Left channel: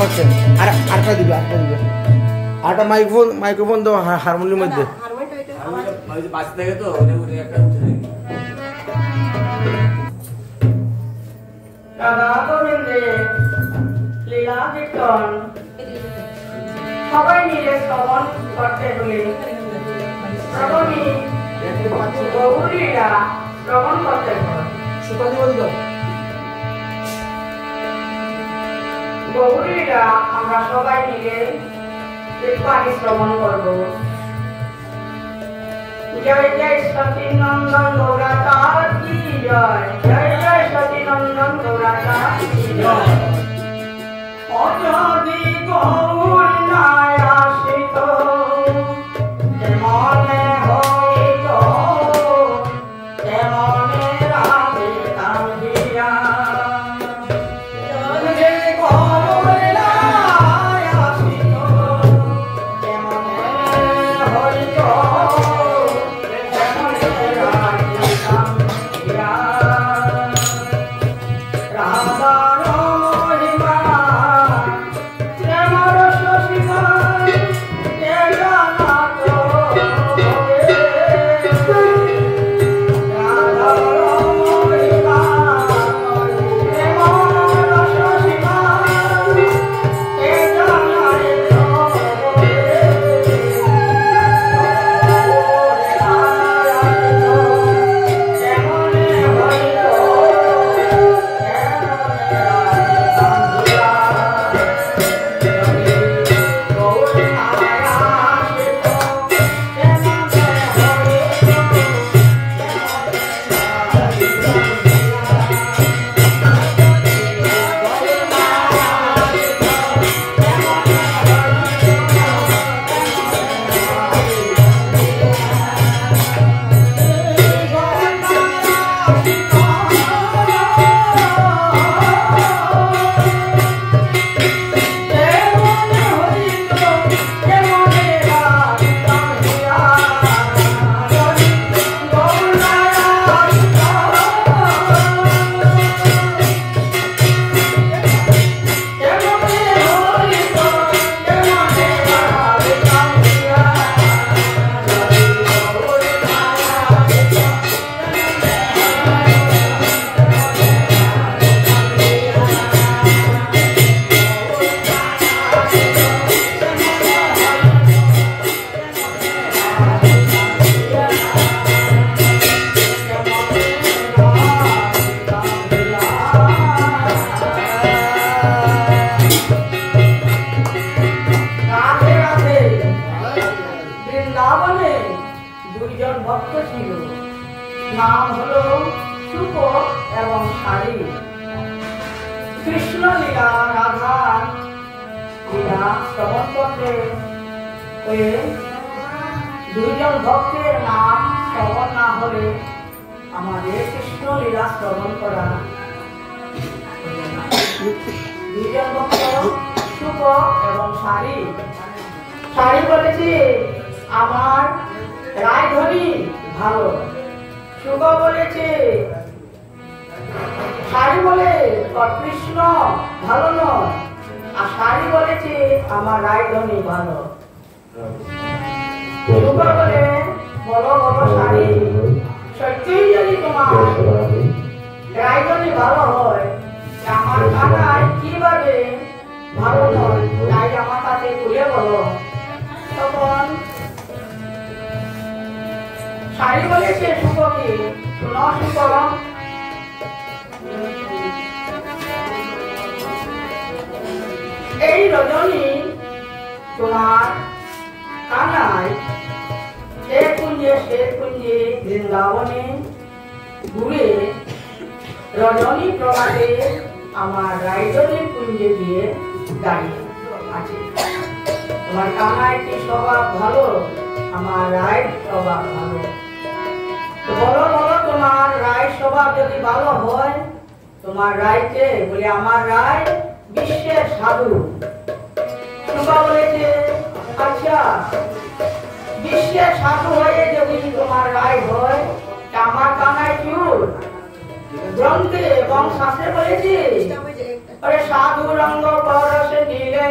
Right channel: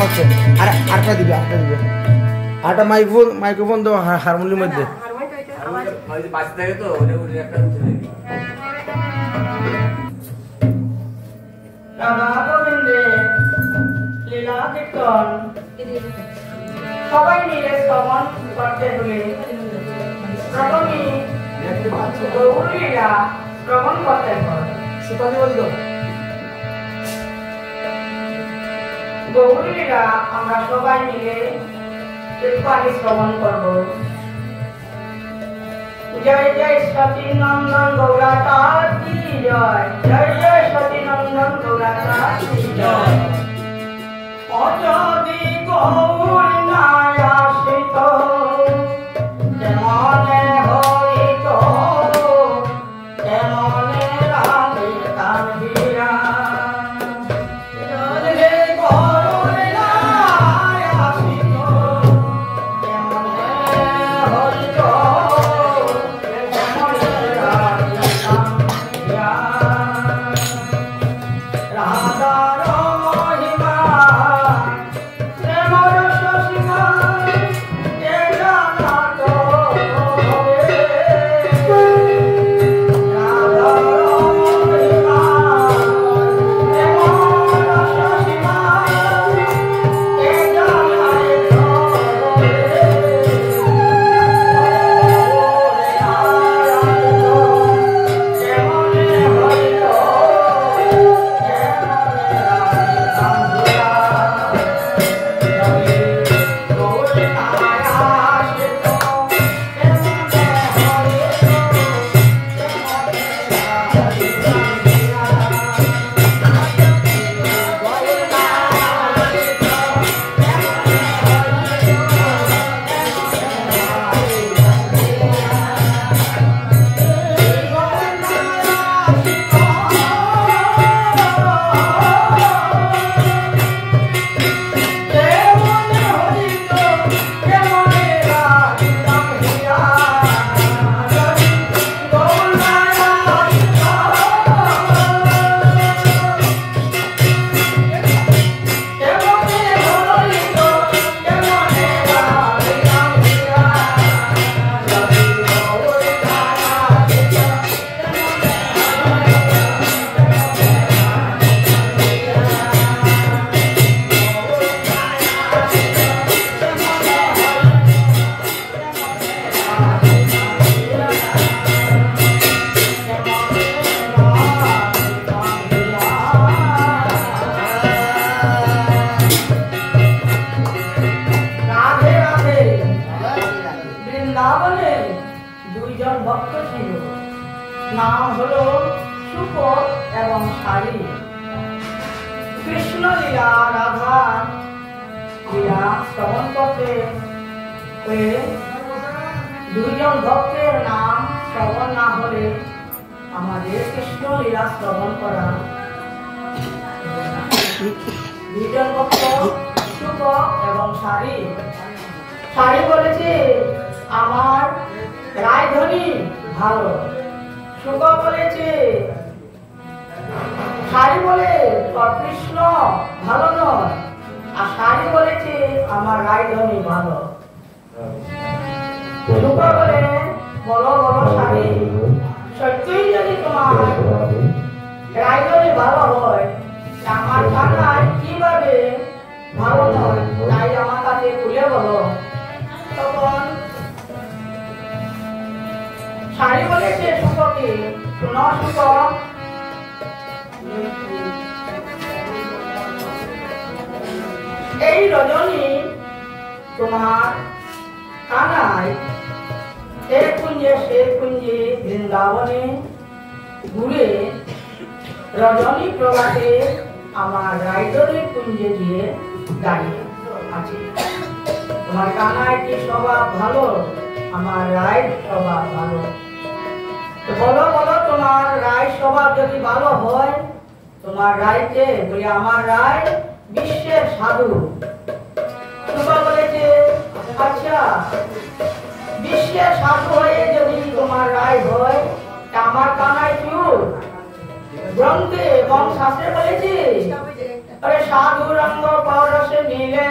হচ্ছে আর আরেকটা দিবে আরেকটা মাইক্রোফোন তো হারমোনিয়ামের মধ্যে লীলা কীর্তন সবাই মিলে শ্রবণ করতে হলে প্রথমে গৌরীরা শ্রবণ করতে হয়। গৌরীরা আমরা সবাই মিলে পানি শ্রবণ করব। জয় জয় সতী নন্দন গৌরাতার কি জয়, জয় জয় সতী নন্দন গৌরাতার কি জয়। অযদি গৌর নাই আসিত কেমনে হইত কেমনে রাধিতাম বিরাম। যদি গৌর নাই আসিত কেমনে হইত কেমনে রাধিতাম বিরাম। রাধার মহিমা দুইজন ভক্ত ছিল, নাম হলো শুক এবং শারী। কৃষ্ণ লীলা রাধা লীলা শ্রবণ করতে হয়ে দুইজন ভক্তের নাম শ্রবণ না হলে আমাদের কৃষ্ণ লীলা শ্রবণ করা। দুইজন ভক্ত শুক এবং শারী। শারী বলেছে আমার রায়ধনী ভালো। শুক বলেছে, শারী বলে কৃষ্ণ ভালো নয়, আর শারী বলেছে আমার রায়ধনী ভালো। শুক বলে বলো বলো শারী, সত্যই যদি তোমার রায়ধনী ভালো হয়, আমার কানাই কিভাবে ভালো নয়, তাই আমার কাছে খুলে বলো। তখন শারী বলেছে শুককে, শোনো শুক, এই রজনী তোমার কানাই এক কুঞ্জে সে কুঞ্জে বৃন্দাবনে ঘুরে রজনী প্রভাতে আমার রায়ধনী কুঞ্জে গিয়ে দাঁড়িয়ে আছে। তোমার কানাই কি স্বভাব ভালো, আমার রায় স্বভাব ভালো। বলো বলো তোমার রায় স্বভাব যদি ভালো হয়, তোমার রায়কে বলে আমার রায় বিশ্বের সাধু। শুক বলেছে আচ্ছা, বিশ্বের সাধু হয়ে যদি তোমার রায় হয়, আমার কানাই চুর গ্রন্থে এবং শাস্ত্রে বলেছে আরে সাধু রঙ্গ পরশে নিলে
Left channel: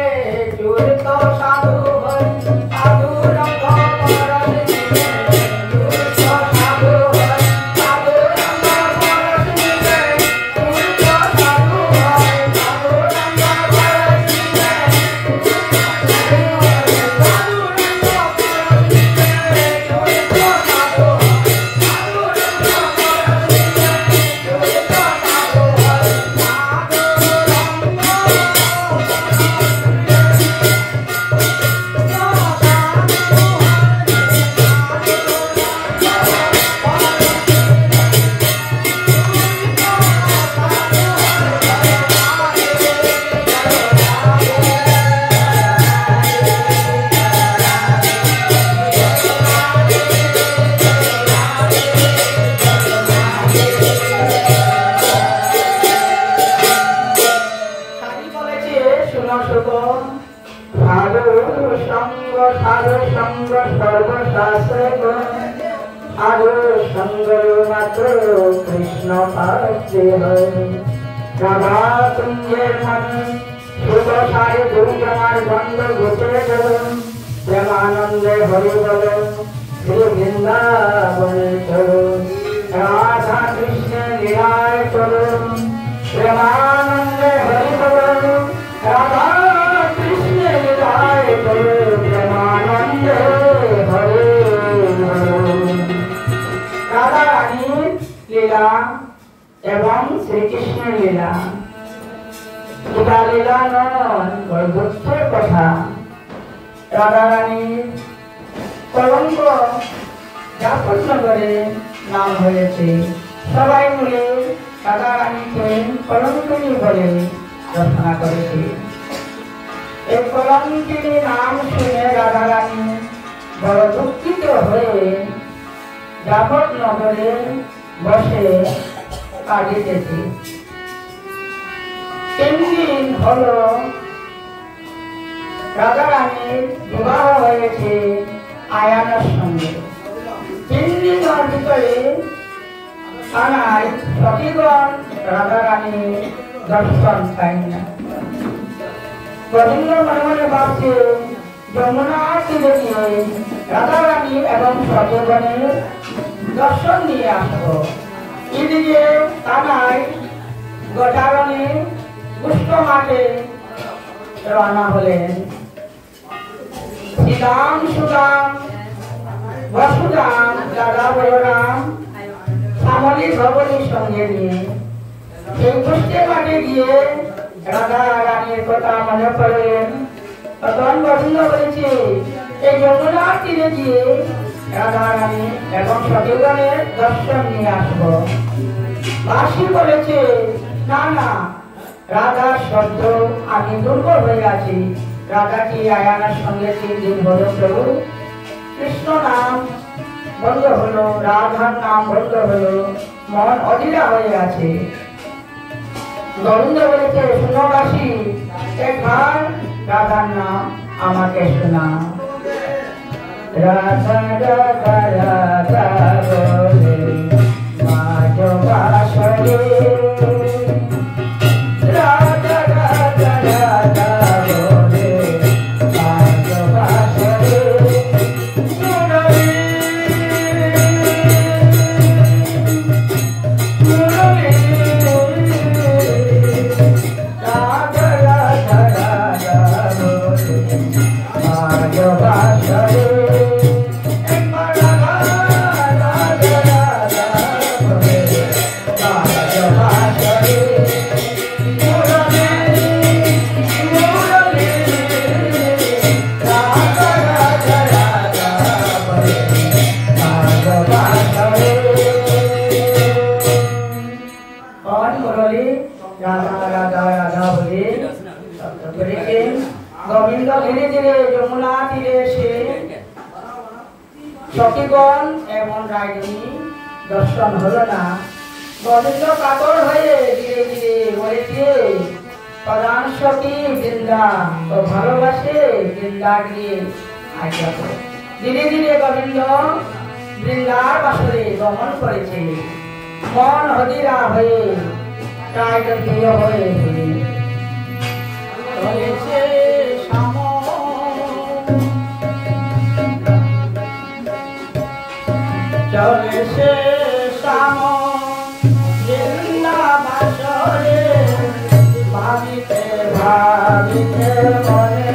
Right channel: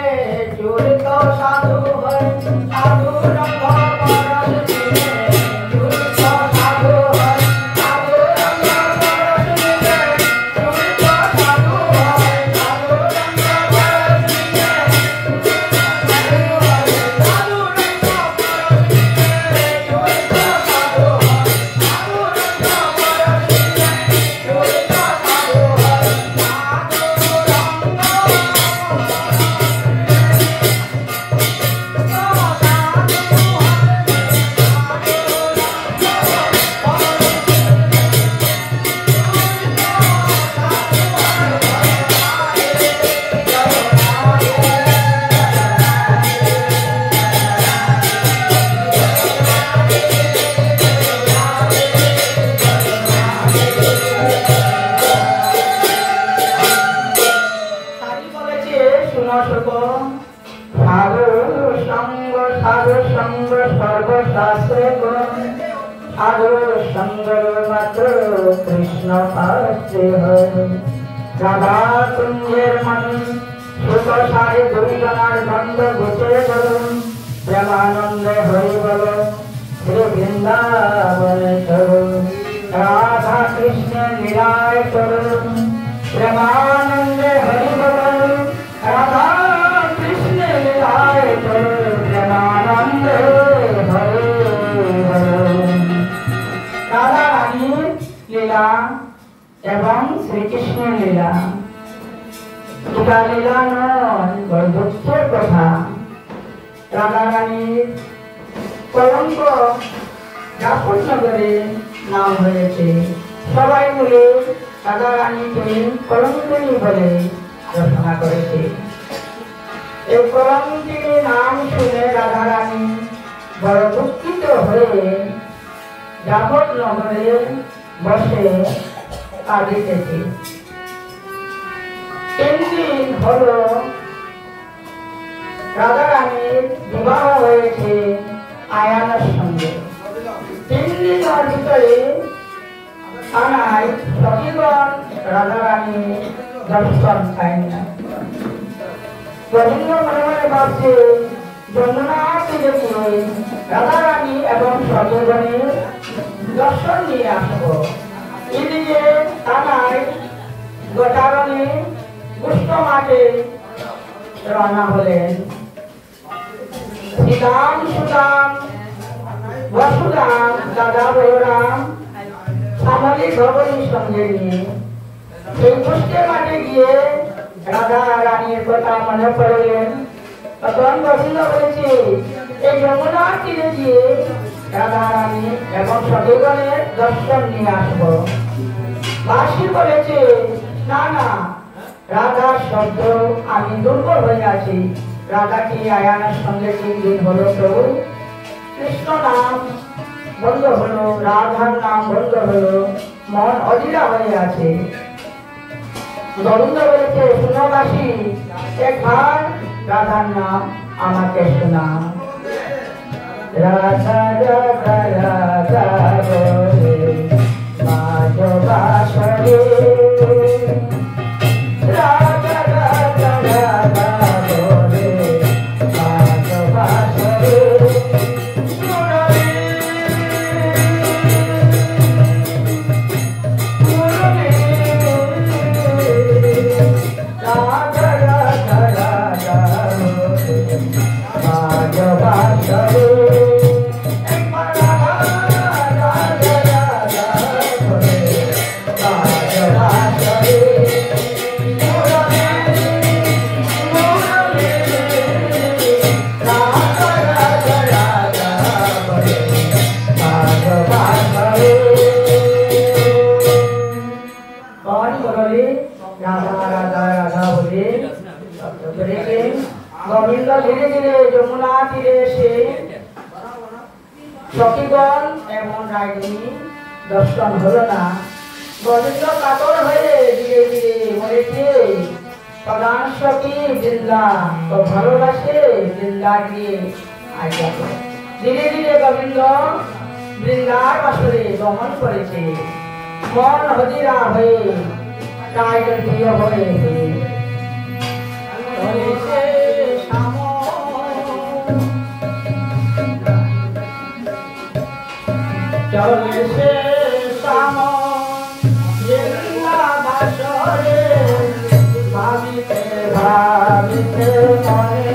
চূড়িত সাধু হয় সাধু রঙ্গ পরশে নিলে চূড়িত সাধু হয় সাধু রঙ্গ পরশে নিলে চূড়িত সাধু হয় সাধু রঙ্গ পরশে নিলে সাধু রঙ্গ পরশে নিলে চূড়িত সাধু হয় সাধু রঙ্গ পরশে নিলে চূড়িত সাধু হয় সাধু সঙ্গ সর্বশাস্ত্রে সাধু সঙ্গ মাত্র কৃষ্ণ পাচ্ছে রাধা কুঞ্জের মনি সুখ সারে দুর্গমার গন্ধ গোচরে চলুন প্রেমানন্দে হরি বল শ্রী বৃন্দাবনে চলুন রাধা কৃষ্ণ লীলায় চলুন প্রেমানন্দে হরি বল রাধা কৃষ্ণ লীলায় চলুন প্রেমানন্দে হরি বল। রাধা রানীর লীলা এবং শ্রীকৃষ্ণের লীলা দুটা লীলা নয়, বড় দুঃখের কথা। রাধা রানীর কলঙ্ক জাফরনগরে নাম হয়েছে, সবাই মিলে রাধা রানীকে কলঙ্কিনী বলে রচনা করেছে। এই কলঙ্কিনী নাম শুনে রাধা রানী বড় দুঃখিত হয়ে জাফরনগরে বসে কাঁদিতেছে। 3 দিন হলো রাধা রানীর বিবাহ হয়েছে আয়ানের সঙ্গে। 3 দিনের ভিতরে থানায় সখীগণ রাধা রানীর দর্শন পায় না। গোবিন্দ মনে মনে ভাবছে যমুনা তীরে গিয়ে রাধা রানী এবং সখীগণের দর্শন নিয়ে আসবো। এদিকে থানায় গোটারণে পুষ্প মাঠে রওনা হলেন শ্রীরাম সুরাম বসুরাম দাদা বলরাম শ্যামলী ভবনীর সঙ্গে নিয়ে সেই পুষ্পে মাঠে গিয়ে রাধা রানীর কথা মনে পড়লেন। তখন গোবিন্দ বলেছে এই যমুনার তীরে গিয়ে রাধা রানী এবং সখীগণের দর্শন নিয়ে আসবো। বাসী বলেছে না না, রাধার শব্দ আমি দুর্বল হয়ে আছি। রাধাটি আয়ানার সঙ্গে 3 দিন হলো প্রভু, কৃষ্ণ নাম বন্ধ হলো, রাধার নাম বন্ধ হলো, মন অধীরা হয়ে আছে। গোবিন্দ বলেছে শুনো বাসী, একবার রাধার নাম আমাকে শোনা। রাধা রাধা রাধা বলে রাজ বাসরে রাধা রাধা রাধা বলে রাজ বাসরে মুরলী রাধা রাধা রাধা বলে রাজ বাসরে গোবিন্দ ধীরে ধীরে যমুনা তীরে এসে সখীগণ এবং রানী দর্শন হলো না। গোবিন্দ কাতর হয়ে ধীরে ধীরে বলেছে প্রধান সখী বৃন্দা ও ভালোবাসে বৃন্দা গিয়ে আজ্ঞা করে। ধীরে ধীরে গোবিন্দ বৃন্দার বাসরে গমন করেছে। মন হদিরা হয়ে কায় প্রিয় হয়ে চলেছে শ্যাম চলেছে শ্যাম বাসরে ভাবিতে ভাবিতে মনে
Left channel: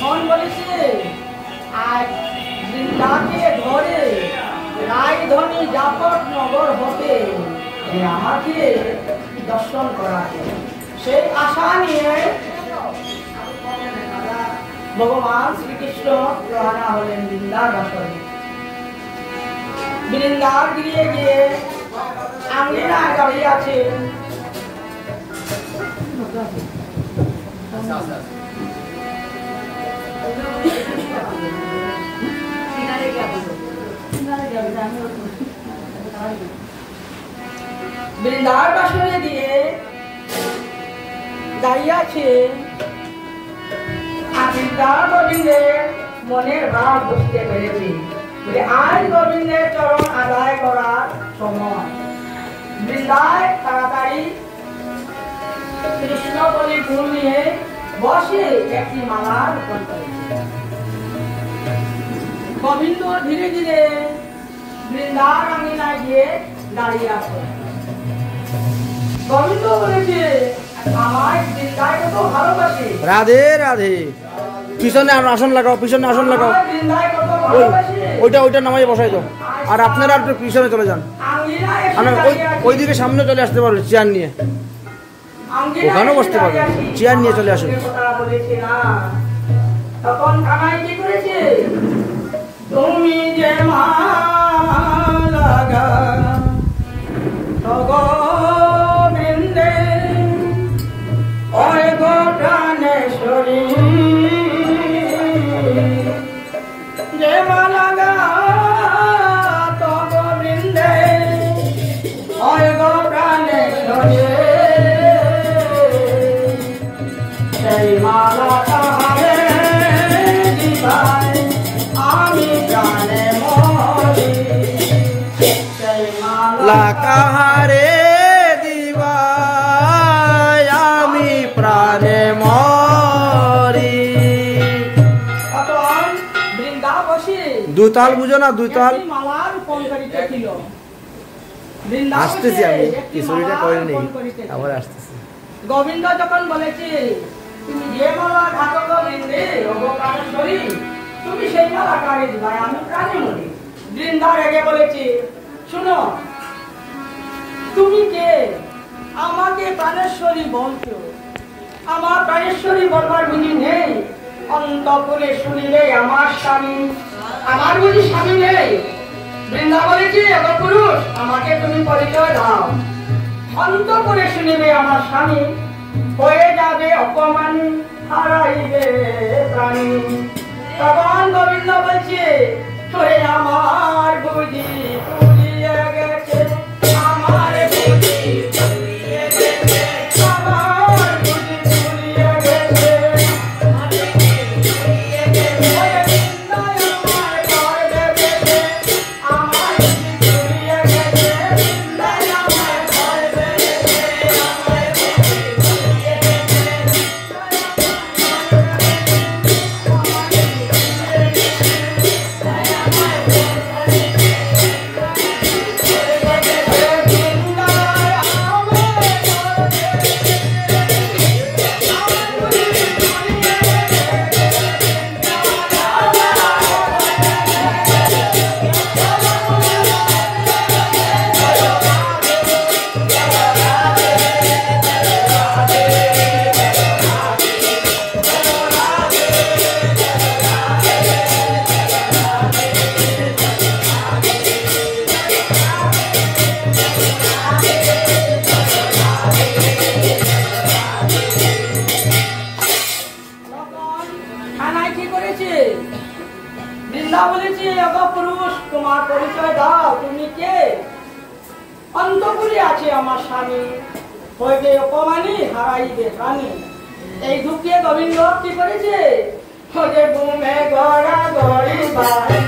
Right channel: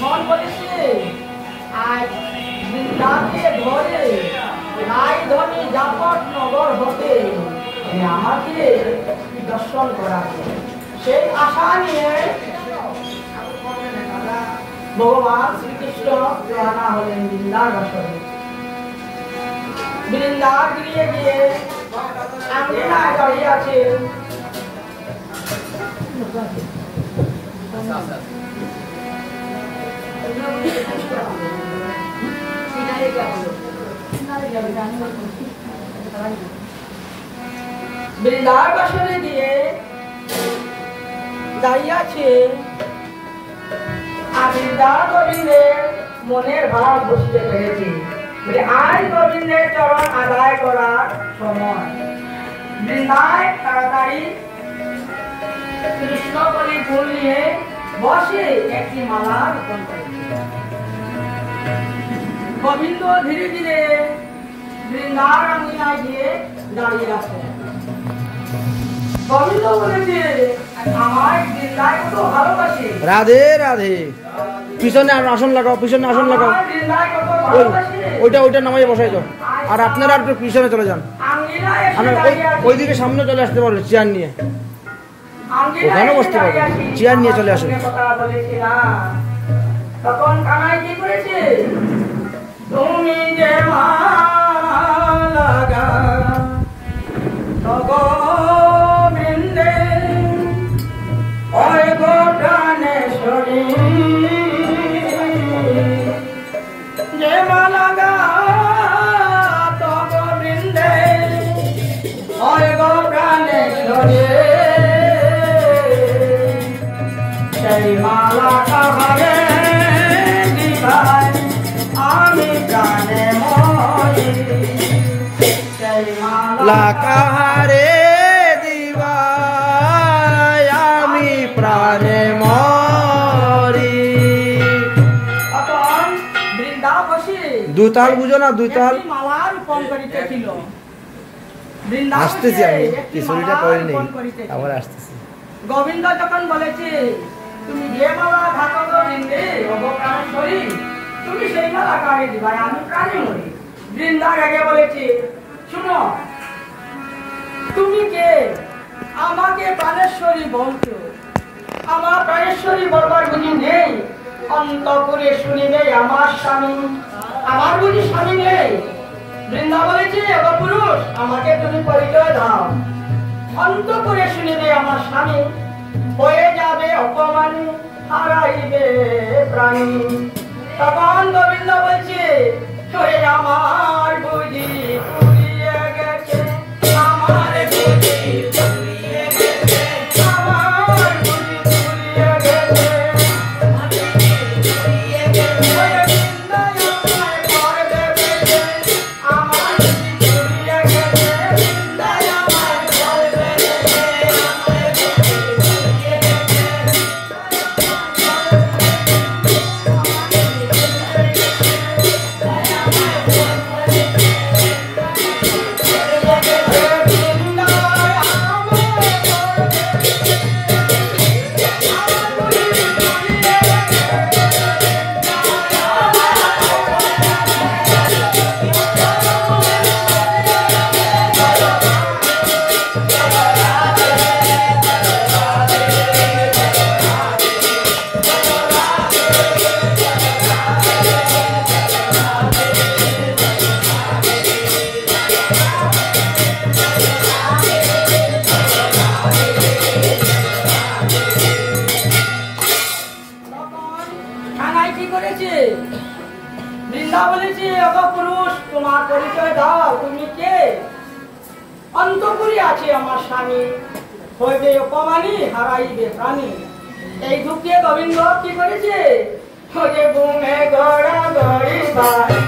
মন বলেছে আজ বৃন্দাকে ধরে রায়ধনী জাপট নগর হবে আমাকে দর্শন করাবে সেই আশা নিয়ে ভগবান শ্রীকৃষ্ণ রওনা হলেন বৃন্দার বাসরে বৃন্দার গিয়ে গিয়ে আঙ্গিনায় দাঁড়িয়ে আছে বৃন্দার বাসরে গিয়ে দাঁড়িয়ে আছে বৃন্দার গোবিন্দের মনের ভাব বুঝতে পেরেছি আজ গোবিন্দের চরণ আদায় করার সময় বৃন্দায় তাড়াতাড়ি কৃষ্ণ বলি ফুল নিয়ে বসে একটি মালা রোপণ করেছে গোবিন্দ ধীরে ধীরে বৃন্দার আঙ্গিনায় গিয়ে দাঁড়িয়ে আছে গোবিন্দ বলেছে আমার বৃন্দায় কত ভালোবাসে রাধে রাধে পিছনে আসন লাগাও পিছনে আসন লাগাও ওইটা ওইটা নামাই বসাই দাও আর আপনারা একটু পিছনে চলে যান ওইদিকে সামনে চলে আসতে পারবেন চেয়ার নিয়ে ওখানেও বসতে পারবেন চেয়ার নিয়ে চলে আসুন তখন কানাই কি করেছে তুমি যে মালা গোবিন্দে ওই গো প্রাণেশ্বরী যে মালা তো গোবিন্দে ওই গো প্রাণেশ্বরী সেই মালা কাহারে দিবাই আমি প্রাণে মরি সেই মালা কাহারে দিবাই আমি প্রাণে মরি তখন বৃন্দা বসে দুতাল বুঝো না দুতাল মালা রোপণ করিতেছিল আসতেছি আমি কিশোরীটা করিনি আবার আসতেছি গোবিন্দ যখন বলেছে তুমি যে মালা ঘাটো গোবিন্দে অবকারেশ্বরী তুমি সেই মালা কারে দিবা আমি প্রাণে মরি বৃন্দার আগে বলেছে শুনো তুমি যে আমাকে প্রাণেশ্বরী বলছো আমার প্রাণেশ্বরী বলবার বুঝি নেই অন্তপুরে শুনিলে আমার স্বামী আমার বুঝি স্বামী নেই বৃন্দা বলেছে এখন পুরুষ আমাকে তুমি পরিচয় দাও অন্তপুরে শুনিলে আমার স্বামী হয়ে যাবে অপমানী হারাইবে প্রাণী তখন গোবিন্দ বলছে তোরে আমার বুঝি পুরিয়ে গেছে আমার বুঝি পুরিয়ে গেছে আমার বুঝি পুরিয়ে গেছে পুরুষ, তোমার পরিচয় দাও, তুমি কে? অন্তপুরে আছে আমার স্বামী, হইবে অপমানী, হারাইবে প্রাণী। এই দুঃখে গোবিন্দ কি করেছে? হয়ে বুমে গড়া গড়ি বাড়ি।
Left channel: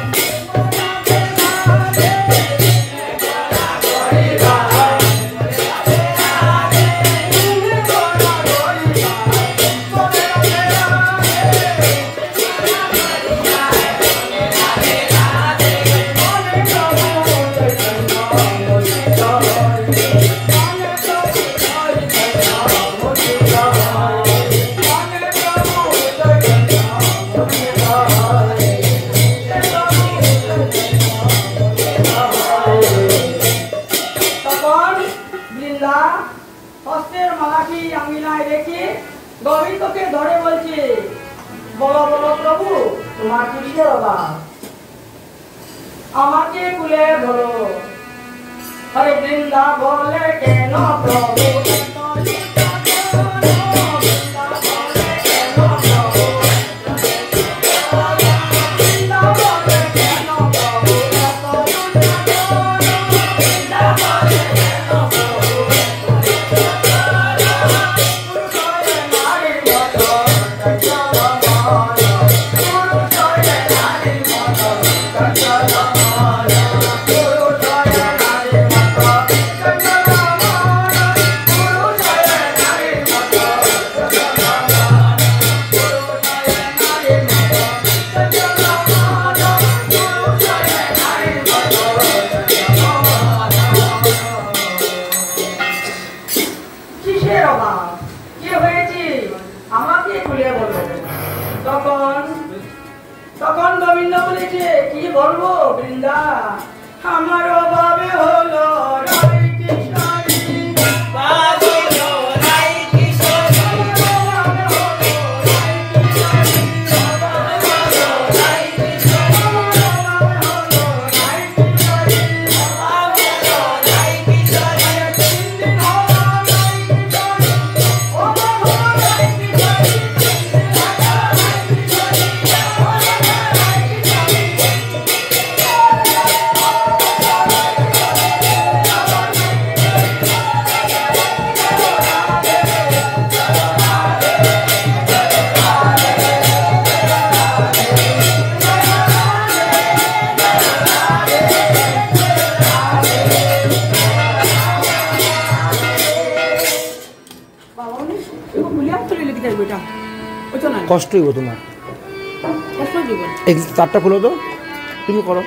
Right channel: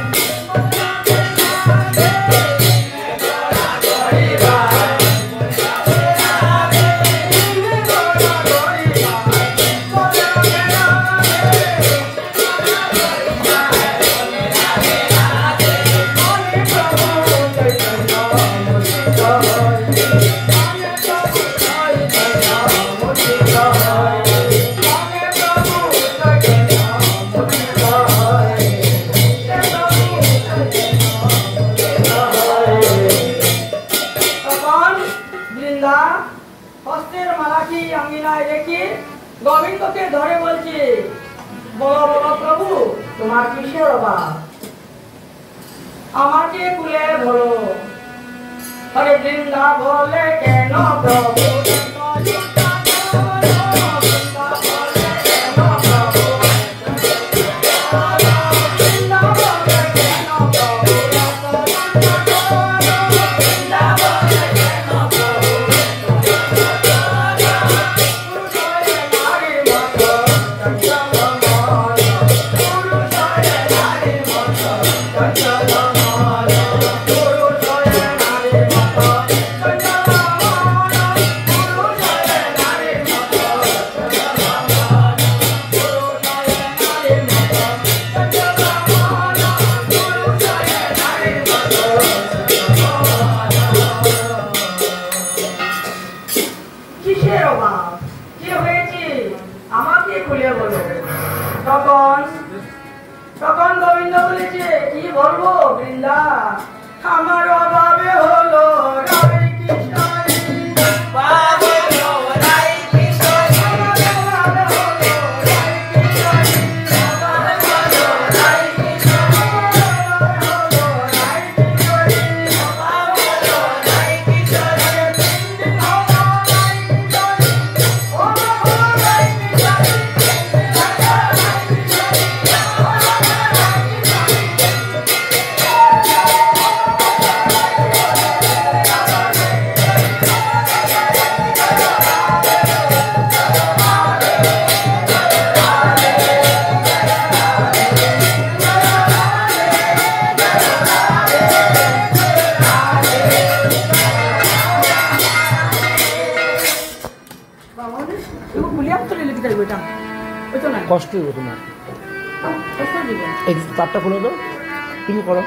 হস্তের মালাটি আঙ্গিনায় রেখে গোবিন্দকে ধরে বলছে, বলো বলো প্রভু, তোমার কিসের অভাব? আমাকে কুলে ধরো। হরে বৃন্দা বলে, কেন প্রভু? তখন গোবিন্দ বলেছে, কি বলবো বৃন্দা, আমার অভাবে হলো রাই কিশোরী। কষ্ট হইব তোমার, এই চারটা খুলো তো, তুমি করো।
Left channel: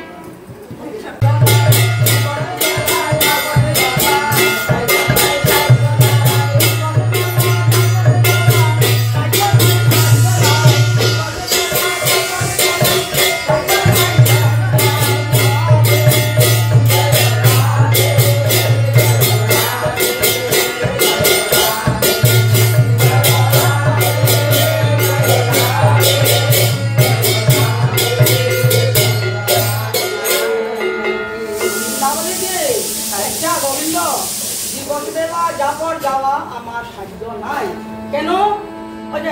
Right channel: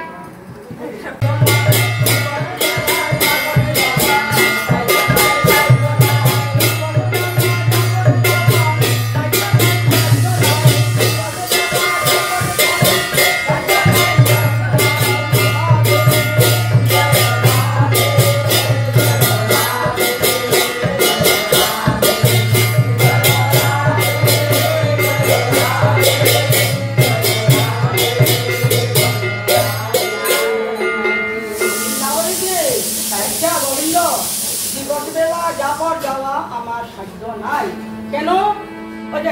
আমার সাধ্য নাই, কেন?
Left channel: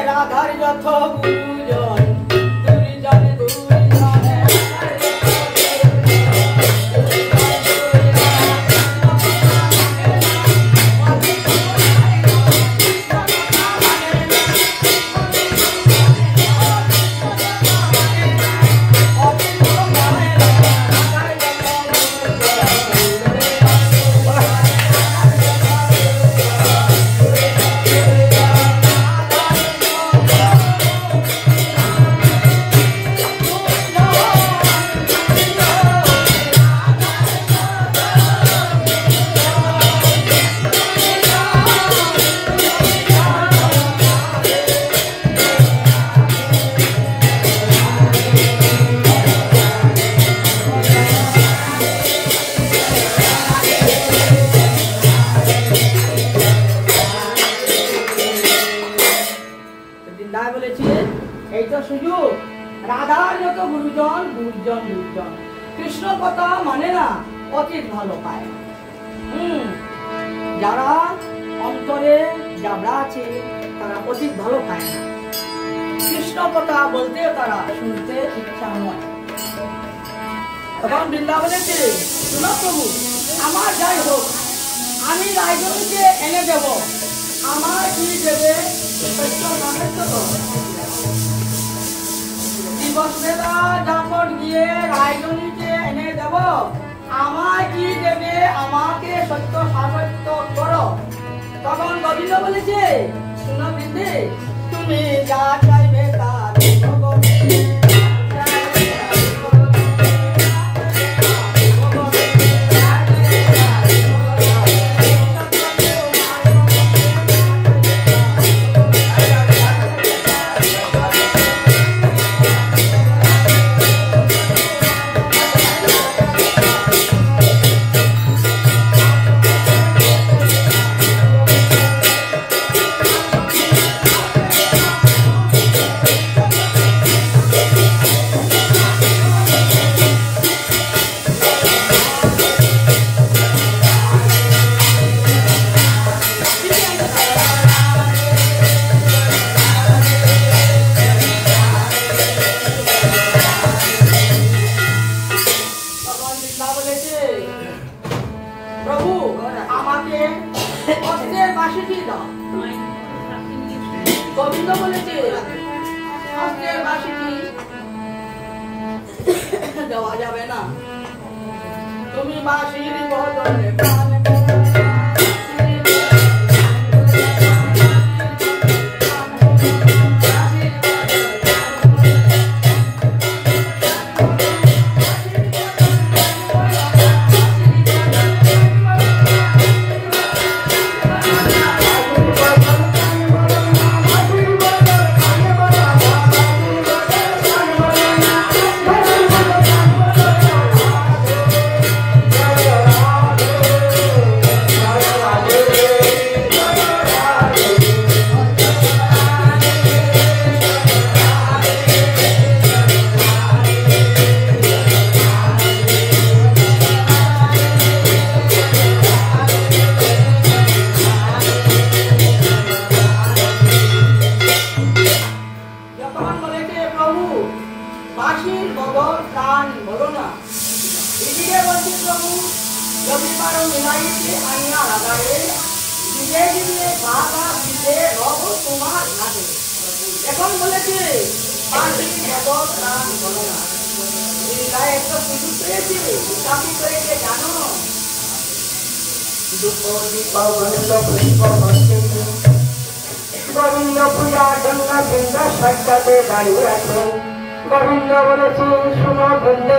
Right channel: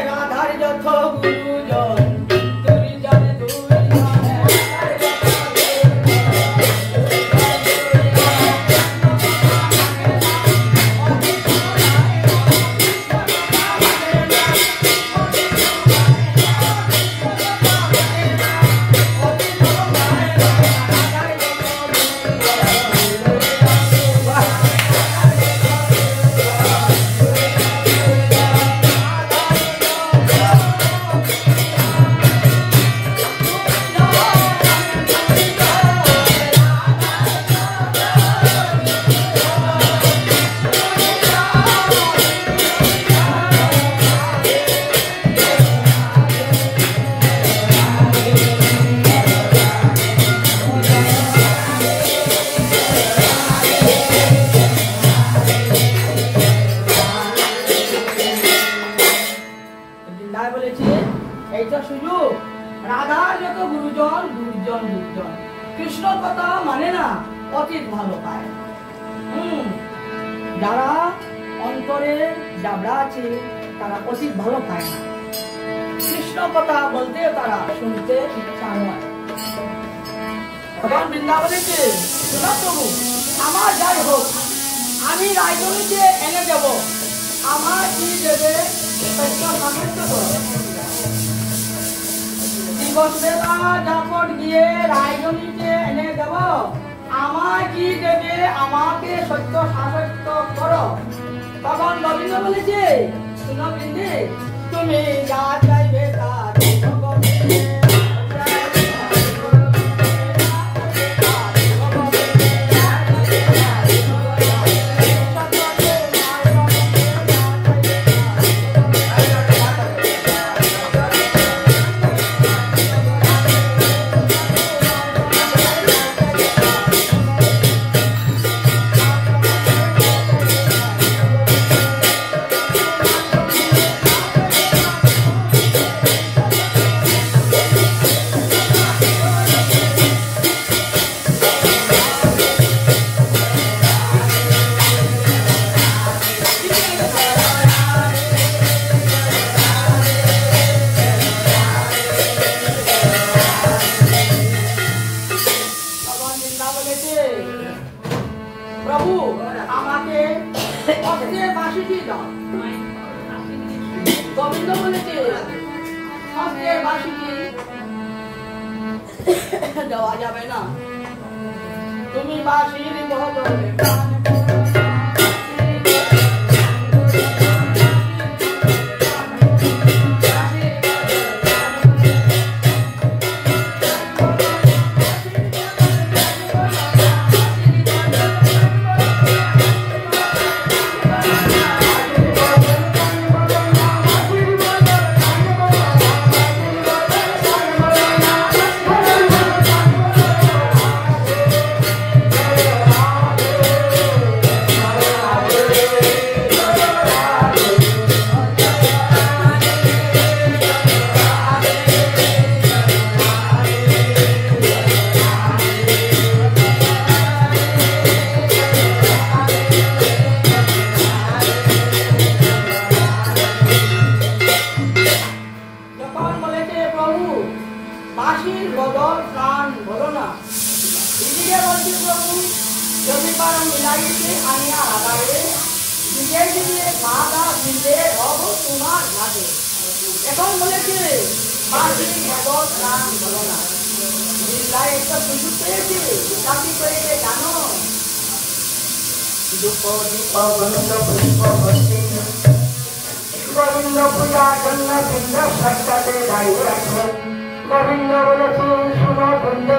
রাধার যত গুরুজন, দুর্জন দুর্জন রাধার যত গুরুজন দুর্জন দুর্জন, কৃষ্ণ কথা মানে না, অতীত ভালো পায়। যারা অন্তরে জাবড়া আছে তারা অতীত ভালো পায় না, কৃষ্ণ কথা বলতে তারা শুনতে ইচ্ছা নয়। তখন বৃন্দাবনে শোনো প্রভু, আমার যাই হোক, আমি রায়জনীকে এনে দেব, আমার কি দেবে দিবস বেলা দাপট দিয়ে রায়জনীকে এনে দেব, আমার কি দেবে, আমাকে সত্য সাসত্য করো। তখন গোবিন্দ বলেছে, শুনো বৃন্দে, তুমি যা চাইবে তা দেব। প্রভু আমাকে অস্ত্রের বাঁশিটি দাও। গোবিন্দ বলেছে, অস্ত্রের বাঁশিটি দেওয়া যাবে না, তুমি বাঁশির বদলে প্রাণ বাঁশির বদল প্রাণ বলো না। এদিকে বলছি প্রভু, রবিবার মিলাইতে আনিয়া লাগাইলে দিকে দিকে বাধা দিতে রব তোমার ঘাটে। এখন বলেছে বাঁশির বদল প্রাণ বলো না। তাই একটা সুযোগ পেয়েছি, চাকরি করেছে জানো। গোবিন্দ পূজার জন্য বৃন্দ সাক্ষাতে দাঁড়িয়ে আছেন। গোবিন্দ বলেছে, শুনো বৃন্দ,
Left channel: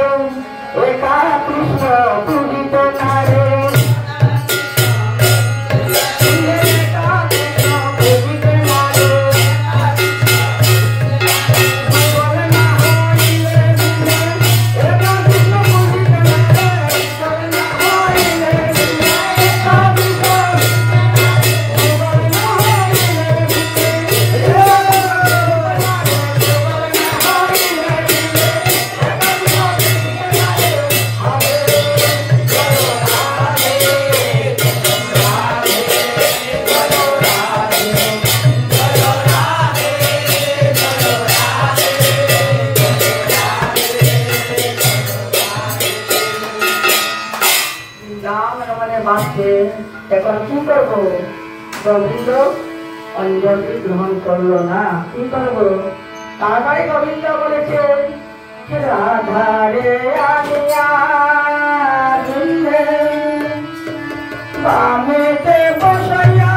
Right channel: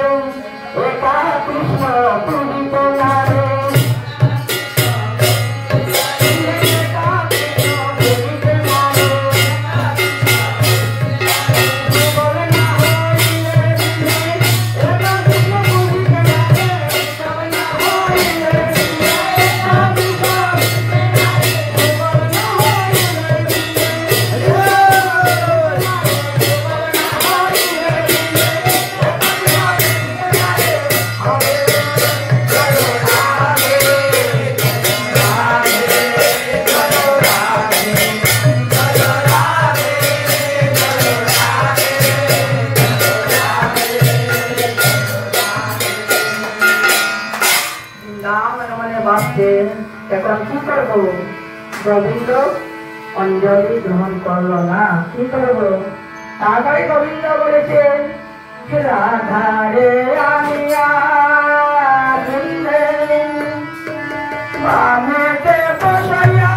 একা কৃষ্ণ পূজিত নারে। এখন কি করবো? গোবিন্দ অঞ্জলি গ্রহণ করলো না, কি করবো? তারপরে গোবিন্দ বলেছে, রাধারে আনিয়া বামেতে বসাইয়া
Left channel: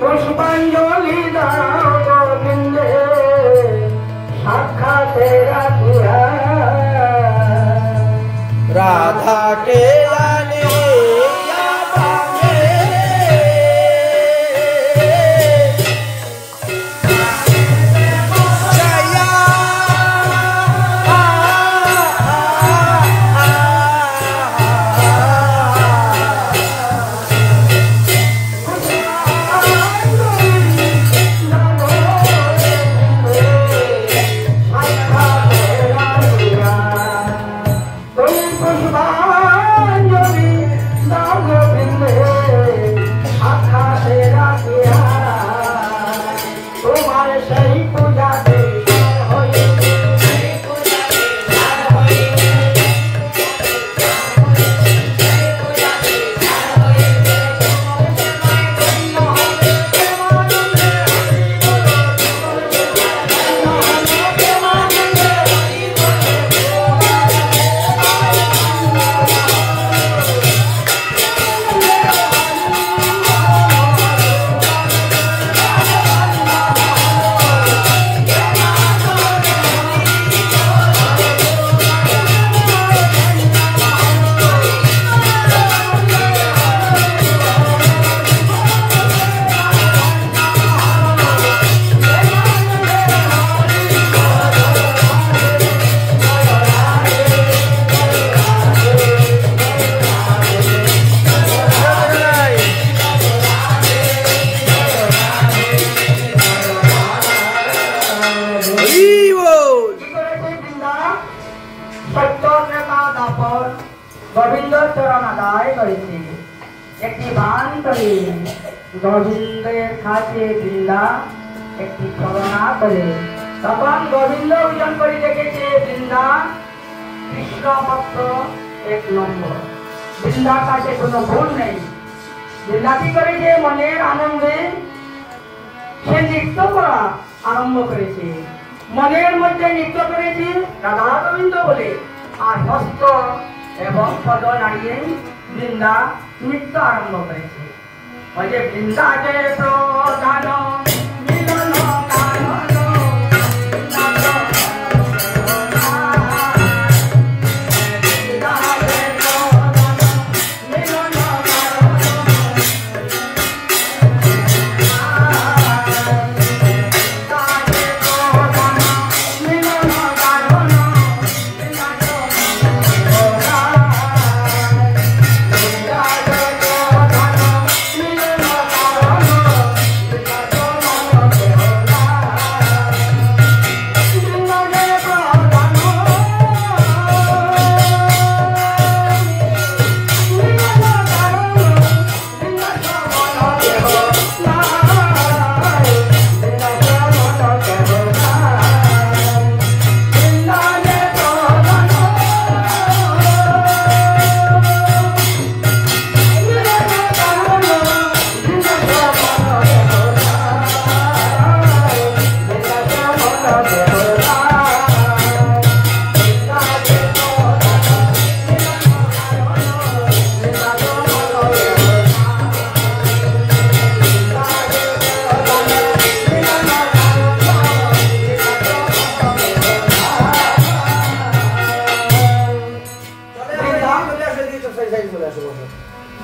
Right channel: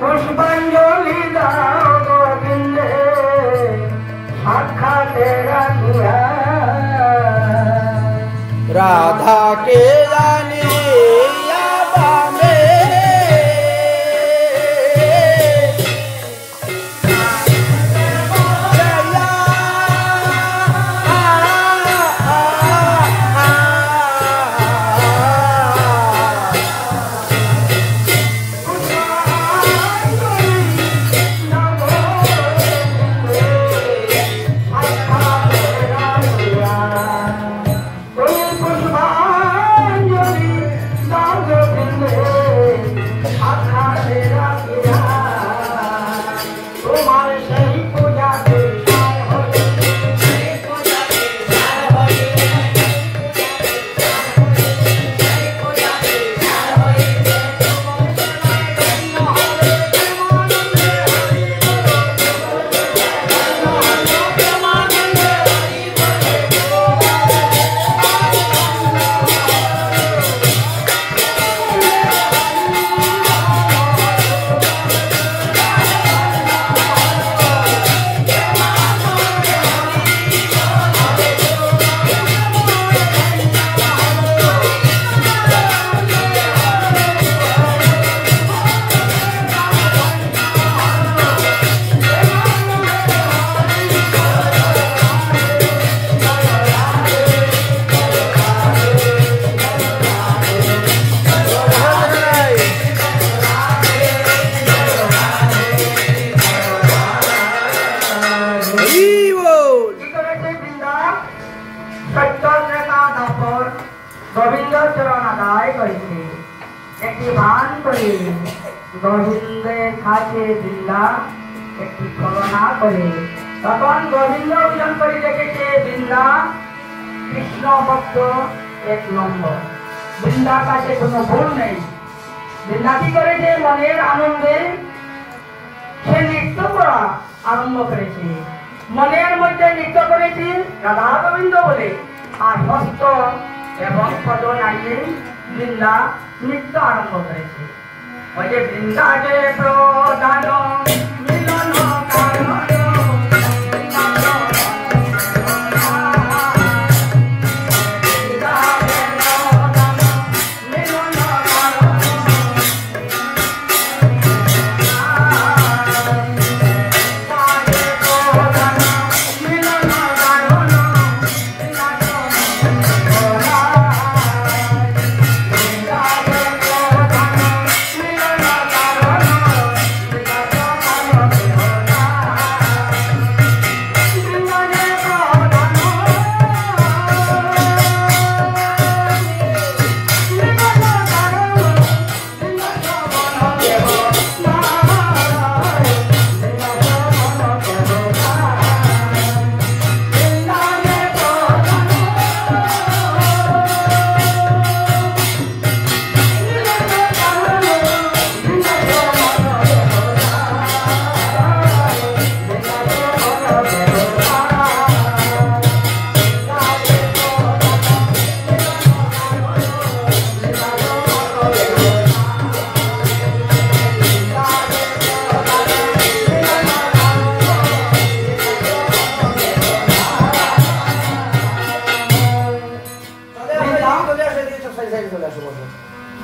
পুষ্পাঞ্জলি দাও গোবিন্দে সাক্ষাতে রাখিয়া। রাধাকে আনিয়া বামে জয়া পুষ্পাঞ্জলি গোবিন্দ চরণ আদায় করেছে। একটি ভান করে গোবিন্দের খাতে বৃন্দা একটি ছলনা করে। তখন গোবিন্দ বিজন করে দেখেছে বৃন্দা কৃষ্ণ ভক্ত 1 নম্বর। বৃন্দার কাছে কোনো ভুল নেই। বৃন্দা কি করেছে? মনের আনন্দে সে নৃত্য করা আরম্ভ করেছে। মনের মধ্যে নৃত্য করেছে রাধা গোবিন্দ বলে, আর হস্ত এবং পদ নাড়িয়ে বৃন্দা নৃত্য আরম্ভ করেছে। ওই যে বৃন্দাকে প্রধান মিলন কারণ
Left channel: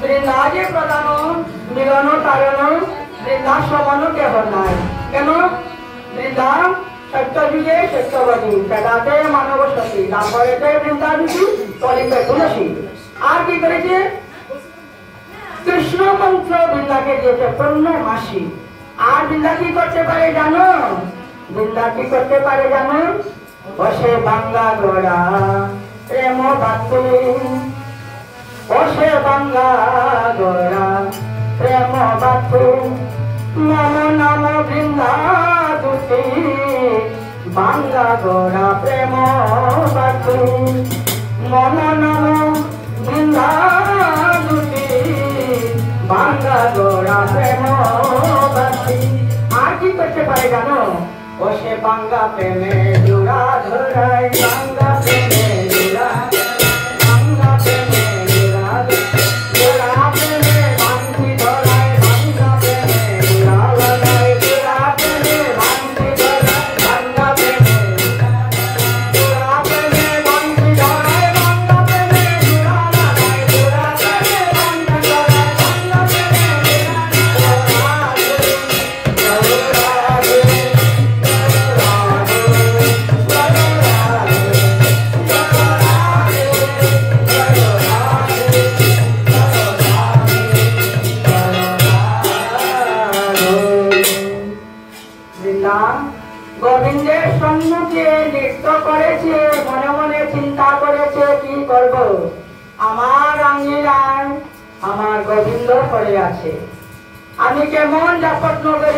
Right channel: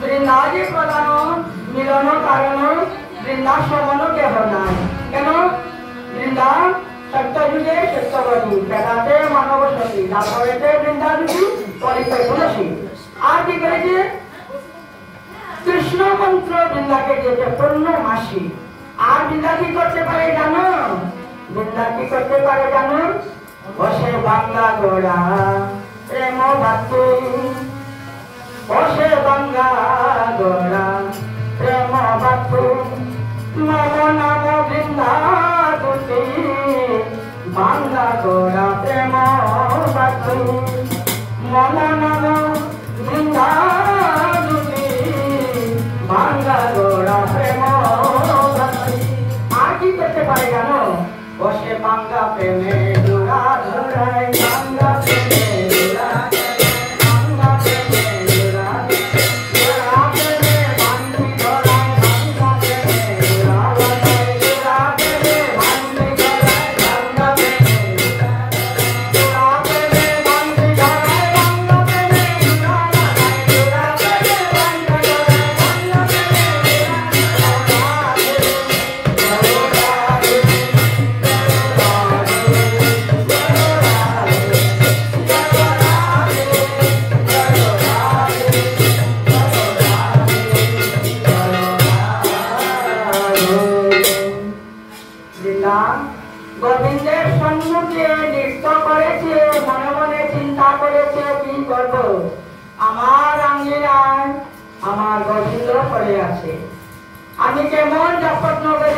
বৃন্দাজে প্রধান মিলন কারণ বৃন্দা সমান কেহ নাই। কেন? বৃন্দা সত্যযুগে সত্যবতী, বেদাতে মানব সতী, তারপরে বৃন্দাবতী, কলিতে তুলসী। আর কি করেছে? কৃষ্ণ মন্ত্র বৃন্দাকে দিয়েছে পূর্ণমাসী। আর বৃন্দা কি করতে পারে জানো? বৃন্দা কি করতে পারে জানো? বসে বাংলা গোড়া প্রেম ভাতৃ, বসে বাংলা গোড়া প্রেম ভাতৃ, মম নাম বৃন্দা দুটি, বাংলা গোড়া প্রেম ভাতৃ, মম নাম বৃন্দা দুটি, বাংলা গোড়া প্রেম ভাতৃ। আর কি করতে পারে জানো? বসে বাংলা প্রেমে জোড়া ধরাই, বাংলা প্রেমে জোড়া গোবিন্দের সম্মুখে নৃত্য করেছে, মনে মনে চিন্তা করেছে কি করব। আমার আঙ্গিনায় আমার গোবিন্দ পড়ে আছে, আমি কেমন যাত্রা করে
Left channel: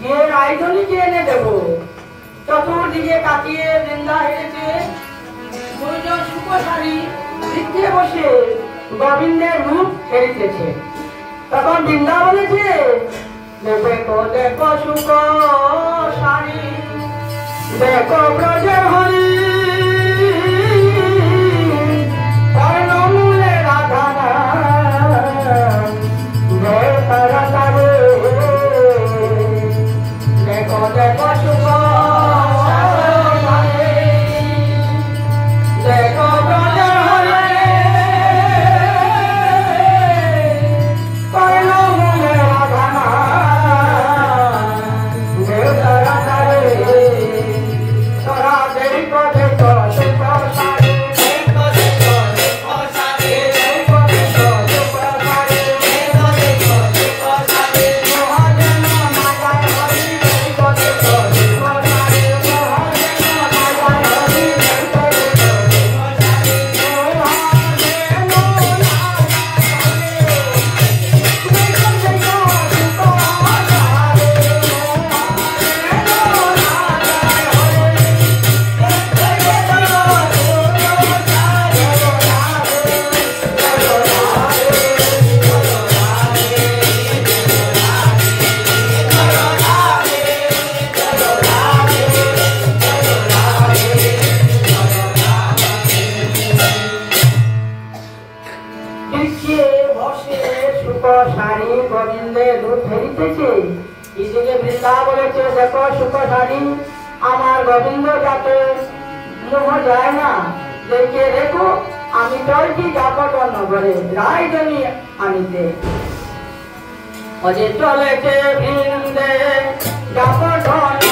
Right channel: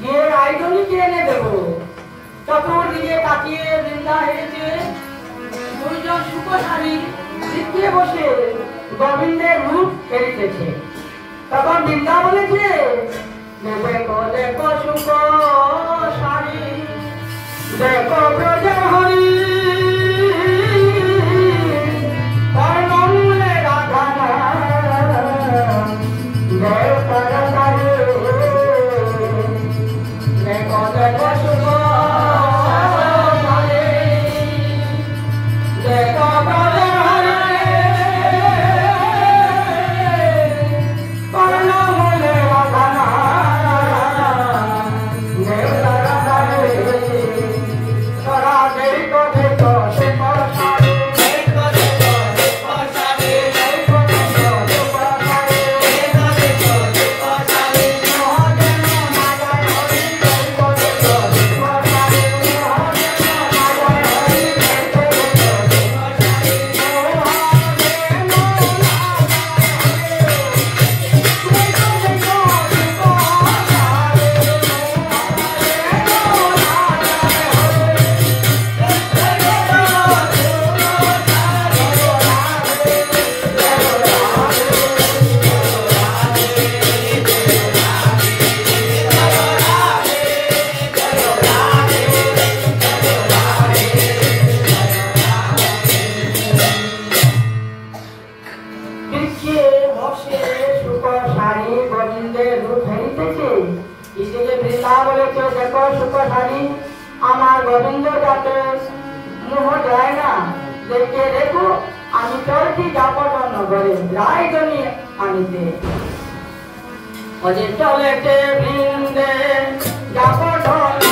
গিয়ে রায়ধনীকে এনে দেব। চতুর্দিকে তাকিয়ে বৃন্দা হেরেছে, দুইজন সুখশালী শিখিয়ে বসে গোবিন্দের রূপ হেরিতেছে। তখন বৃন্দা বলেছে, দেখো দেখো সুখ সারি, দেখো ব্রজের হরি, কর্ণমূলে রাধা দেখো দেখো সুখ সারি, দেখো ব্রজের হরি, কর্ণমূলে রাধা তোরা দেরি গোবিন্দ যাতে মোহ যায় না, দেখে দেখো আমি চলছি জাপট নগরে রায়জনী আনিতে। অজে চলেছে বৃন্দে জাপট নগরে,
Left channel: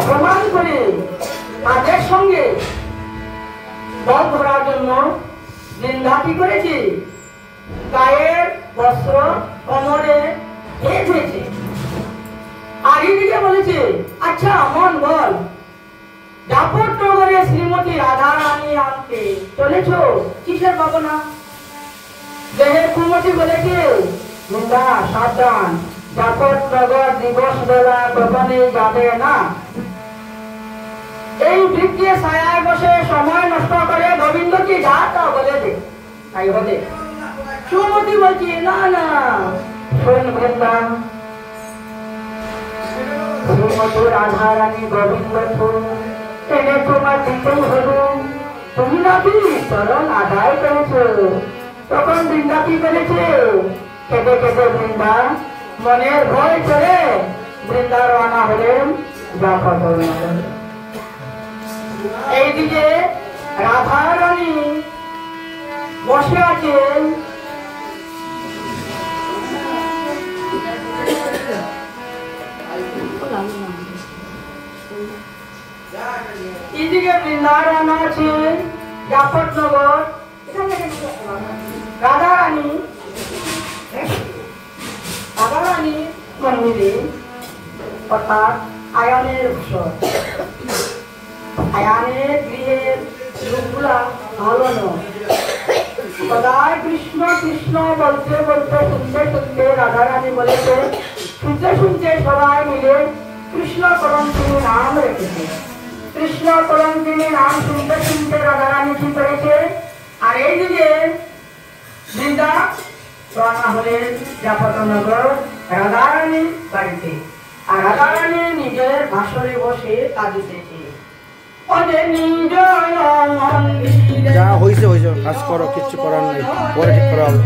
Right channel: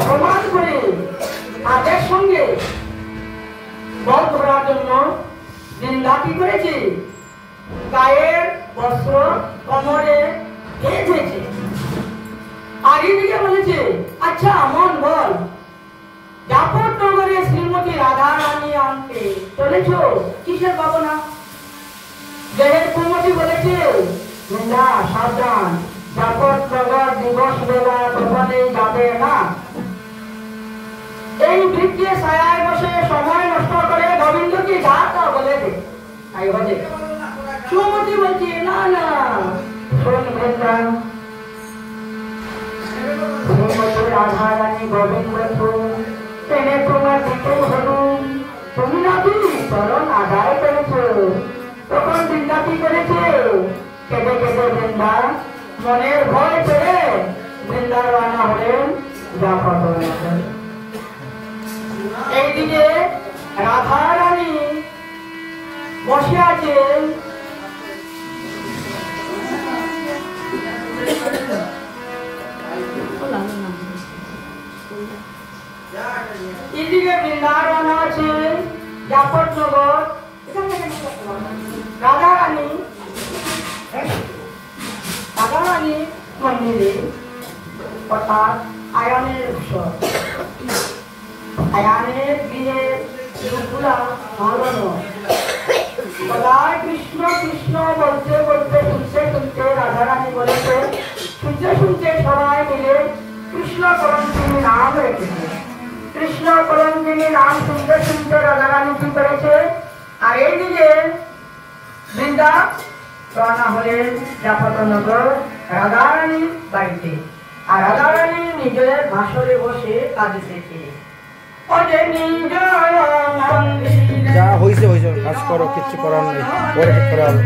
অপমান করে তাদের সঙ্গে বল ধরার জন্য নিন্দা কি করেছি, গায়ের বস্ত্র কোমরে বেঁধেছে। আর এদিকে বলেছে, আচ্ছা মন বল, জাপট নগরে শ্রীমতী রাধা রানী আনতে চলেছ, কিসের ভাবনা? দেহের কুমতি বলেছে, নিন্দা সাবধান, জাপট নগর দিবস বেলা দোকানে যাবে না। এই বৃক্ষে ছায়ায় বসে সময় নষ্ট করে গোবিন্দ কি যা তা বলে দে, তাই বলে। সুমতি বলছি, না না শুনবেন না, শ্রীমতী রাধা রানী গোবিন্দ এনে তোমার দিতেই হল, তুমি নাকি চরণ আদায় করেছ। তখন বৃন্দা কি করেছে, কেঁদে কেঁদে বৃন্দা মনের ভয় করে বৃন্দা রওনা হলেন জাপট নগরে। এইদিকে রাধা রানী বসে আছেন, এদিকে বৃন্দাবন আছে জাপট নগর। রাধা রানী মন্দিরে অর্থাৎ আয়ানের উৎসব, আয়ানের গৃহের লোকগুলা ভালো নয়। সদাই কৃষ্ণ কৃষ্ণ বলতে বলতে শুনতে শুনতে রাধা রানী বলেছে, শুনতে শুনতে সবাই মিলে কৃষ্ণ করঞ্জিনী নাম রেখেছে। কৃষ্ণ করঞ্জিনী নাম শুনতে শুনতে রাধা রানী কি করেছে, আর এইদিকে বৃন্দা রওনা হলেন জাপট নগর রাধা রানী বাড়িতে। আর রাধা রানী নিজের ভাষণে বসে কাঁদিতেছে। যা হয়েছে হয়েছে, কাজ করো, কিচ্ছু করার নেই, পরে ঠিক করা হবে।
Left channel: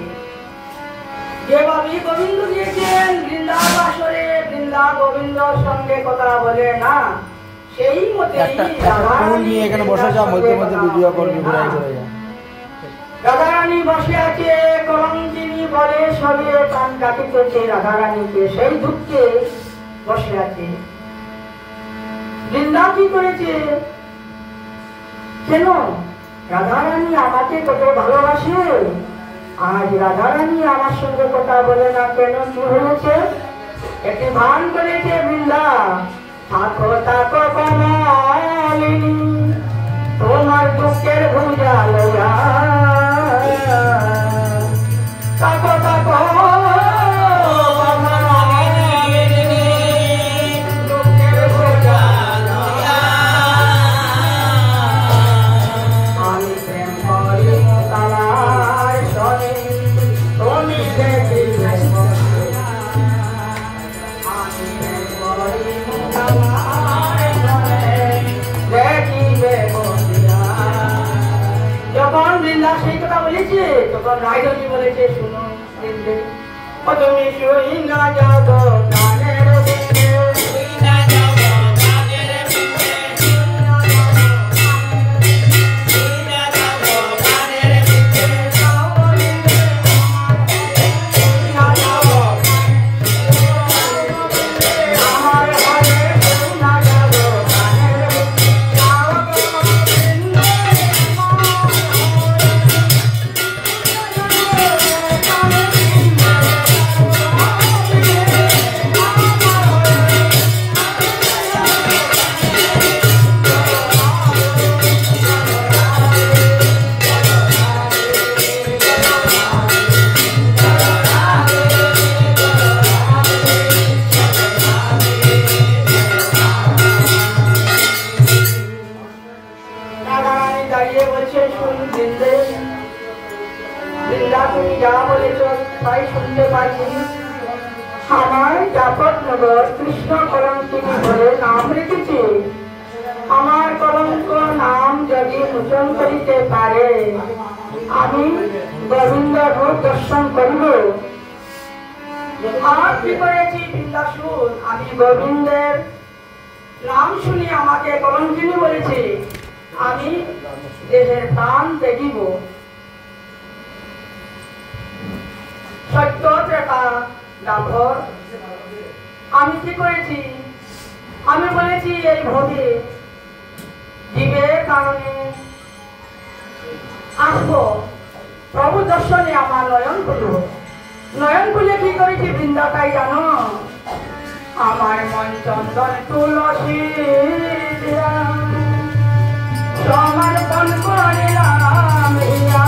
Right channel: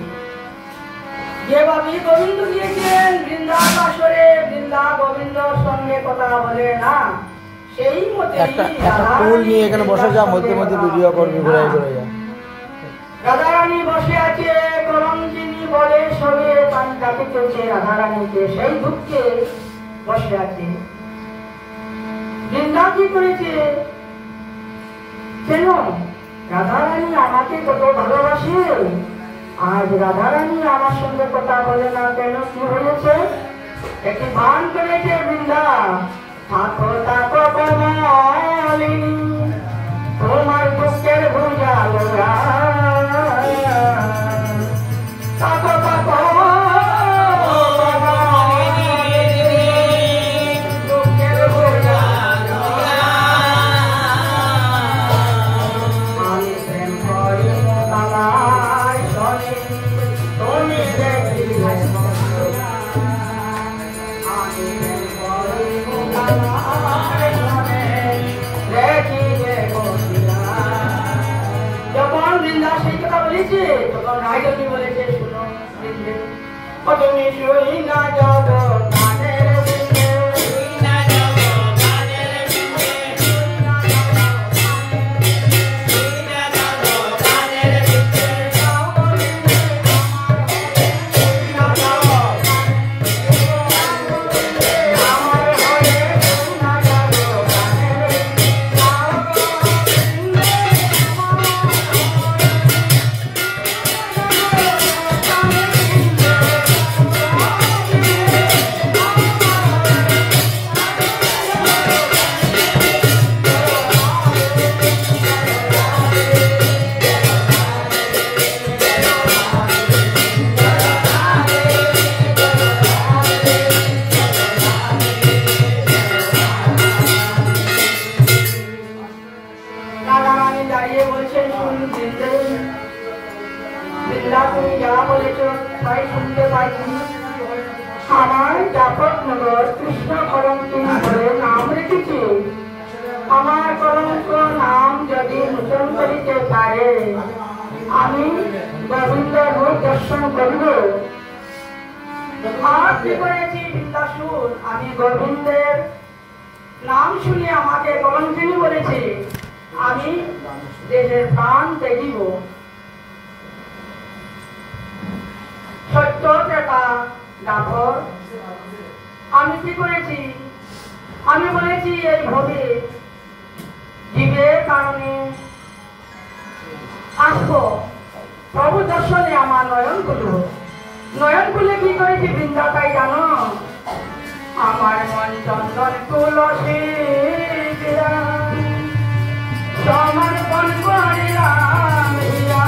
আছে। যেভাবে গোবিন্দ গিয়েছেন বৃন্দাবাসরে, বৃন্দা গোবিন্দর সঙ্গে কথা বলে না, সেই মতে একটা ফুল নিয়ে এখানে বসে যা, মধ্যে মধ্যে ভিডিও করবি, ঘুরাই ঘুরে যা। রাধারানী বসে আছে, কলঙ্কিনী বলে সবে পান কাটিতেছে রাধারানীকে, সেই দুঃখে বসে আছে। বৃন্দা কি করেছে? কেন রাধারানী আমাকে কত ভালোবাসে, আজ রাধারানী আমার সঙ্গে কথা বলে না কেন? কি হয়েছে? একটি ভান করেছে বৃন্দা, থাকো থাকো কমলিনী, তোমার দুঃখের ভুজা লয়া, থাকো থাকো দুঃখের ভুজা লয়া, আমি প্রেম করি তালার সনে, তুমি দেখি নাই আমি প্রেম করি তালার সনে, দেখি যে বন্দিয়া। যখন বৃন্দা সেই কথা বলেছে, তখন রায়চন্দ্রী বলেছে, শুনো বৃন্দে, তুমি শুই না যাও কানের বৃন্দে, শুই না যাও কানের বৃন্দে, শুই না যাও কানের বৃন্দে, যাও বৃন্দে, শুই না যাও আমার ঘরে, শুই না যাও কানের বৃন্দে, যাও বৃন্দে, রাধারানী দাঁড়িয়ে বলছে, শুন বৃন্দে, বৃন্দা তুমি যা বলেছ তাই শুনতে পাইছি। আমার জাফরনগর কৃষ্ণ কলঙ্কিনী বলে নাম রেখেছি, আমার কলঙ্ক নাম যদি মোচন করিতে পারে, আমি গোবিন্দ রূপ দর্শন করিব। আর কি করেছি বৃন্দাসুর, আমি গোবিন্দের নাম শুনে আমাকে কলঙ্কিনী বলেছি, আমি দেহের প্রাণ দেখিব। সত্য ত্রেতা দাপর, আমি কি করেছি? আমি বলেছি এই ভবে জীবের কারণে আসবো, প্রভু দর্শনে আমার নয়ন খুলব। নয়ন খুলে কি করেছি বৃন্দা তাই জানো? আমার মন চন্দন তুলসী সমর্পণ করিলাম হিয়া,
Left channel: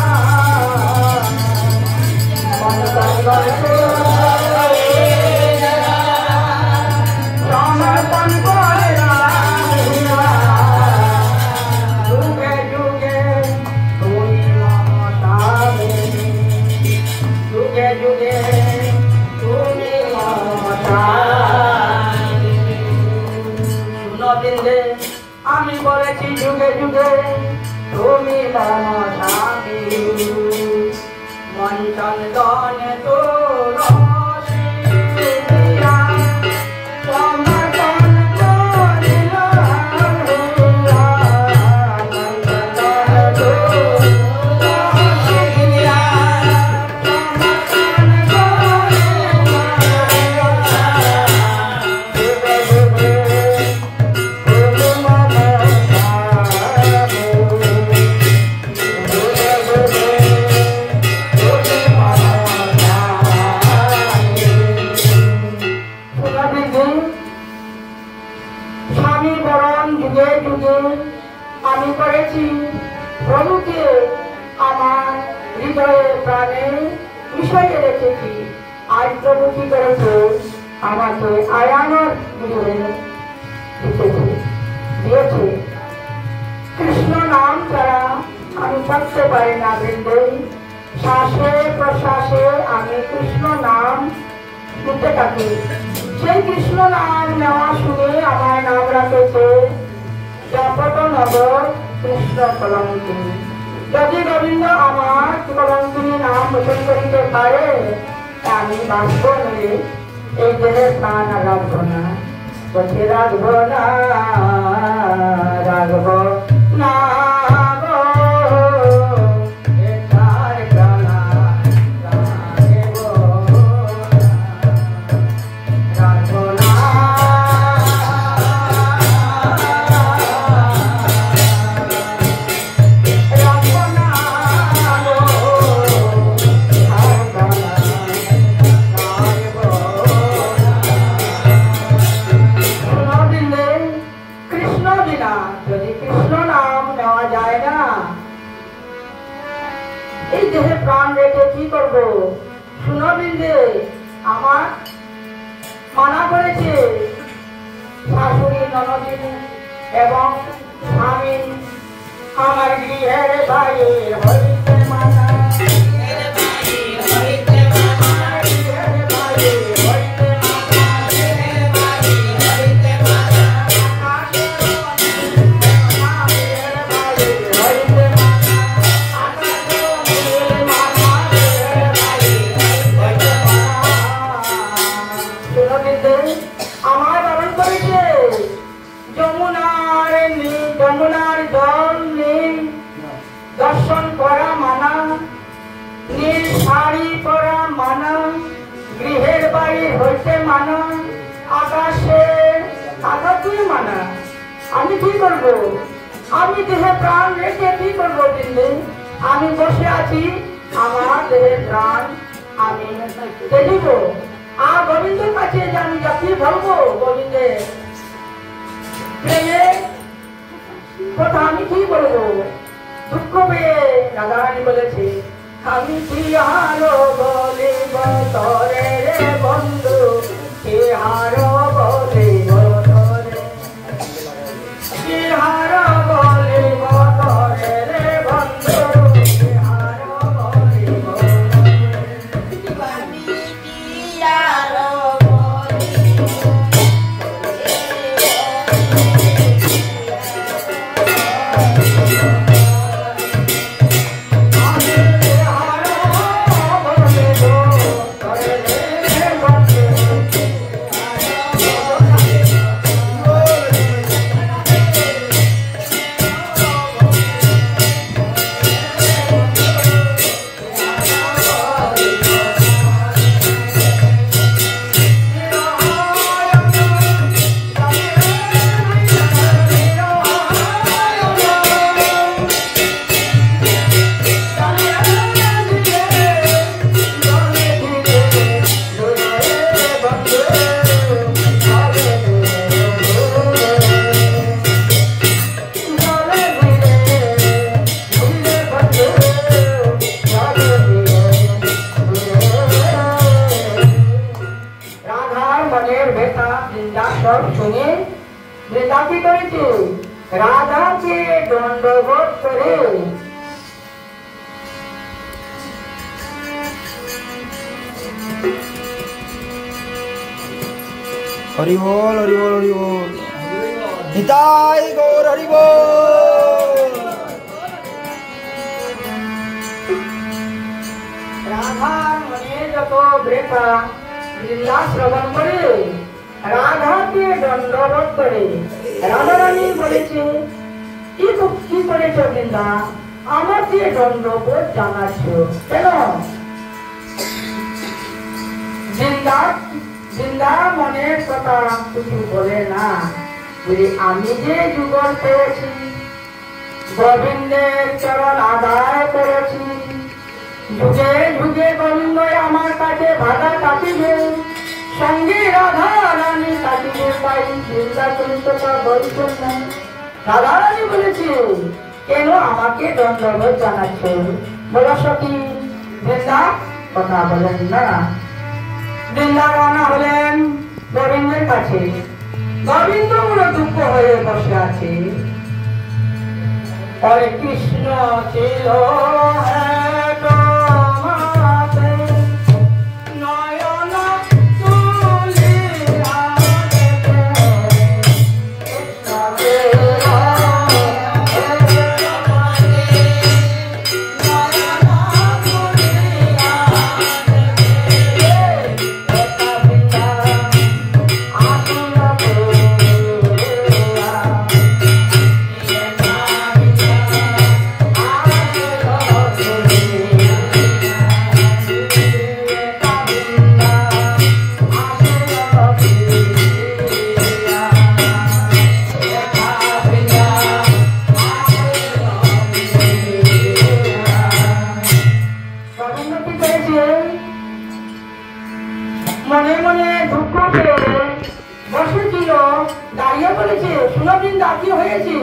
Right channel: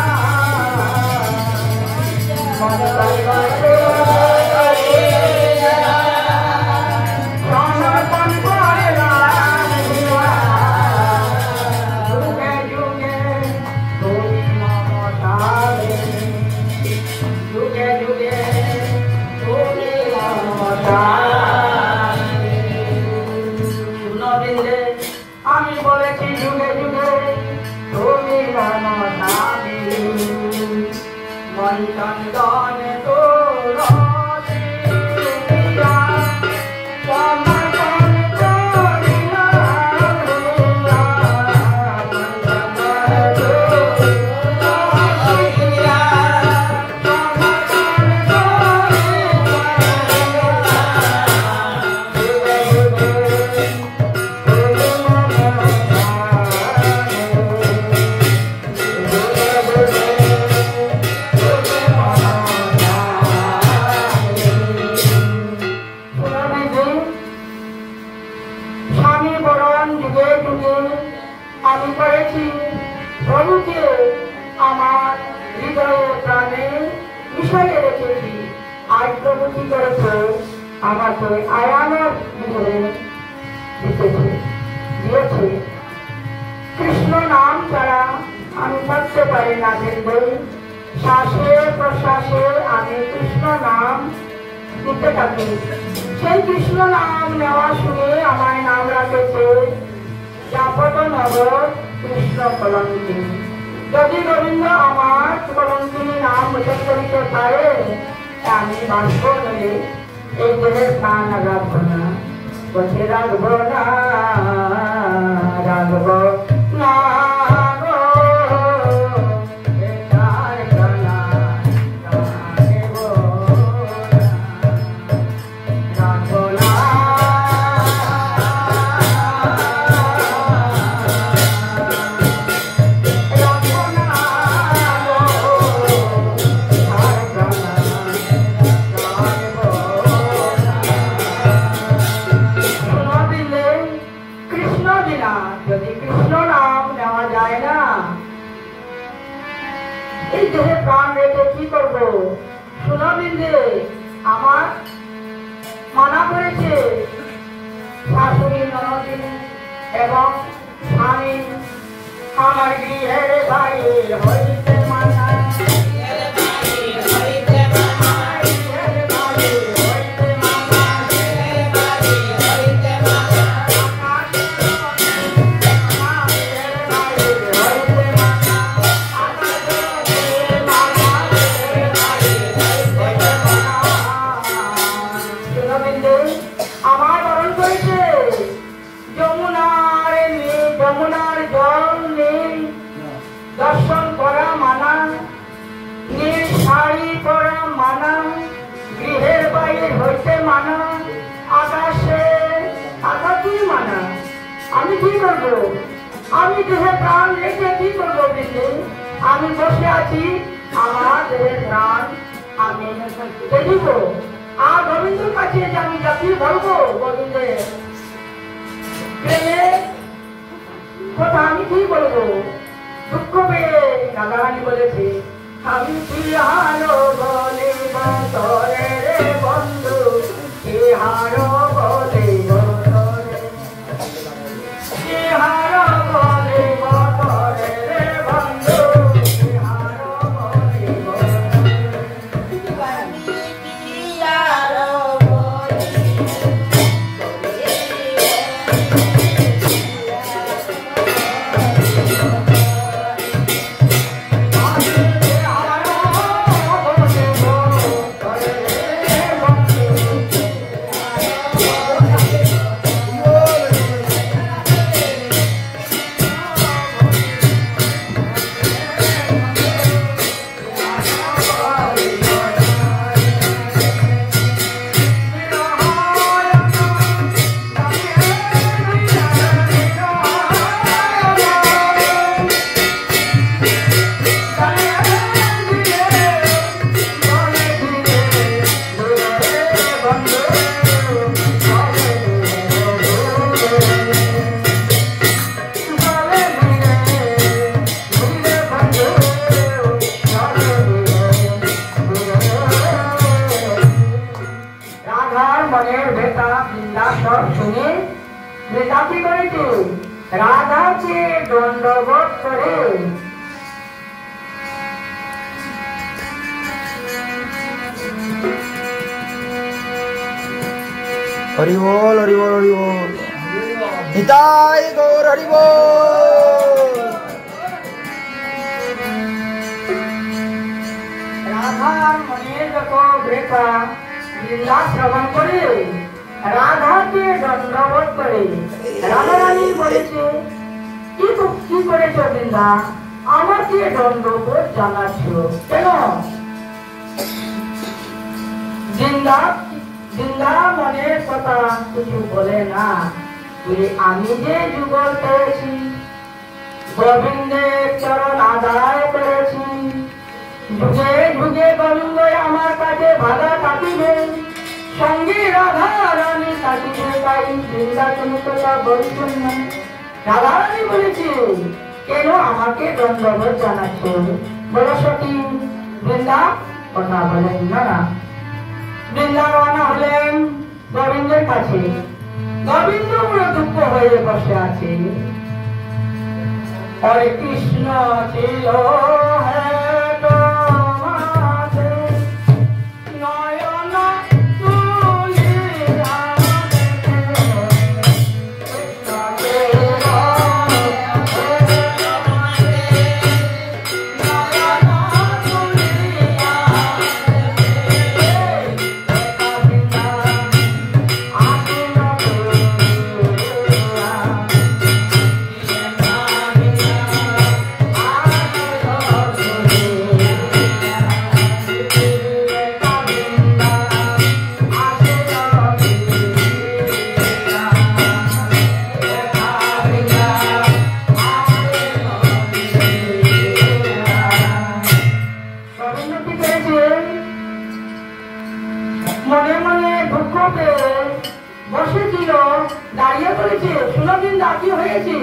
মন চন্দন তুলসী সমর্পণ করিলাম হিয়া, যুগে যুগে তুমি মম স্বামী, যুগে যুগে তুমি মম স্বামী। শুনো বৃন্দে, আমি বলেছি যুগে যুগে তুমি মম স্বামী, মন চন্দন তুলসী প্রিয়া, সমর্পণ করিলাম হিয়া, মন চন্দন তুলসী প্রিয়া, সমর্পণ করিলাম হিয়া, যুগে যুগে স্বামী বরণ যুগে যুগে আমি করেছি প্রভুকে আমার হৃদয়ে প্রাণে মিশিয়ে রেখেছি। আজ প্রভু কি করেছে? আমাকে আয়ানোর ভিতরে দিয়েছে। কৃষ্ণ নাম ছাড়া আমি থাকতে পারি না বৃন্দে, শ্বাসে প্রশ্বাসে আমি কৃষ্ণ নাম নিতে থাকি। সেই কৃষ্ণ নাম নেওয়া শুনে আমার নাম রাখেছে জাফরনগর কৃষ্ণ কলঙ্কিনী। যদি গোবিন্দ আমার কলঙ্কিনী নাম মুখে করিতে পারে আমি বাঁচব নেই, এই দেহে প্রাণ রাখবো না, কোথায় রাখবো না, রাখবো না। এই দেহে প্রাণ রেখে কি করবো? শুনবিন্দে আমার মানা করেছে শাশুড়ি, ননদিনী এবং স্বামী আমার গৃহের বাইরে হইতে মানা, দর্শন করা মানা, নীল শাড়ি পরা মানা, গৃহের বাইরে হইতে মানা, আকাশে আকাশে মানা। আমি কি করবো? আমি দেহে প্রাণ রেখে কি করবো? দিল্লি আমি বসে আছি, আমার দেহে প্রাণ আমি দেখিব। আর গোবিন্দের কাছে যে আমি যাচ্ছি বলবো গোবিন্দের প্রেমে কথা আমি কি বলবো? দুঃখ পেয়ে রাধারানী বলেছে, আমি কি হারো বলিব তরে রে বন্ধু, কি হারো বলিব তরে, কি হারো বলিব তরে রে বন্ধু, কি হারো বলিব রাধাকে দণ্ডবোধ করে হরি বল, হরি বল, হরি বল, নিতাই গৌর হরি বল। রাধার মনে যত ভেটা লীলা শ্রবণ করে রাধাকে দণ্ডবোধ করে রাধারানী বলেছে, কি করেছ বৃন্দা? আমাকে দণ্ডবোধ জানাচ্ছ কেন? বৃন্দা মনের কথা কিছু বলে না, বলে আমি যে যুগল পেয়েছি, গোবিন্দের চরণ আদায় করেছি, যুগে যুগে গোবিন্দ আমার কাছে বাধা কাটিবে, সঙ্গে রাধা রানী কাটিবে, তাই বৃন্দা তুমি তো তা বলছেন না। রাধা রানী বলেছে, কেন আমাকে দণ্ডবোধ জানাচ্ছ? বলো সখী। বৃন্দা কথা বলেন না। বৃন্দা রওনা হলেন গোবিন্দের কাছে। গোবিন্দ পুরো দুঃখ হয়ে বসে আছে। হরে কৃষ্ণ ছিল বসে মনে মনে দুঃখ পেয়ে বসেছিল, দাঁড়িয়ে বলেছে, শুনো বৃন্দা, কি হয়েছে?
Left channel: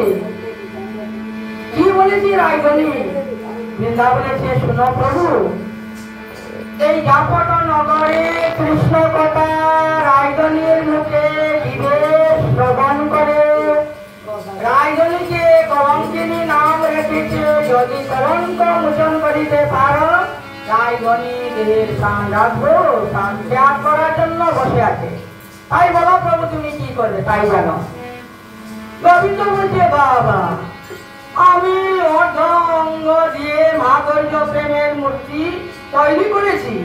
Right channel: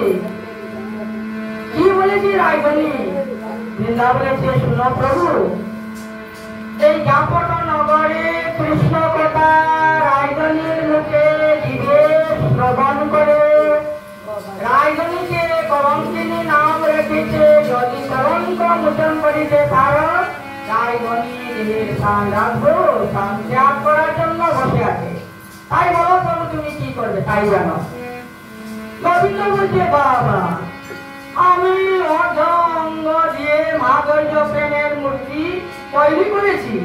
কি বলেছে রায়গণী? বৃন্দা বলেছে, শুনো প্রভু, এই জাপট নগরে কৃষ্ণ কথা রায়গণীর মুখে বিদেশ শ্রবণ করে রায়গণীকে কলঙ্কিনী নাম রেখেছে। যদি কলঙ্ক মোচন করিতে পারো, রায়গণী দেহের সাম্রাজ্য ত্যাগ করার জন্য বসে আছে। তাই বলো প্রভু, তুমি কি করবে তাই জানো। গোবিন্দ বলছে, বাবা, আমি অর্ধ অঙ্গ দিয়ে মাধুর্য প্রেমের মূর্তি তৈরি করেছি।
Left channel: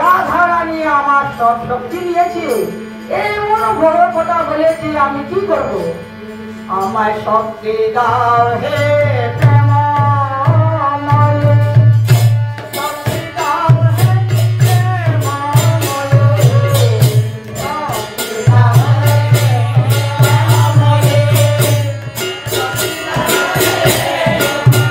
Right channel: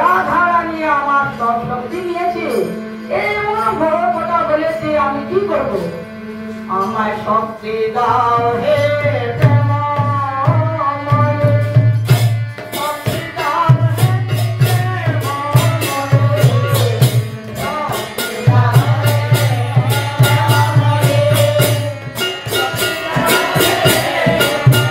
রাধা রানী আমার সব শক্তি নিয়েছে, এমন বড় কথা বলেছে, আমি কি করব? আমায় শক্তি দাও হে প্রেমময়, শক্তি দাও হে প্রেমময়, শক্তি দাও হে প্রেমময়, শক্তি দাও হে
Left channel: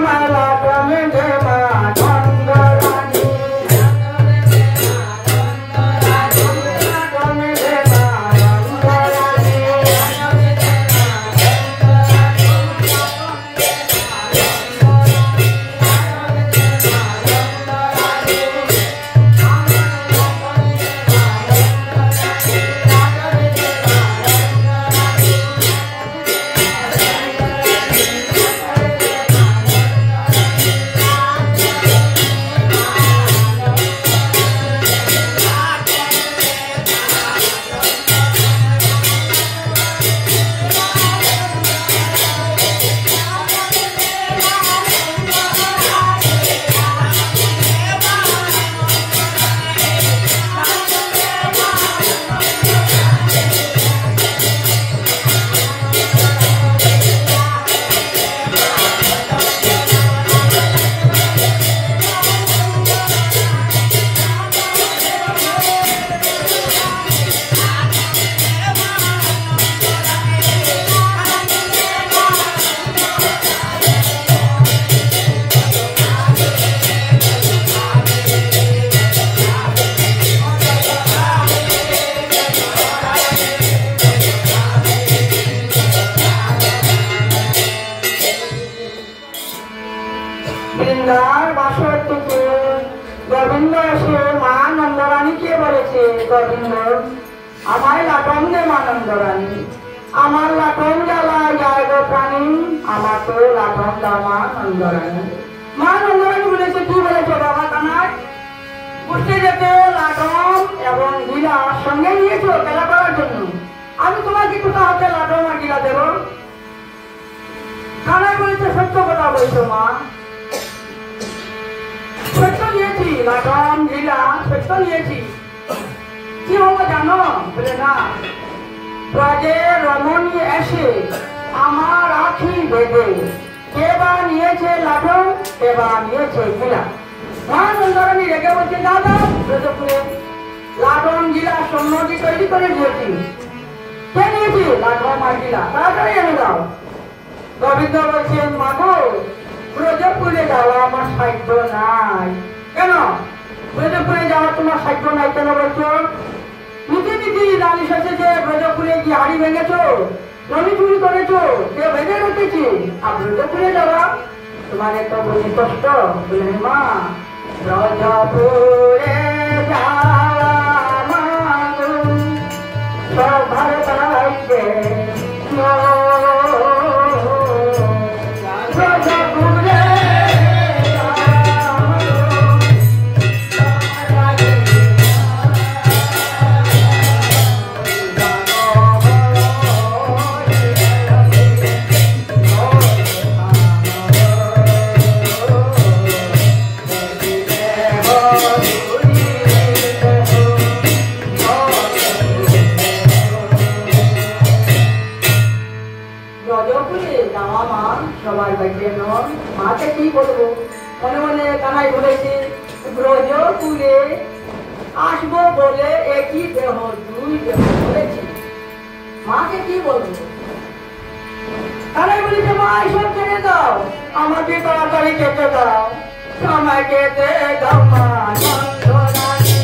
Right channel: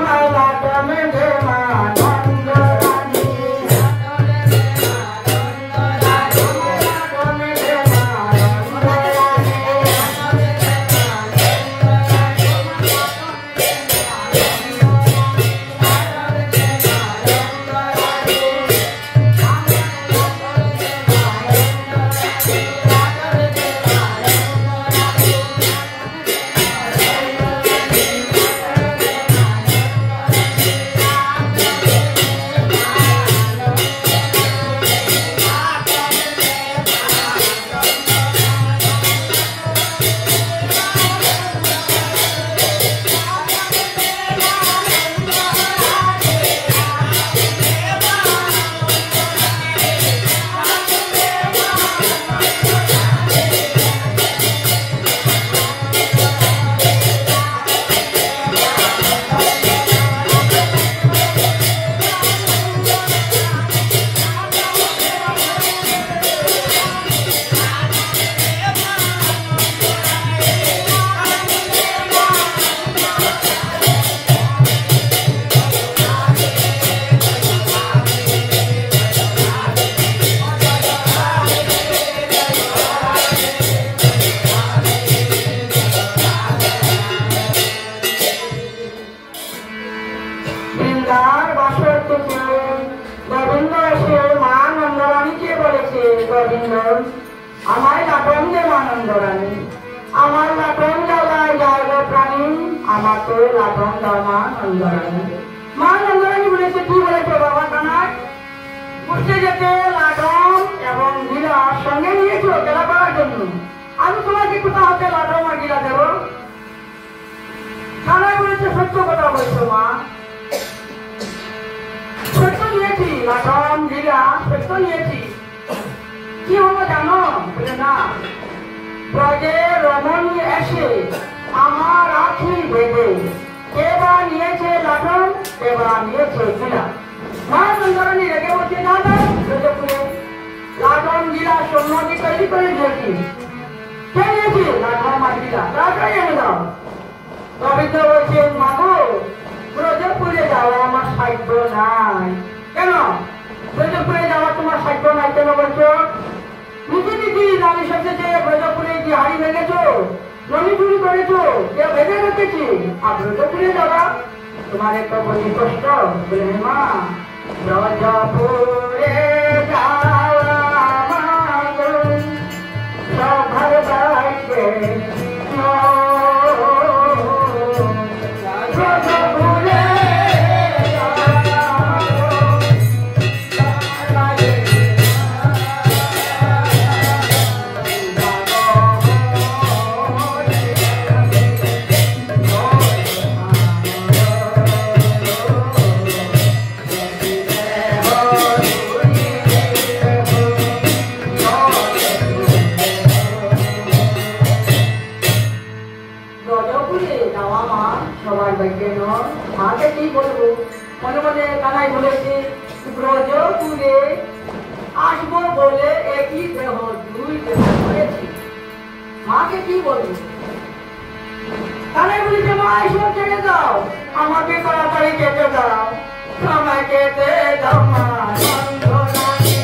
আমার লাটমে দে মা নন্দরানী লাটমে দে মা নন্দরানী বৃন্দার বাসর থেকে গোবিন্দ এসে মা নন্দরানীকে বলেছে, গোবিন্দ আমায় লাটন দে মা নন্দরানী, আমার লাটন জ্বালায় যায় গো প্রাণী, আমাকে লাটন দাও মা নন্দরানী। মা নন্দরানী বলেছে, কি বলেছে বাবা কানাই? উঠতে যেতে লাটন এবং গিলা সঙ্গে নিয়েছো খেলা করার জন্য, আমি তোমাকে কোথা হতে লাটন আর গিলা দেব? কানাই বলেছে, সত্য কথা বলছো মা, সত্য নিয়েছি, লাটন গিলা সত্য নিয়েছি। কি হবো জানো? বলে না, ব্রজে রমণী এসে আমার আখি বেঁধে কে বা নিয়েছে লাটন, কে বা নিয়েছে গিলা। মা নন্দরানী রেগে বলছে, দাদা ব্রজপুরে লাটন গিলা সম্মতি তৈরি করে নিয়েছি, কে নিয়েছি? লাটন আর গিলা, তাড়াতাড়ি এনে দাও। গোবিন্দ বলছে, মাগো ব্রজপুরে যাওয়া আমার সাধ্য নাই। কেন ব্রজপুরে যাওয়া তোমার সাধ্য নাই কেন বলছো? নিজে নিজে নালিশ হচ্ছে যে ব্রজপুরে কি হাড়ি ভেঙেছো, জমি চুরি করেছো, কে ভেঙে রেখেছি, আর ব্রজপুরে যাওয়া তোমার এত বুঝি কষ্ট? বলে মা ব্রজপুরে যাওয়া মাগো সভার বাইকে মাকে কি বলবো? মনে মনে কানাই বলেছে, ব্রজপুরে আসবো বলে একই দেহ দুই দেহ করেছি, মাকে কি বলবো? কানাই বলেছে, মা এসব ছেড়ে দাও, আমাকে তাড়াতাড়ি যেতে দাও, সময় যেতে দাও মা নন্দরানী।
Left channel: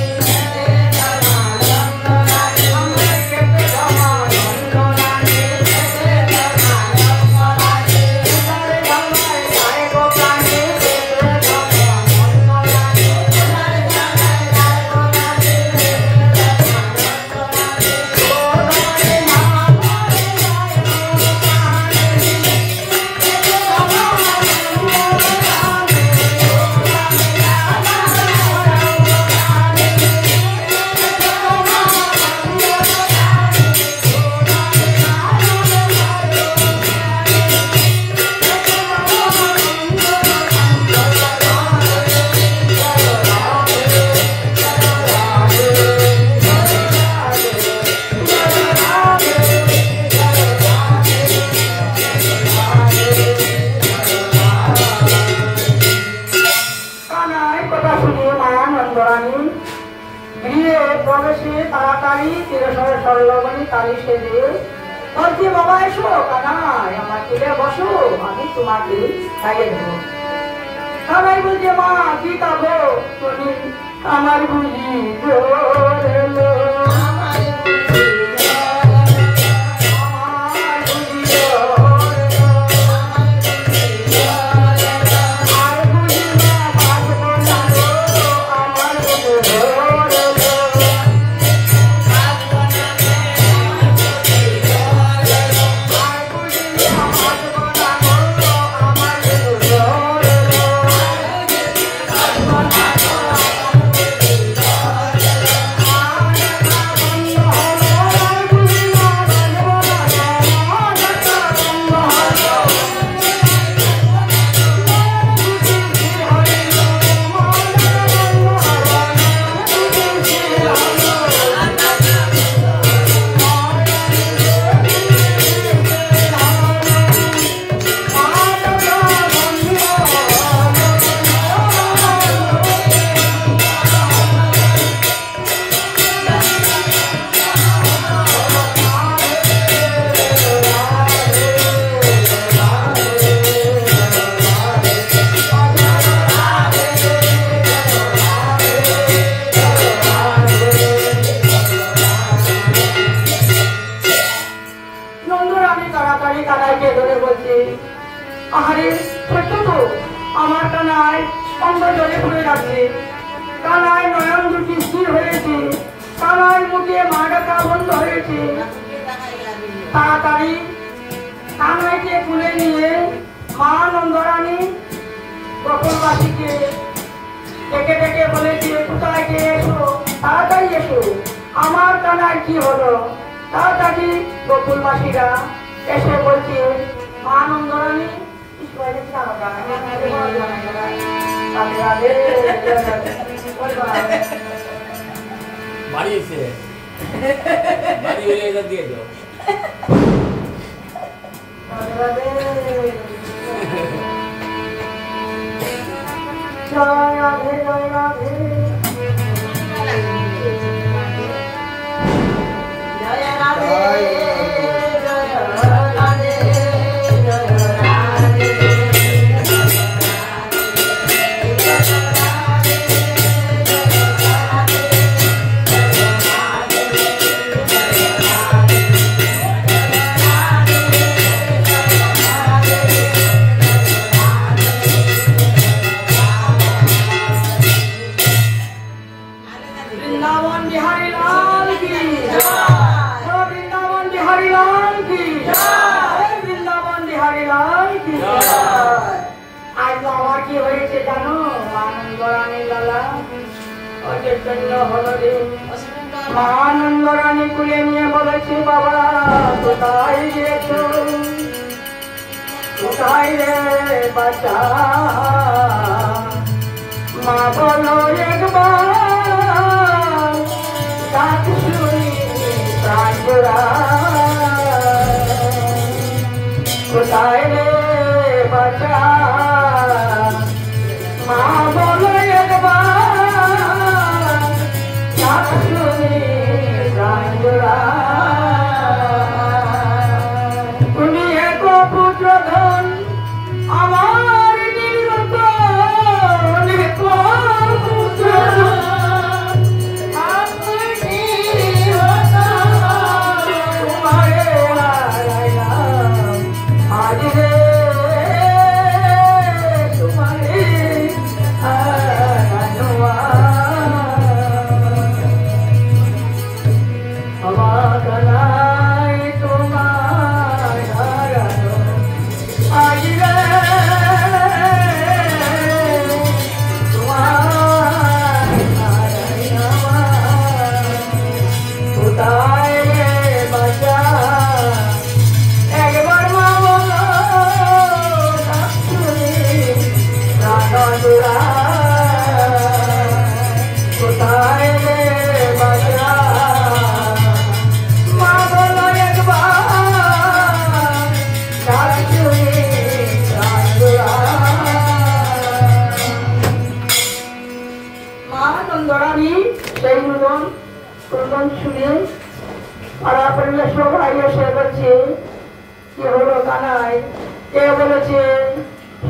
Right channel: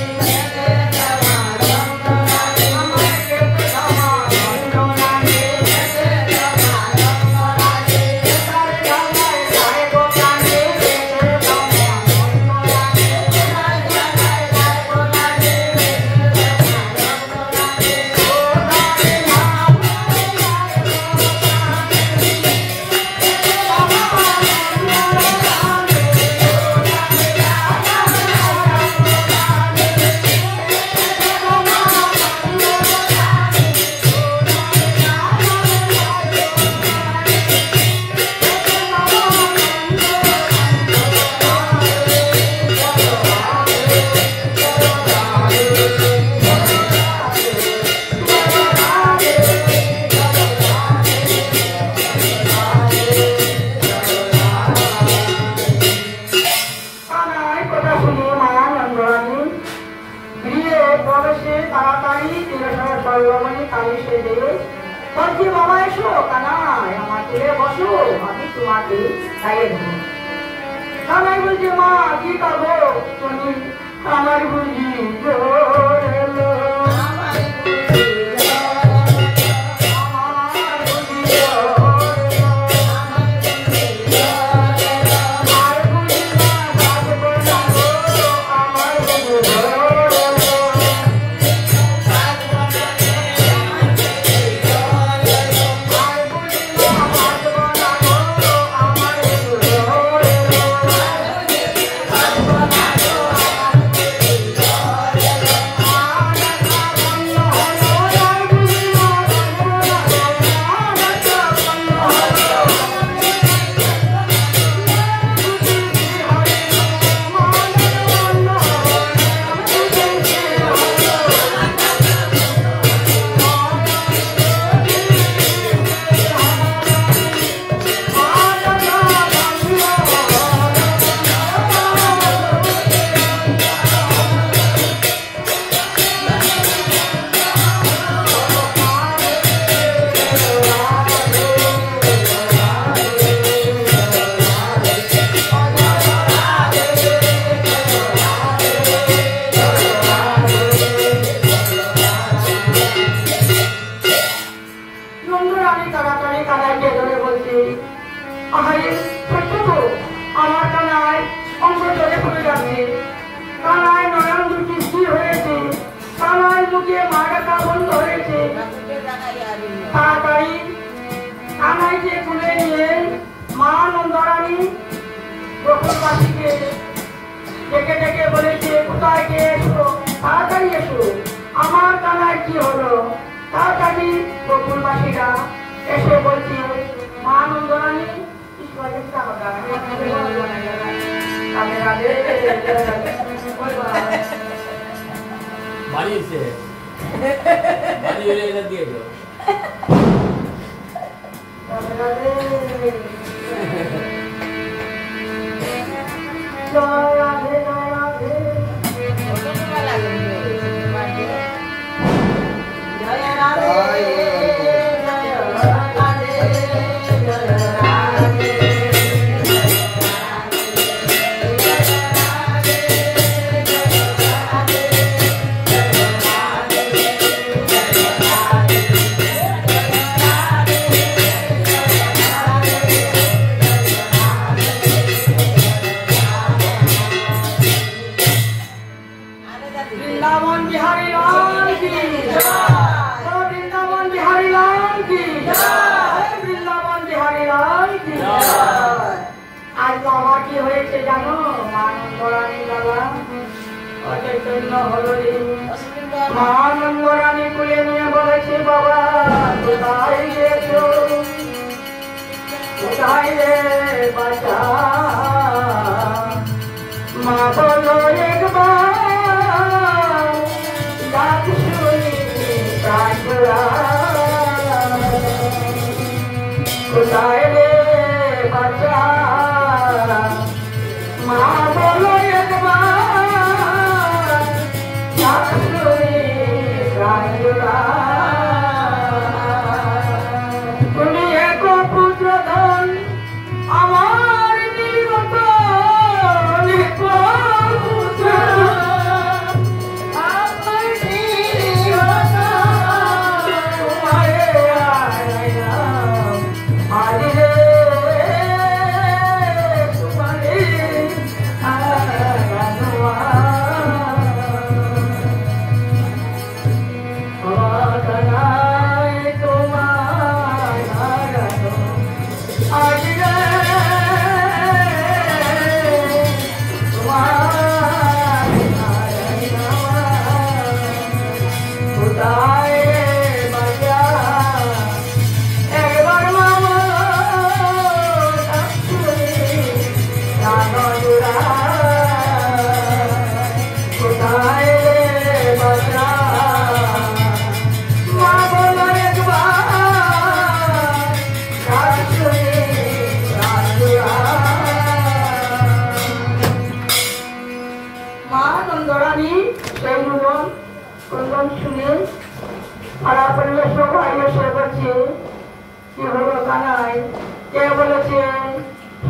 বাবা এসো কানাই, আমার ছেলে বসো, আমি তোমাকে খাইয়ে দেবো। কানাই বলছে মা কি খাবো তুমি আমার বুঝি জোর এলো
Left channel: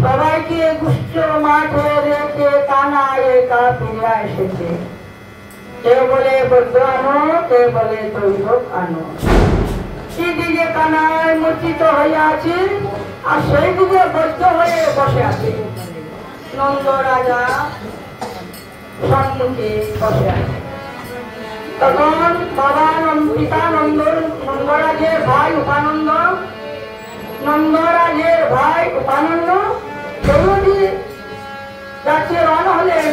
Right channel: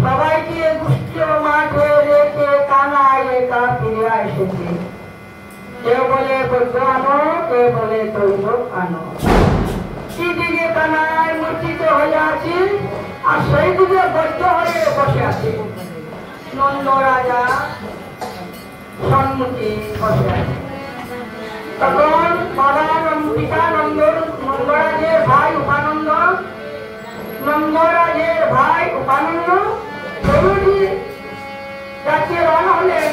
সবাইকে মাঠে রেখে কানাই একা ফিরে এসেছে। কেউ বলে বৈদ্য আনো, কেউ বলে দৈবক আনো। কি দিকে কানাই মূর্ছিত হয়ে আছে, আর সেই দিকে বৈদ্য হয়ে বসে আছে। নন্দ রাজা সম্মুখে বসে আছে। তখন বাবা পিতা নন্দরাজের ভাই উপানন্দ, নন্দরাজের ভাই উপানন্দ দৌড়ি যাচ্ছে রওনা হলেন।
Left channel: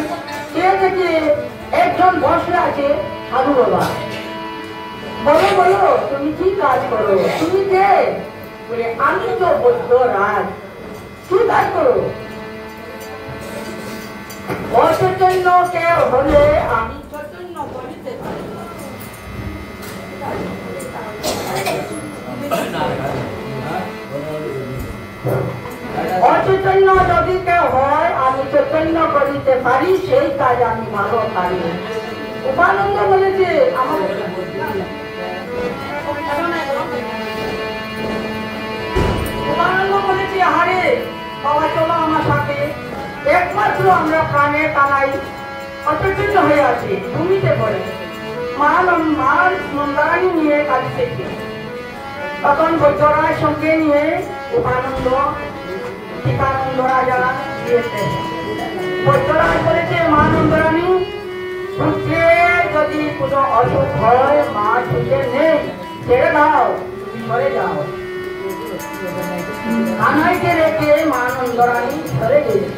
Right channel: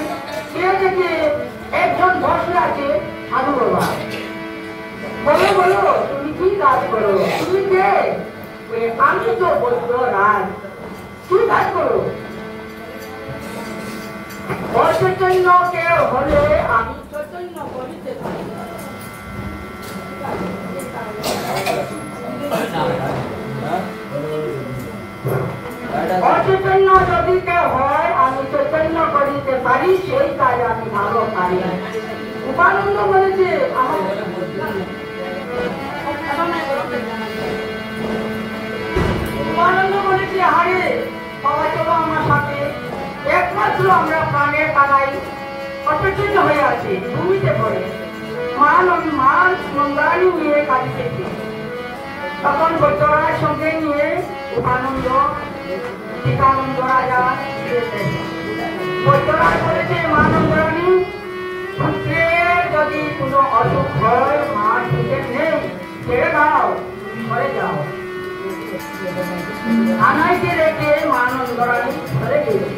কে দেখে একজন বসে আছে সাধু বাবা। বলো বলো তুমি কি কাজ করো, তুমি কে? আমি তো বলতো রাজ। কি কাজ করো? অচৈতন্য কেউ হলে আমি চৈতন্য করিতে পারি। অচৈতন্য যদি কেউ হয় আমি চৈতন্য করিতে পারি, সেই কাজ আমি ভালো পারি। উপানন্দ বলেছে হারে বাবা চলো আমার সাথে। একমাত্র আমরা প্রাণে টানাই অচৈতন্য হয়ে আছি, ভূমিতে পড়ে মান নন্দানি নিয়ে কাঁদিতেছি। তখন বৈদ্যরাজ সঙ্গে নিয়ে উপানন্দ টিকানন্দ রাজা দিয়েছে। বৈদ্যরাজ বলেছে মা নন্দানি পুত্রের যদি কোনো অসুখ হয়, মা সুখে নেই, ছেড়ে দাও, সরে যাও। কানাইকে রেখে মা নন্দরানী সরে গেছে।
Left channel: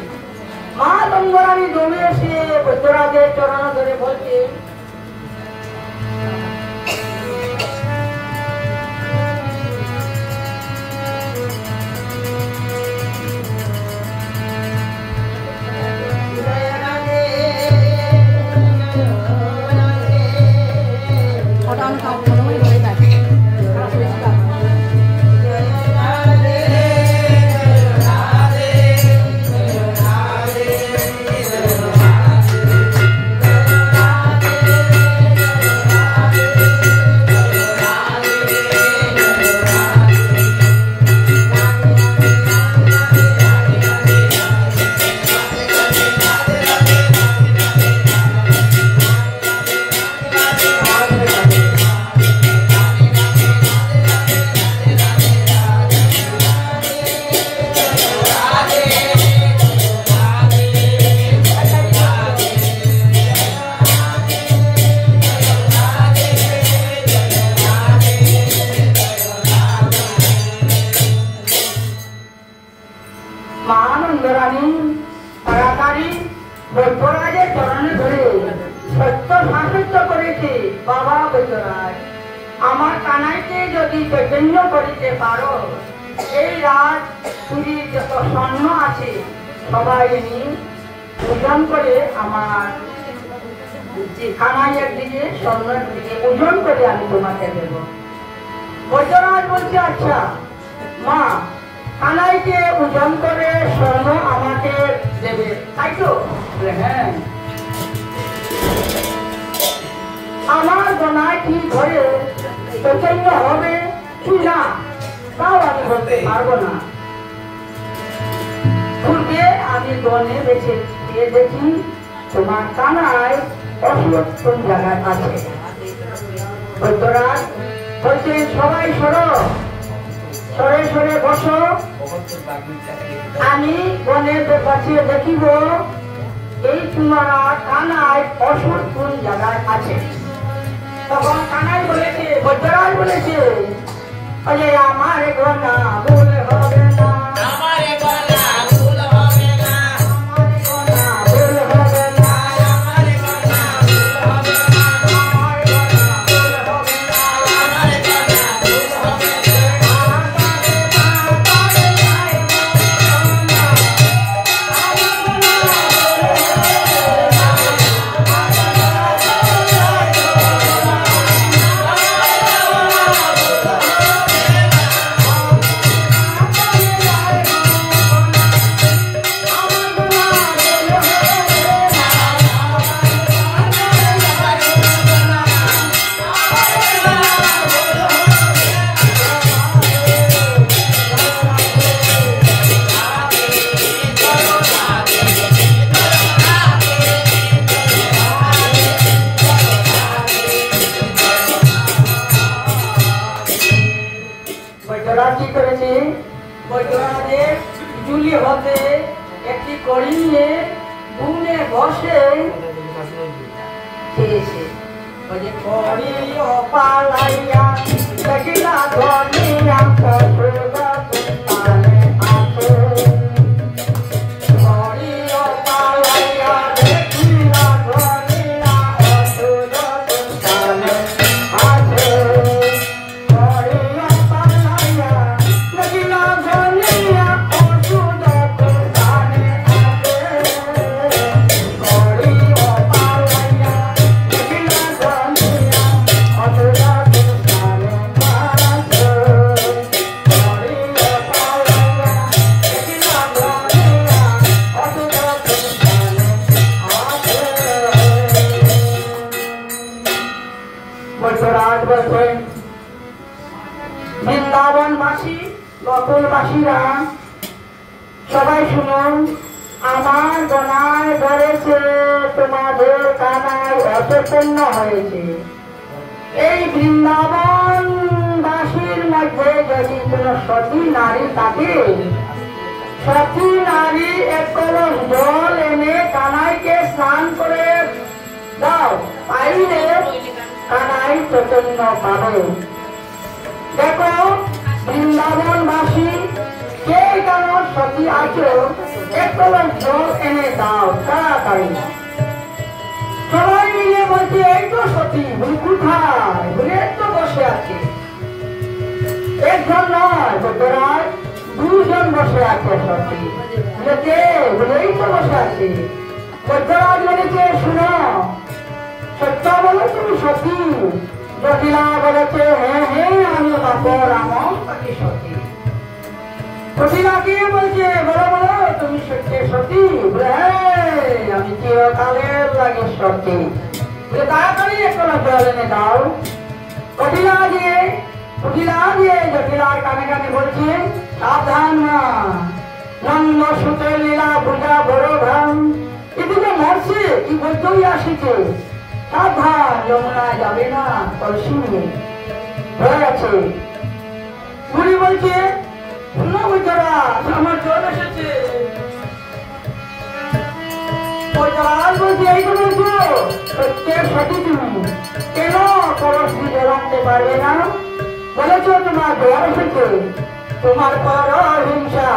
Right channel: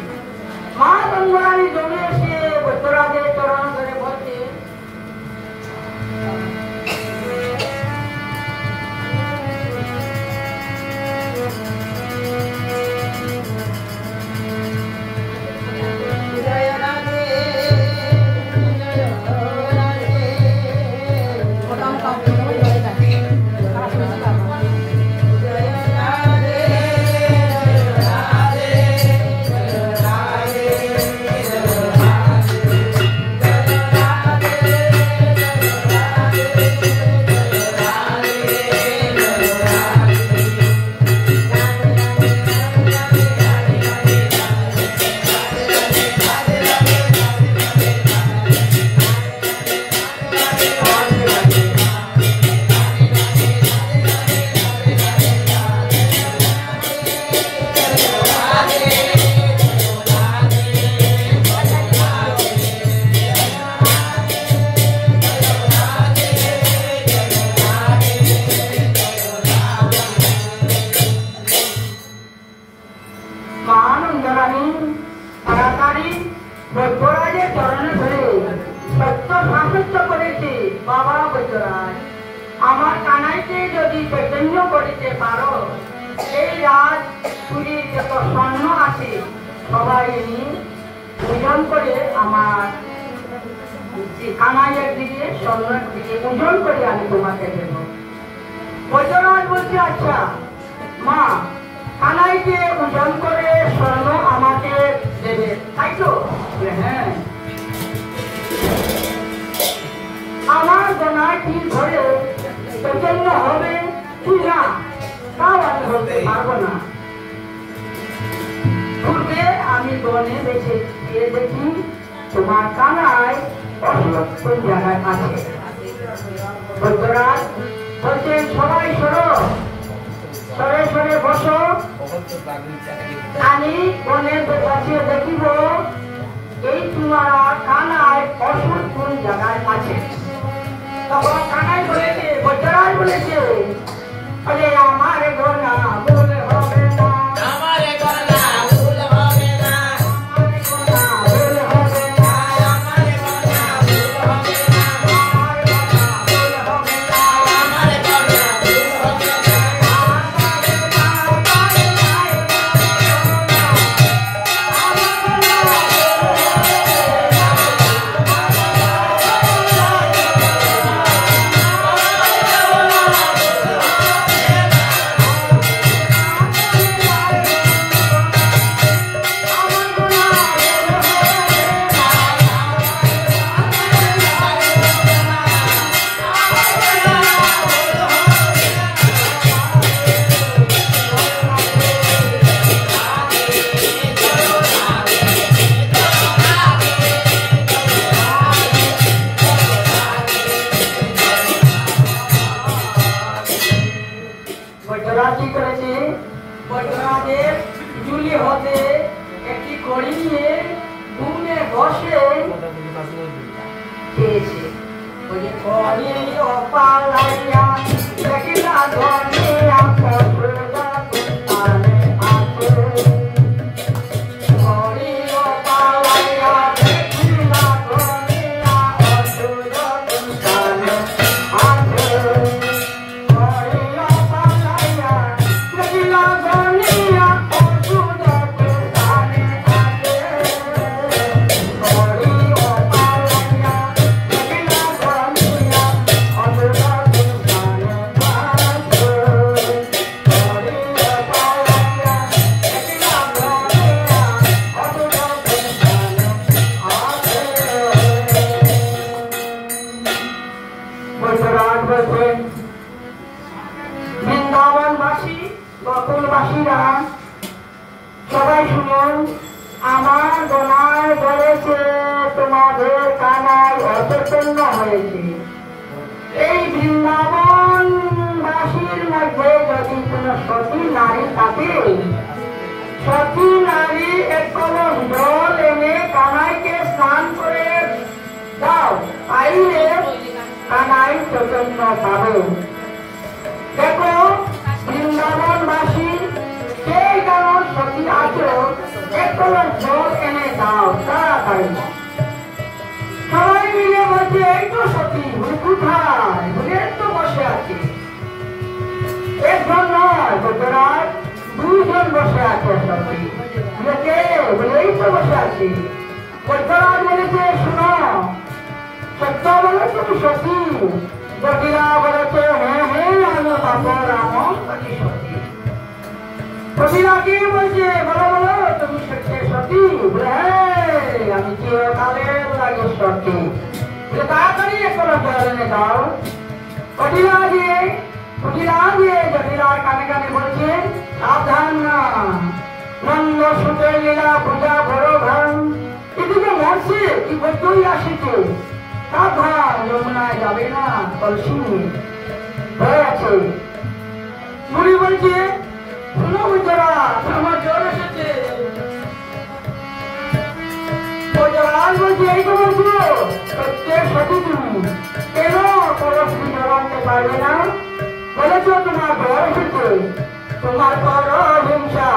মা নন্দরানী দৌড়ে এসে বৈদ্যরাজের চরণ ধরে বলছে আমার কানাইকে যদি চৈতন্য করিতে পারো, এই রাত পুরীর যত স্বর্ণ আছে সবাই ওজন করে আমার কানাইয়ের দিকে স্বর্ণের দিকে ওজন করে আমি তোমাকে দেব। বৈদ্যনাথ বলছে আচ্ছা মা, কানাইকে ওজন করে স্বর্ণ আমাকে দেবে, তাই তো? হ্যাঁ। আমার গনায় কি ধরে চৈতন্য হবে কি না তাও আমি বলতে পারবো না। পূর্বে আমি বনে বেছে গিয়ে দেখি তোমার কানায় অসুখ কোন জায়গায় আছে। বৈদ্যরাজ বলছেন সবাই সরো, সরে সরে বসো, আমি বনের কাছে দেখিব এই তোমার কানায় অসুখ কোন জায়গায় আছে। তখন কানাই বলেছে, বৈদ্যরাজ বলেছে, আরে আমার গোনা ভুল হবে না, আমার গোনা ভুল হবে না, আমার গোনা ভুল হবে না, আমার গোনা ভুল হবে না, আমার গোনা ভুল হবে না, আমার গোনা ভুল হবে না। পাশে চেয়েছে বলে করি ও পালাইয়া দেখিলা ধনিয়া কসুরা কোথায় আছে করি ও পালাইয়া দেখিলা ধনিয়া কসুরা কোথায় আছে করি ও পালাইয়া দেখিলা ধনিয়া কসুরা কোথায় আছে করি ও পালাইয়া দেখিলা ধনিয়া কসুরা বৃন্দাবনবাসী গোকুলবাসীরা সবাই শুনুন আমার গলায় ধরেছে তোমাদের কানায় অচৈতন্য হয়েছে এই বৃন্দাবনবাসীর মধ্যে যদি কোনো সতী নারী থাকে সতী নারী এক কলস জল এনে কানাইকে স্নান করে দাও তাইলে কানাই চৈতন্য পাবে দেখো বৃন্দাবনবাসী কে কেন সতী আছো এক কলস জল এনে দাও তাড়াতাড়ি সবাই মিলে বলছে এই তো সতী বলি কোথায় বলে তো বসে আছে একজন নয় গোতরাজ দুজন বসে আছে সতী বলে কে বলে এই তো বসে আছে গোতরাজ বলেছে শুনো সত্য বলে তুমি সতী জটিলা বলেছে হ্যাঁ হ্যাঁ আমি বাপর আমার সতী জটিলাকে বলছে বলো বলো তুমি সত্যি সতী আমি চিরকালের লাগে সত্যি তাড়াতাড়ি এখন জল এনে দাও কঠিলা দিয়ে জটিলার কানে কানে বলছে সাবধান না নন্দ সুতের লীলা পূজা বড় ভাম এদিকে মরছে কি বলতেই আসিছে সাবধান যমুনায় যাবে না কলসি নিয়ে হয়ে আছে মুনি বলছে শুনো বুঝরা আমার জল এসেছে এই তো বলছো প্রত্যেক সতী তুমি কেন পরশি জড়াতে পারবে না বলেছ তোমার জ্বর এসেছে তোমার পর হিংসা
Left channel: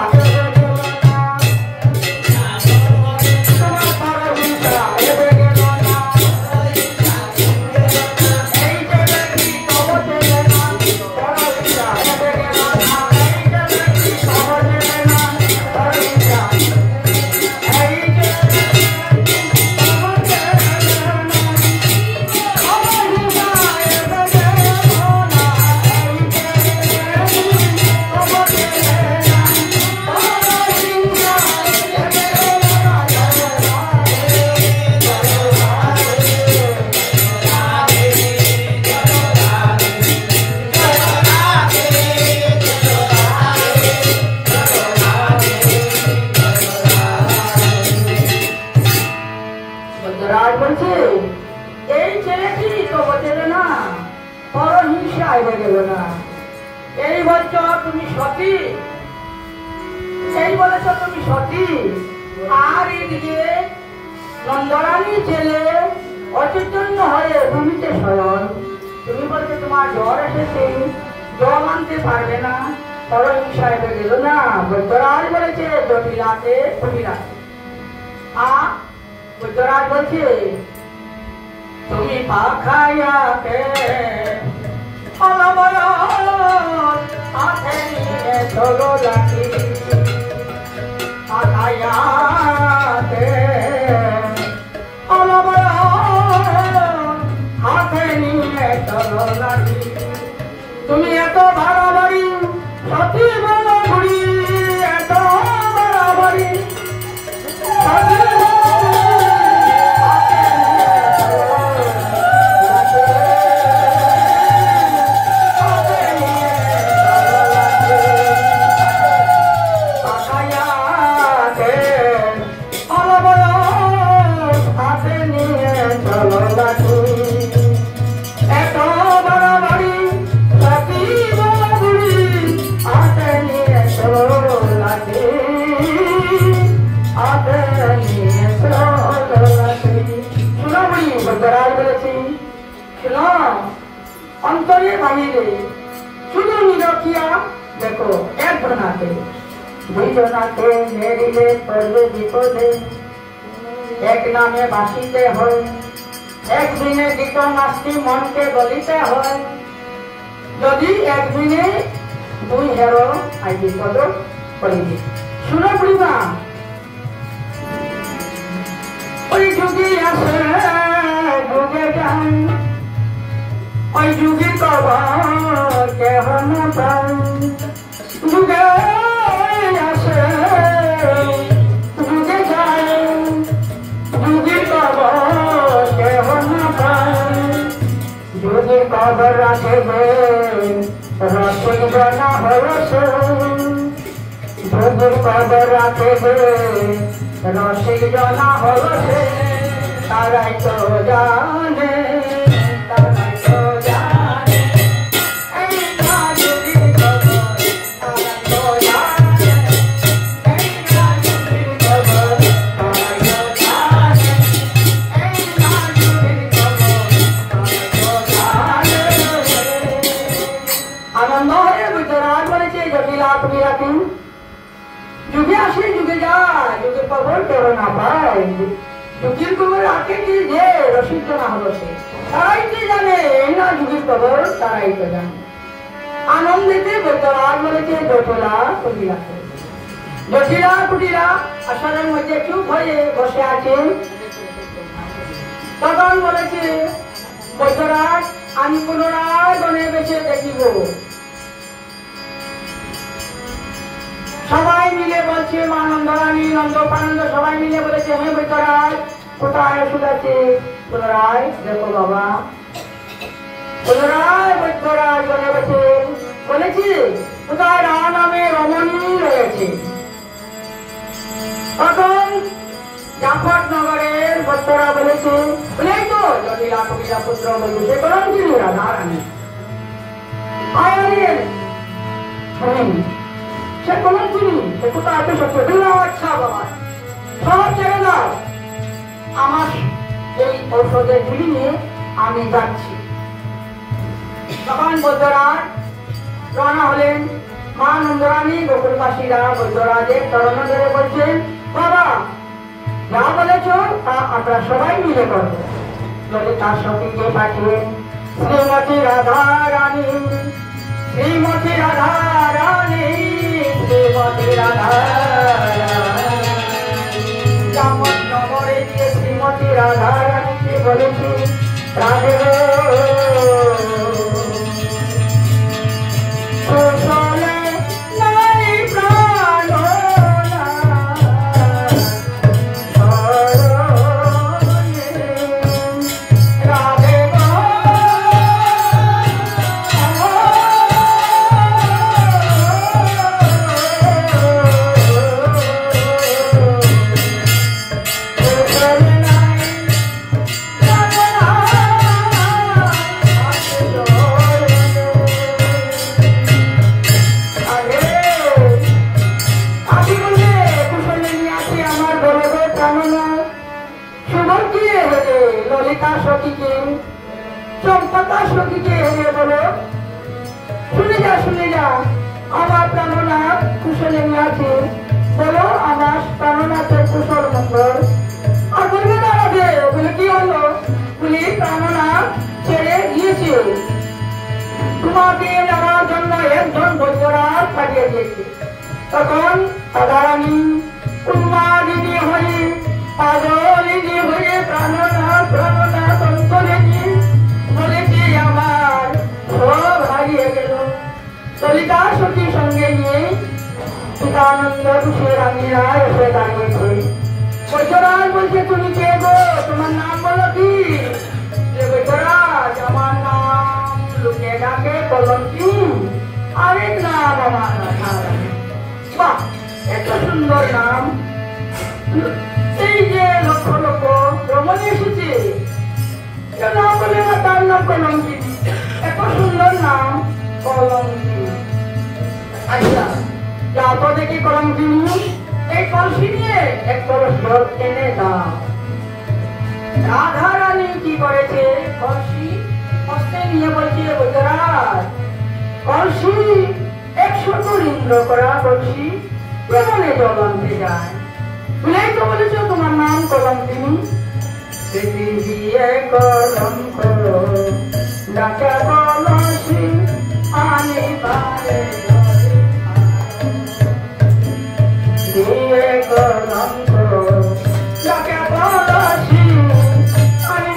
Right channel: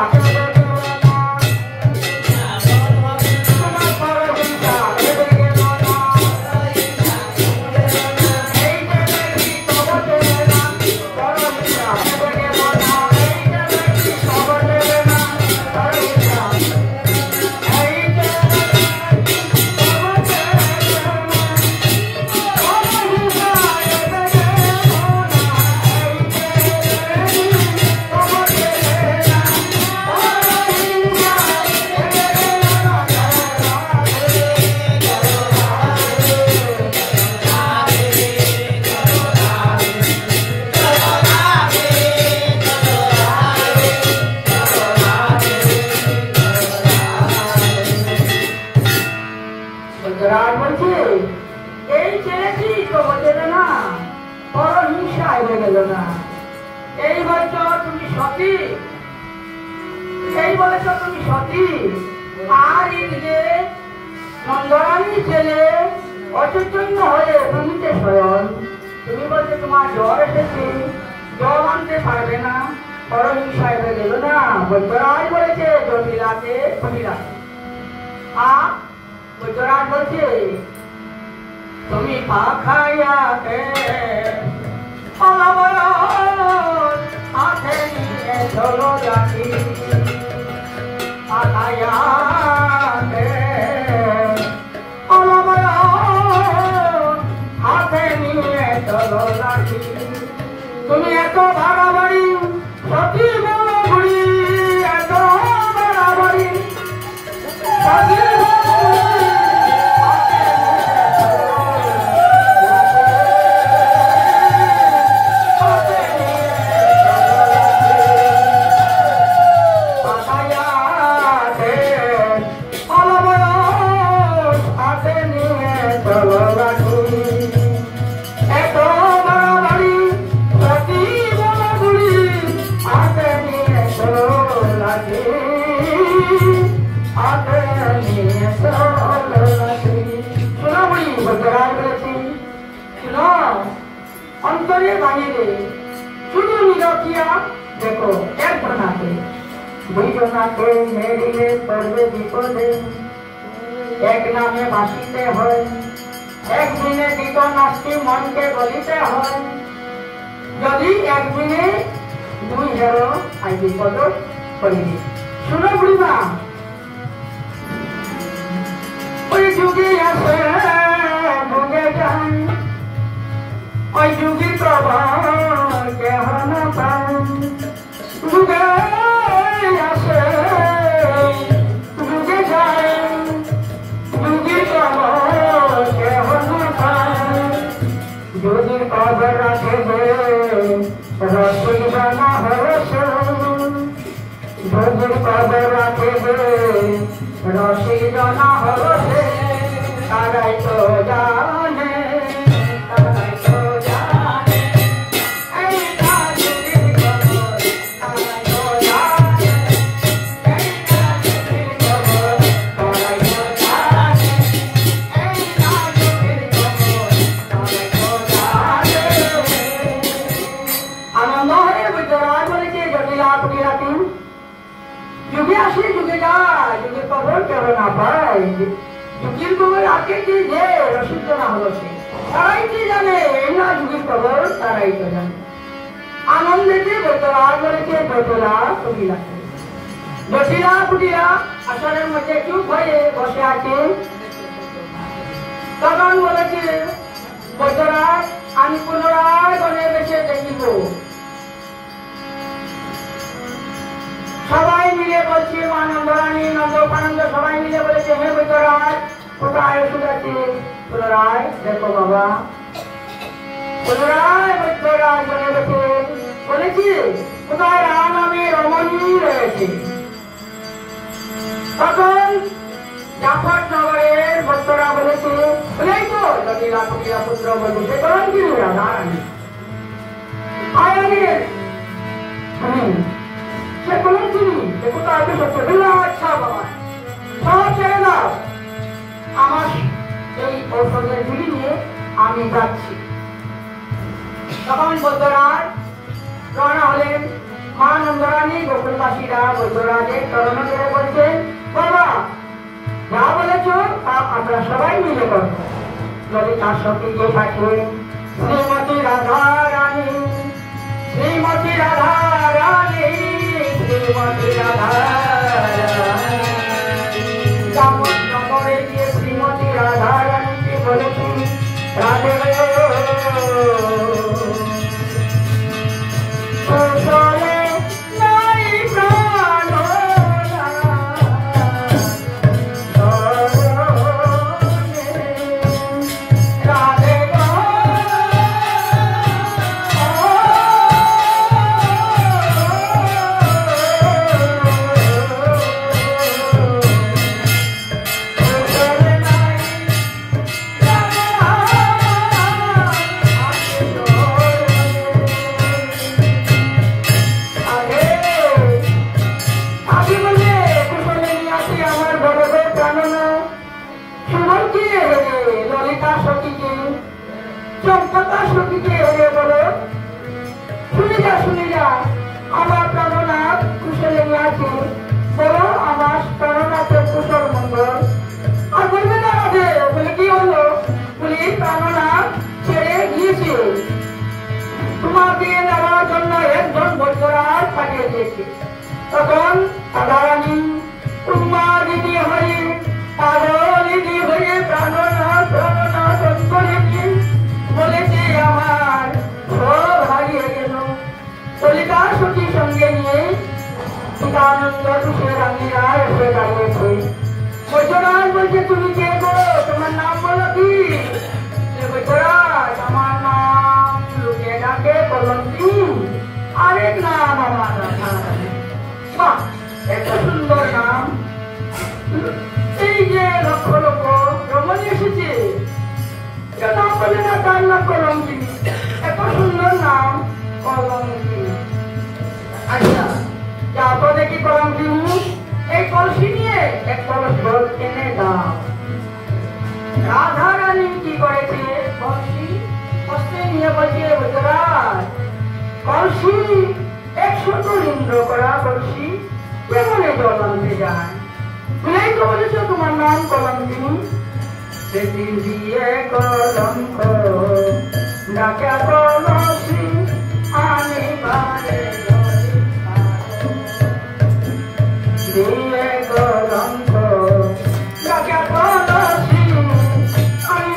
এই ছেলেটি তো বোঝেবে না বড় হিংসা হয়ে গেল না এই বলছ তুমি সতী এই বলেছ তুমি সতী আর এদিকে নন্দরানী ছেলে অচৈতন্য হয়ে ভূমিতে শয়ন তুমি বলছো তোমার জ্বর এসেছে জল আনতে পারবে না বড় হিংসা হয়ে গেল না বৈদ্যরাজ বলেছে জটিলাকে কুটিলাকে বৈদ্যরাজ বলছে তুমি পাখাইয়াকে হাতে নিয়ে চলো রাখি পাখাইয়াকে হাতে নিয়ে চলো রাখি তুমি এত বাড়াবাড়ি সতী বড় বুড়ি এত বাড়াবাড়ি দুজনাকে হেরিলে পড়বে বিপদে, এক নামে ভাসিতে হয়, একদিনে গীত নাস্তি মনকে গলিতে হয়, যদি একদিনে দুই হেরো আই বিপদ করিবে। শুনো বুড়িমা, ওই যুগে আসে যুগে যান, ওই যুগে কবর কেহ না পায়, যুগে আসে যুগে যায়, যুগে কবর কেহ না পায়, যুগে কবর রাখবে রসিদনা হরসে, যুগে কবর রাখবে রসিদনা হরসে, তারাই তো জানে, তারাই তো জানে, এই যুগের কবর তারাই তো জানে, এই যুগের কবর তারাই তো জানে, এই যুগের কবর তারাই তো জানে। আনন্দ হয়ে বিদ্যারাজ বলেছে জটিলা তুমি রাখি, যুগে আসে যুগে যায়, যুগের কবর কেউ না পায়, যুগের কবর আগে কি যে রসিদ না হলো সে, তারাই তো জানে, এই না যুগের কবর তারাই তো জানে। আনন্দেতে বৈদ্যরাজ বলেছে জটিলা তুমি রাখি, জটিলা কুটিলা আসরের মধ্যে চুপ হয়ে বসে আছে, তখন বলেছে বৈদ্যরাজ আমি পুনরায় বনে বেঁচে দেখিব। সবাই মিলে বলছে, মা নন্দরানী নন্দ আনন্দ সবাই মিলে বলেছে, হে বৈদ্যরাজ কোথায় ওষুধ আছে? পুনরায় দেখো বাবা, পুনরায় বৈদ্যরাজ বনে বসে বলেছি কোথায় রাম নামে রমণী রয়েছে। তখন জাফর নগরের ভক্তরা বলেছে, বলেই তো জটিলা কুটিলা পুত্র বন্ধু সে করেন কি রাধারানী সে বলেন তিনি সে কোথায় আছে সত্য দিল। আচ্ছা বাবা সব ছেড়ে দাও, আমার এই ঔষধের ঝুলি নিয়ে আমি যাচ্ছি। তখন বৈদ্যরাজ রওনা হলেন। মা নন্দরানী গোকুলবাসীরা বৈদ্যরাজের চরণ ধরে বলছেন, বাবা যা বলেছ তা আপনারা সবাই মিলে করবো। যদি তার সঙ্গে পাঠিয়ে শ্রীমতী রাধা রানী, শ্রীমতী রাধা রানী, শ্রীমতী রাধা জামন নগরে গিয়ে শ্রীমতী রাধা রানীকে বলেছি, রাধে তখন রাধারানী উন্মাদিনী হয়ে পাগলিনী হয়ে প্রাণনাথ প্রাণনাথ অন্তরে বলেছে আমার সব হারিয়ে গেল। ললিতা সখী সঙ্গে নিয়ে সীতানন্দ রানীরা এসে দাঁড়িয়েছে। বৈদ্যরাজ বলছে, তুমি কে গো? তোমার নাম বলো কি? বৈদ্যরাজ আমার নাম লুকে ডাকে কলঙ্কি, আরেক নাম আমার রাধারানী। বাহ, এত সুন্দর নাম! এই যে লক্ষ লক্ষ রমণী এসেছে, কেউ নাম বলে না তার নাম কলঙ্কি, এত সুন্দর নাম কলঙ্কি। আচ্ছা যাবো দেখি কলঙ্কি, এই কলসি নিয়ে এক কলস জল এনে দাও। রাধা রানী কি করেছে, কলসি হস্তে নিয়ে বলছে, বৈদ্যরাজ কলসি 100 ইন্দ্র করা কলসি কেমনে জল আনতে যায়? ভুলেই তো বলেছ তোমার নাম কলঙ্কিনী। পৃথিবী কলঙ্ক ডাকা কলসি আনি পারে দিয়ে কলঙ্ক ডাকা কলসি আনি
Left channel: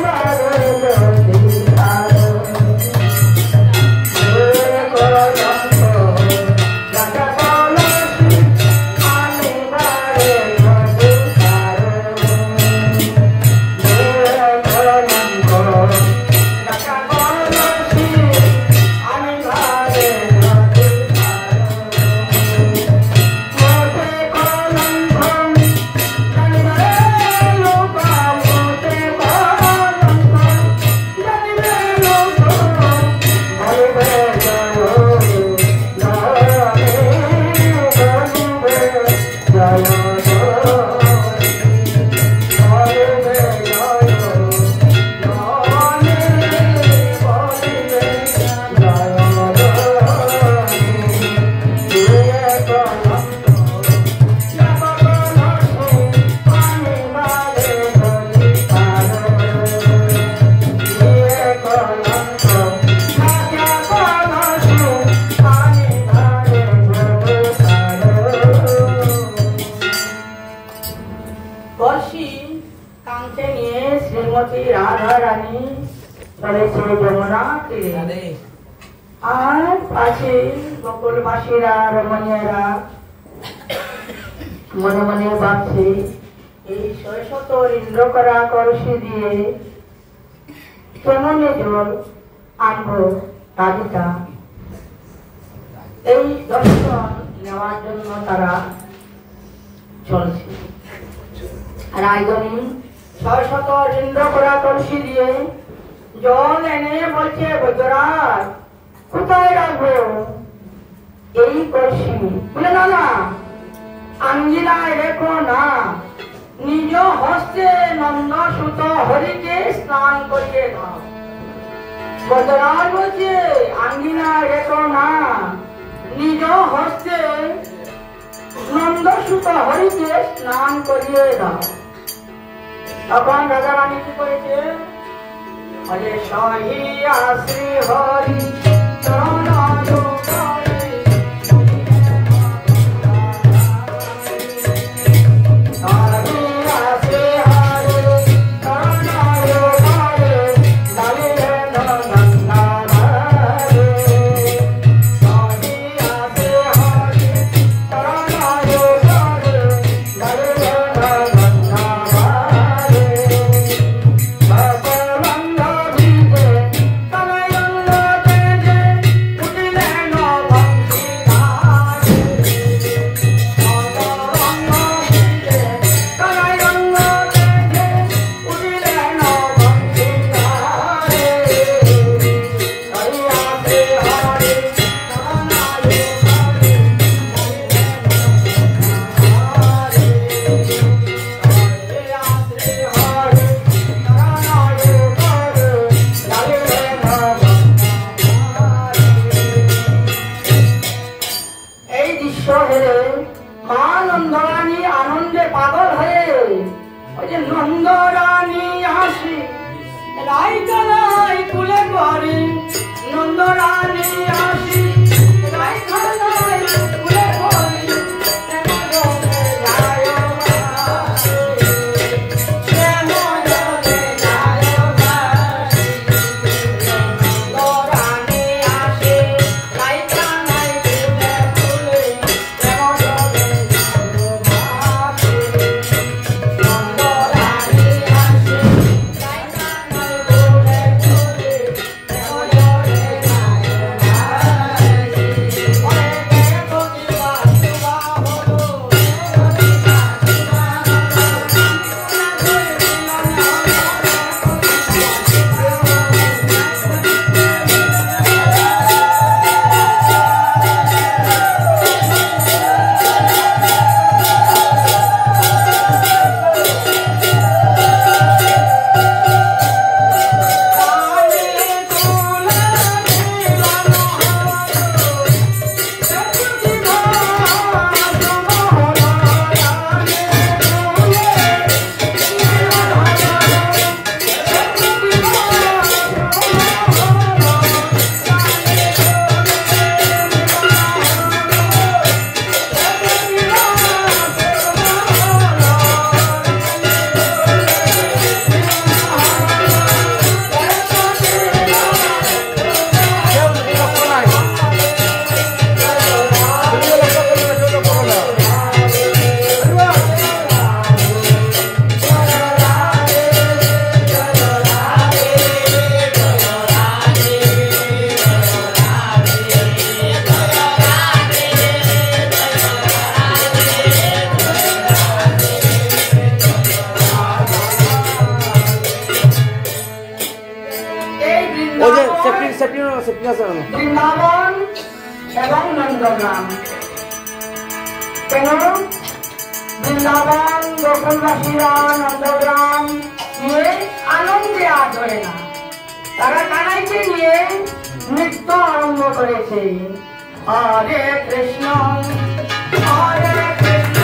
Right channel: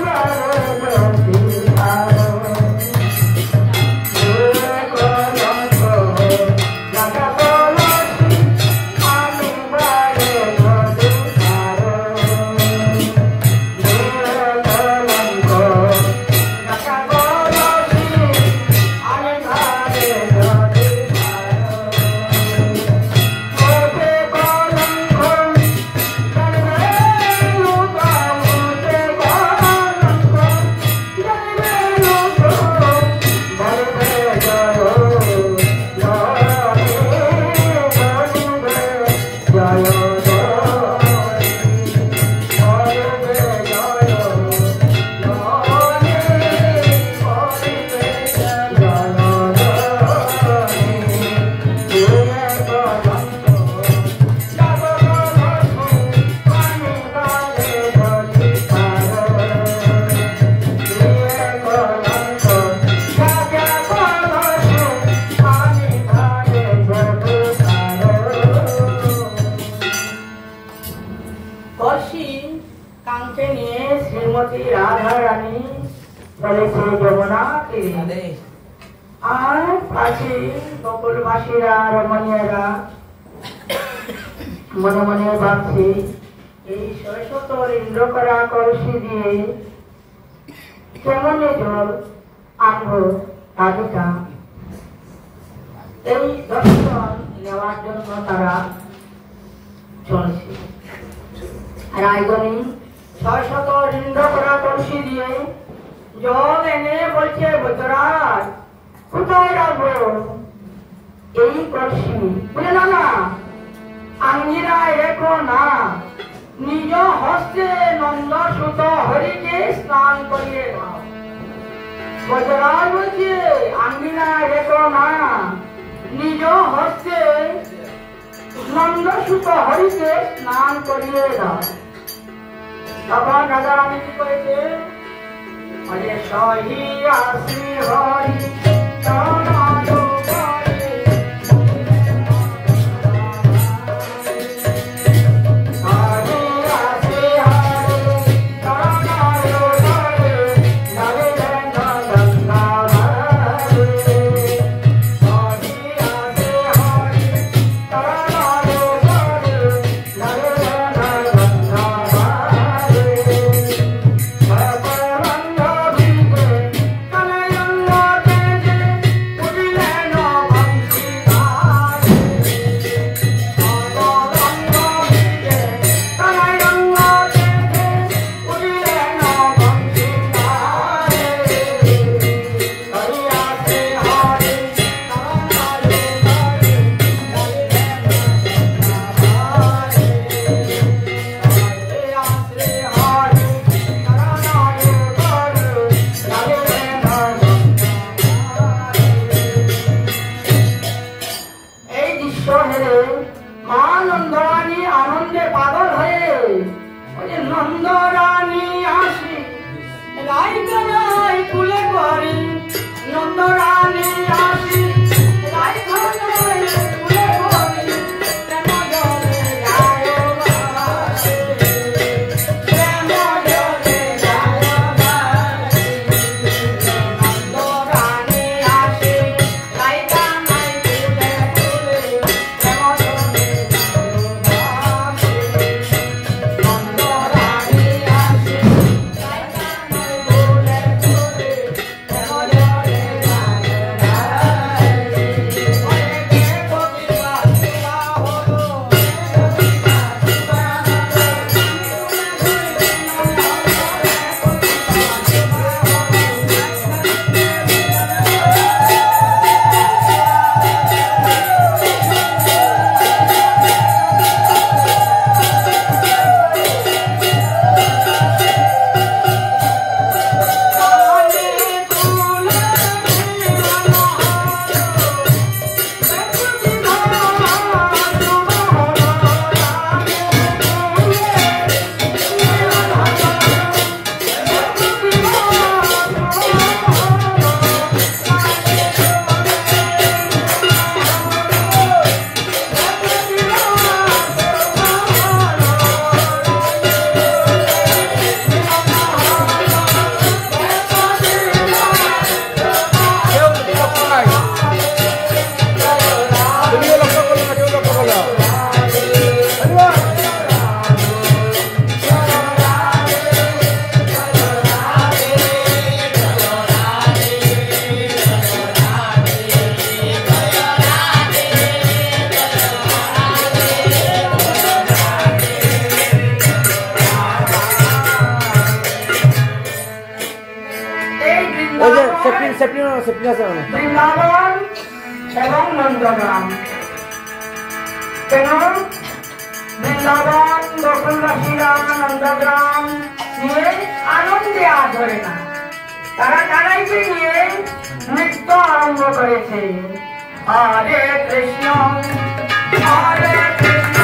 আর পাশে বকুলবাসীরা রমণীয়রা মনে মনে ভাবছে এই শত ইন্দ্র করা কলসি দিয়ে কেমনে জল আনবো রাধিকা। এই দর্শন নেওয়ার জন্য তারা চলছে। রায়গণী 600 ইন্দ্র করা কলসি দিয়ে জল এনে বলছে বৈদ্যরাজ কোথায় রাখবো এই কলসি? বলে না না আঙ্গিনায় রেখো না, নিজ হস্তে নন্দ সুত হরিকে স্নান করিয়ে দাও। বৈদ্যরাজ বলছে আঙ্গিনায় রেখো না, নিজ হস্তে নন্দ সুত হরিকে স্নান করিয়ে দাও। তখন রাজা রানী কি করেছে? अरे शाही आश्री हरि चरणायो करे शाही आश्री हरि चरणायो करे नरे गंगा भरे शाही आश्री हरि चरणायो करे नरे गंगा भरे সেফটি আছে না বৃন্দাবন এবং নন্দগ্রাম কেন বৃন্দাবন গোকুলবাসীরা নন্দগ্রাম নিয়ে আনন্দে আর ধরে না তারা কানাইকে নিয়ে নৃত্য আরম্ভ করেছে হরে কৃষ্ণ হরে কৃষ্ণ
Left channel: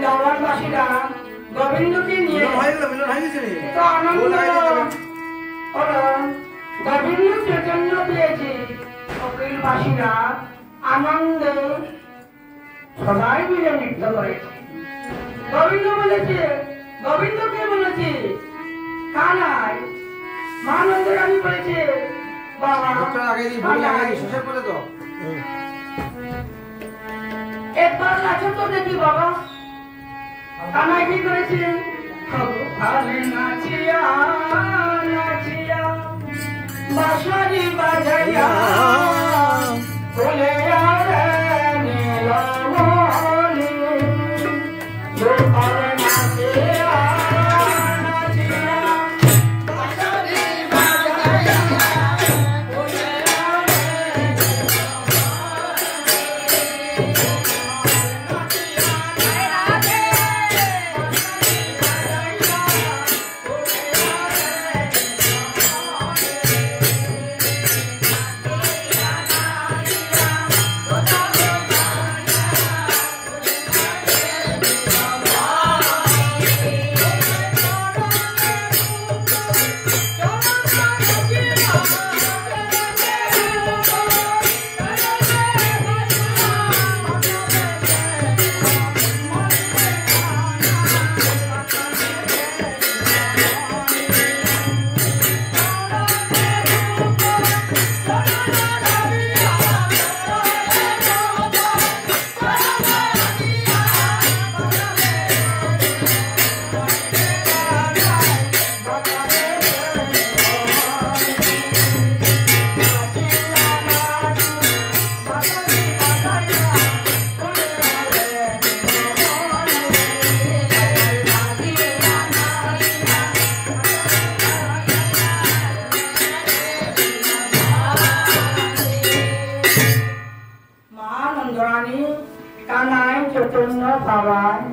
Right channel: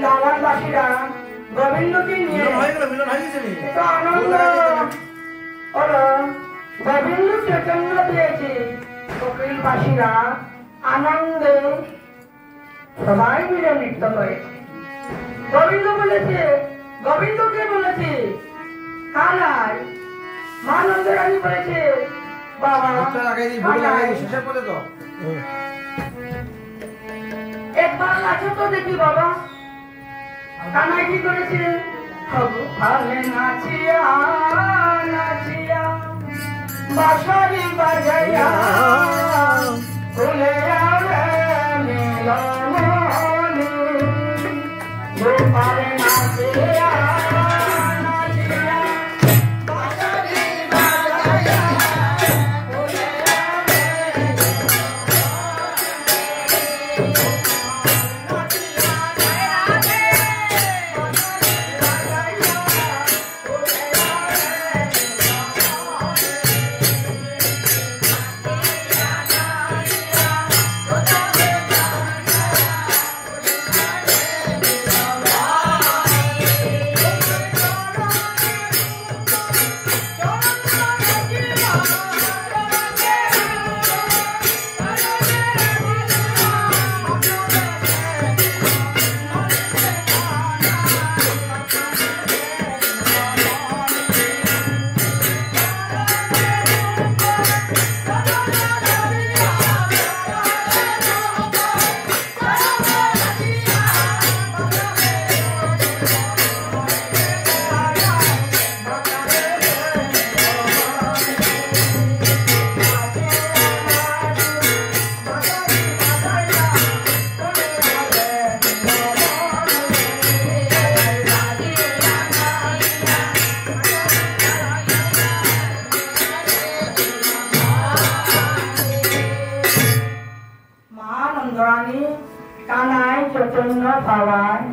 বৃন্দাবনবাসীরা গোবিন্দকে নিয়ে তো আনন্দ হলো গোবিন্দ চৈতন্য পেয়েছে কপিলবাসীরা আনন্দে সবাই মিলে নৃত্য করেছে গোবিন্দকে বলেছে কানাই মানন্দরানী বলেছে বাবা একবার নাচো তো দেখি বাবা কানাই কি করেছে নাচিয়া নাচিয়া বাঁশরি বাজাইয়া ফুলে নীলমণি গোপাল নাচিয়া নাচিয়া বাঁশরি বাজাইয়া ফুলে কানাই চৈতন্য পাওয়ায়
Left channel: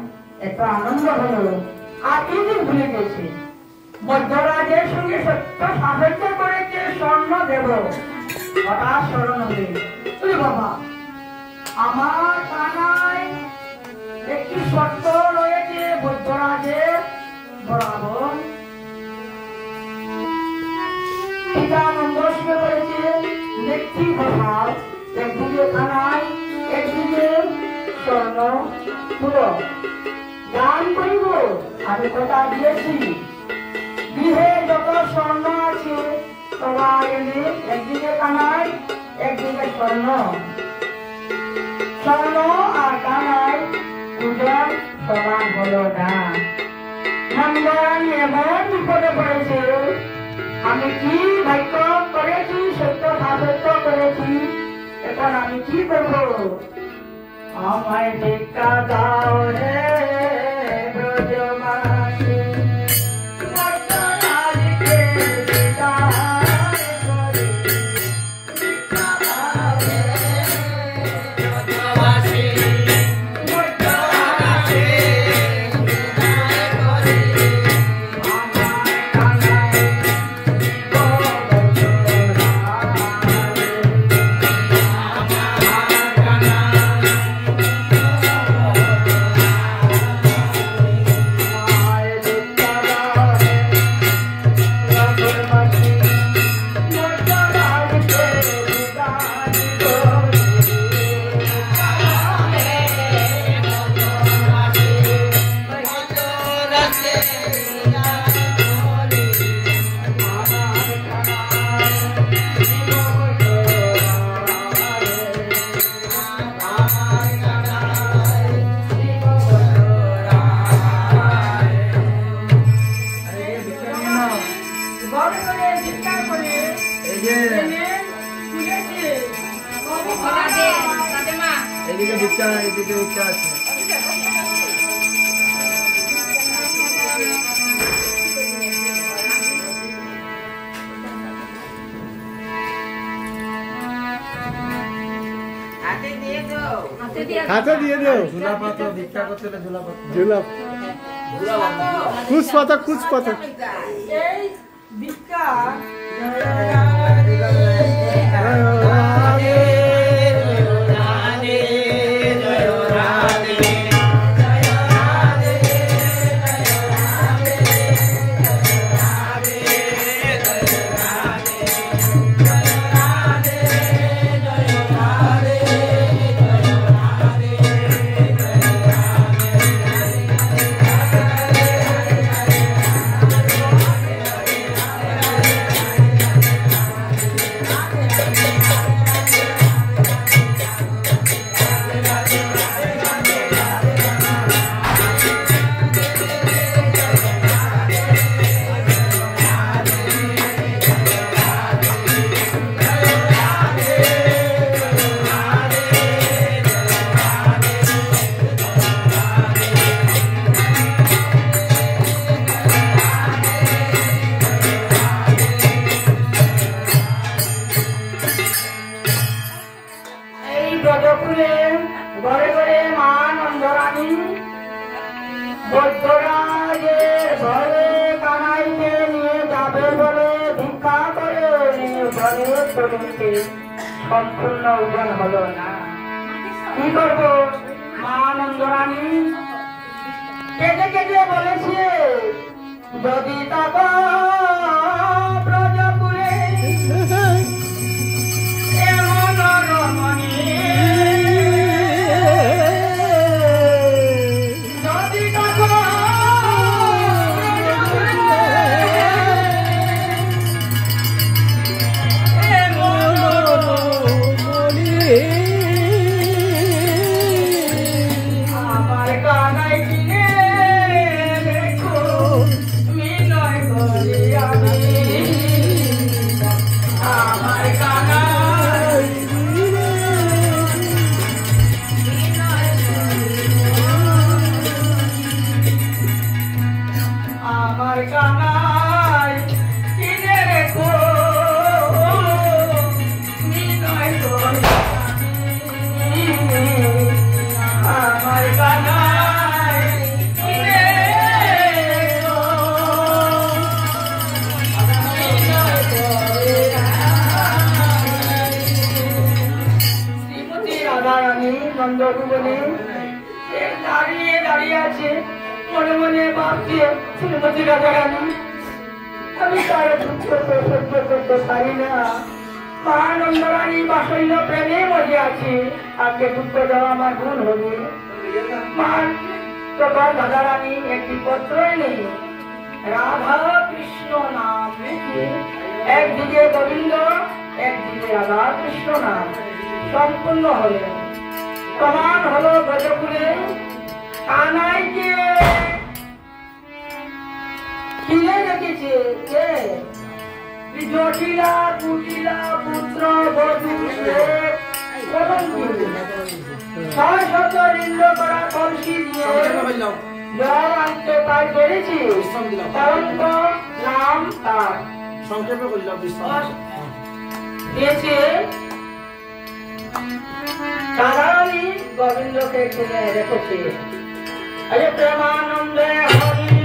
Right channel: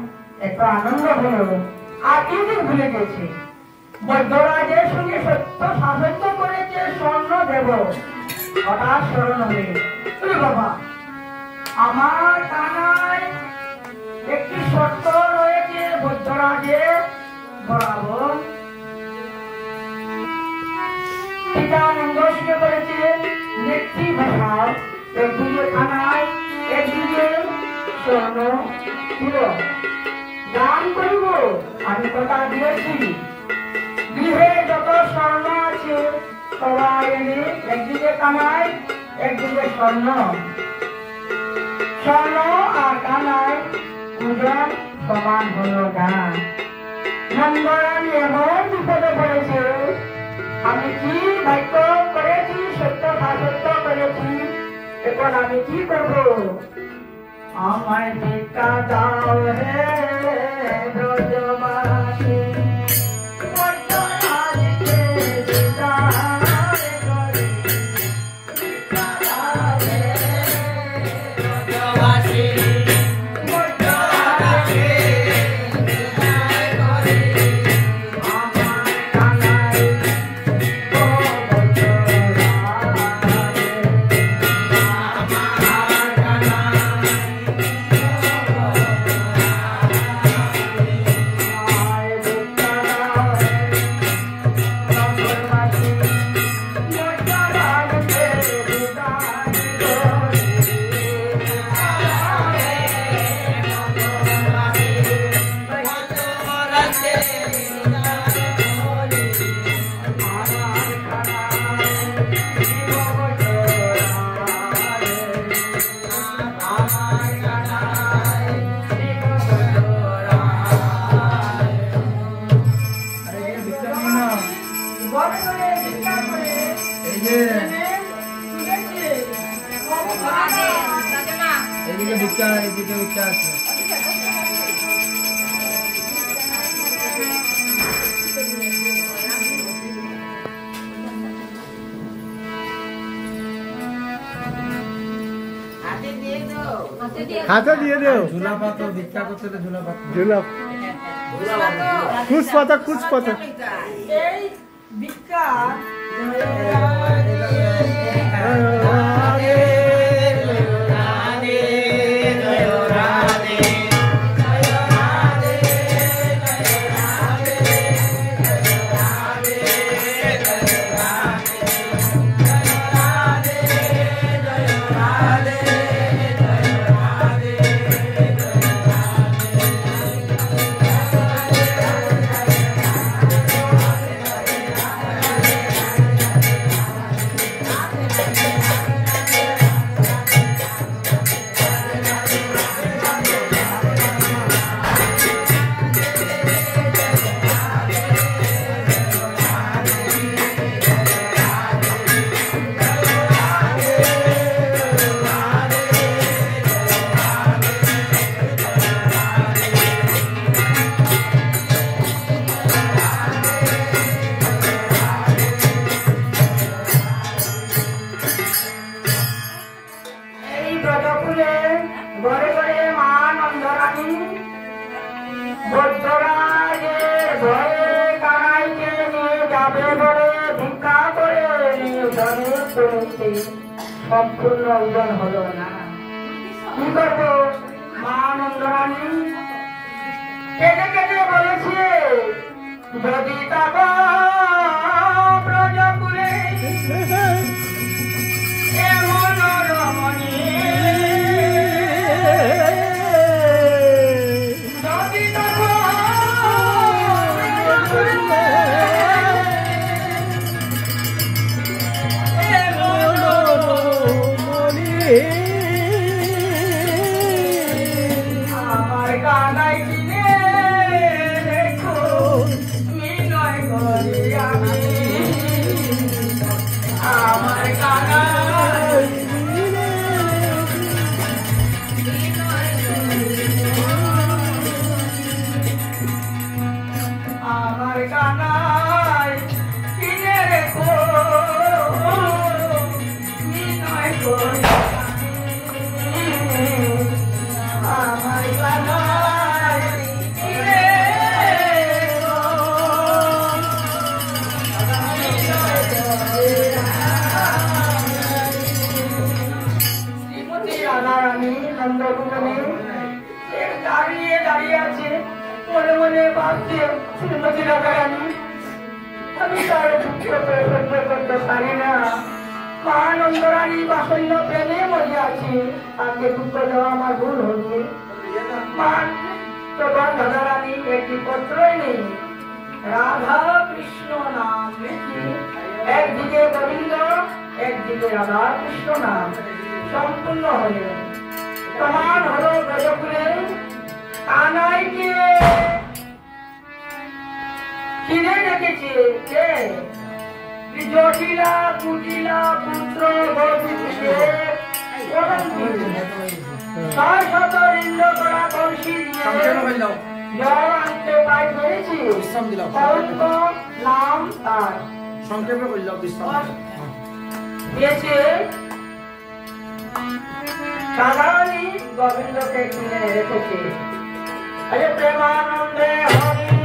একটু আনন্দ হলো আর এদিন ভুলে গেছে বৈদ্যরাজের সঙ্গে সত্য সাহায্য করেছে স্বর্ণ দেব হঠাৎ স্মরণ হবে বাবা আমার কানাই একটি শর্ত রয়েছে বৈদ্যরাজের বরাবর পিতা মঙ্গল করেছে নেত্রী ভাষাও একদিকে কানাই একদিকে স্বর্ণ ছিল দান করিব আমি কথা দিয়েছি গৃহে যত স্বর্ণ আছে সবাই এনে একদিকে কানাই একদিকে স্বর্ণ স্বর্ণ আর কানাই দুজন সমান হলো না মঙ্গল এমন বিপদে পড়েছে আমি কি ভাগ্য করেছি, সত্য সাসত্য করেছি, এখন আমি কি করবো? আমায় ভিক্ষা দাও হে ব্রজবাসী, মর্তনারীকে বিদায় করে। ভিক্ষা দাও হে ব্রজবাসী, মর্তনারীকে বিদায় করে। আমার কানাই হাতে দিয়ে দেও ঝুলা কুচ পাতা কুচ পাতা এই ভিক্ষা সম্পূর্ণ ওজন হলো না। কি করবো? মা নন্দরানী কেঁদে কেঁদে বলেছে, যদি তাক ব্রজকুলে এমন রমণী, যদি তাক আমার কানাই কিনে দেখো মিনয় করে আমি, আমার কানাই আমার কানাই কিনে দেখো মিনয় করে আমার কানাই কিনে শ্রীমতী রাধারানী নন্দকুলে দাঁড়িয়ে দাঁড়িয়ে আছে, মনে মনে ভাবছে, শ্রীমতী রাধারানী আমি তার দুঃখ সহ্য করতে পারি না। মা নন্দরানী বাসল্য প্রেমে মজে আছি, আগে দুঃখ দেওয়া আমার ভুল হবে। মা প্রভা রাধারানী একটি পত্রই নেই, রাধা কৃষ্ণ নাম লিখি, একদিকে গোবিন্দ একদিকে রাধা কৃষ্ণ নাম সম্পূর্ণ হল। প্রমাণ হলো ব্রজকুলে কানাইকে কিনে রেখেছে কে? জটিলা কুটিলা পুত্র বধূকে ছয় শত ইন্দ্র করা কলসি দিয়ে জল আনতে পাই করেছি কলঙ্ক নাম তার সংক্ষেপ করলাম বিশ্রাম দিয়েছে সাধারণই গোবিন্দকে কিনে রেখেছে আরে প্রেমানন্দে হরি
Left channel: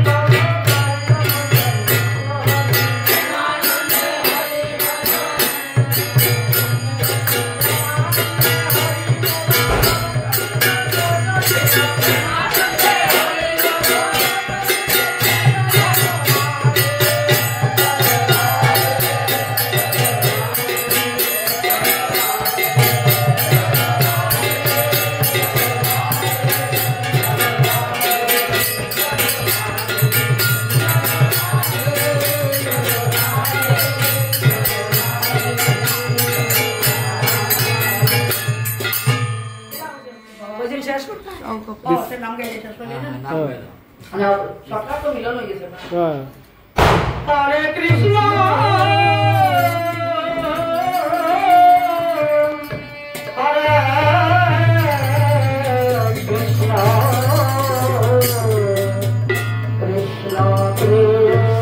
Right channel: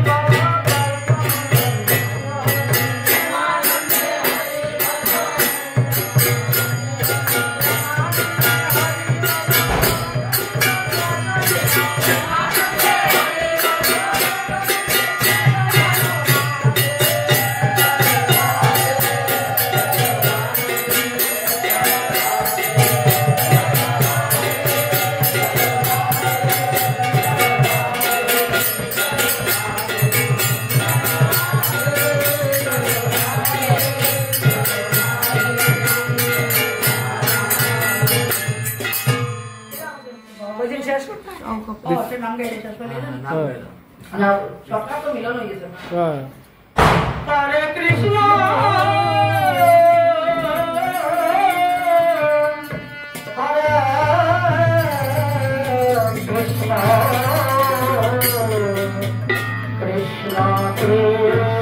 নাম গাইলে শেষ হয়ে না সবটা তো মিলন হয়ে গেছে হরে কৃষ্ণ হরে কৃষ্ণ কৃষ্ণ কৃষ্ণ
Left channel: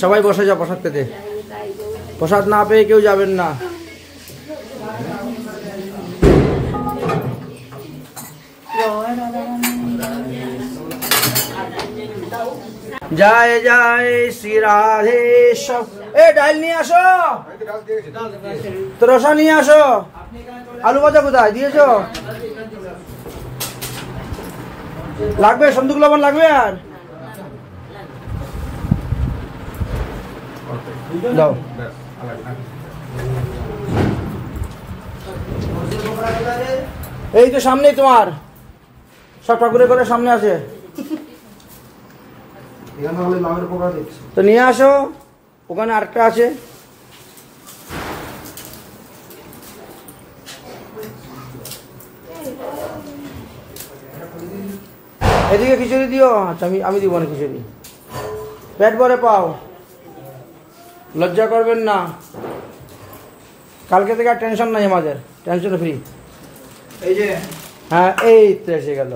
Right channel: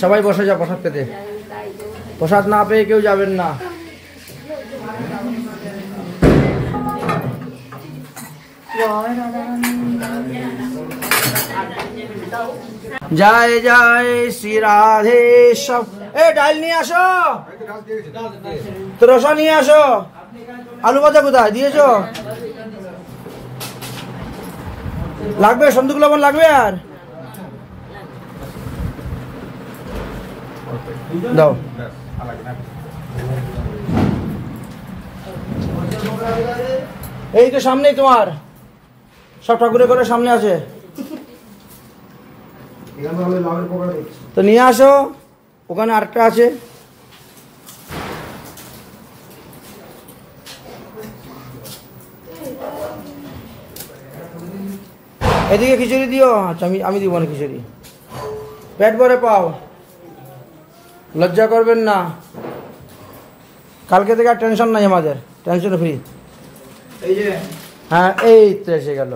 সবাই বসে যাও প্রসাদ পেতে। প্রসাদ না পেয়ে কেউ যাবেন না। জয় জয় শ্রী রাধে। সব ডাল নিয়ে আসো, তো রসা নিয়ে আসো। আলু ভাজা কোথায় দিয়েছো? লাগবে সন্দুক লবণ লাগবে আর দাও। এই তো সামনেই তোমার সব ঠাকুরের ঘরের সামনে আছে, তো নিয়ে আসো। ওখানে আরেকটা আছে। এদিকে খিচুড়ি দিও। আচ্ছা আমি দিব না খিচুড়ি, পেট ভরে পাও, লজ্জা করবেন না। কালকে থেকে আর টেনশন নাই আমাদের, টেনশন ফ্রি। এই যে হ্যাঁ এই তো এসে গেল।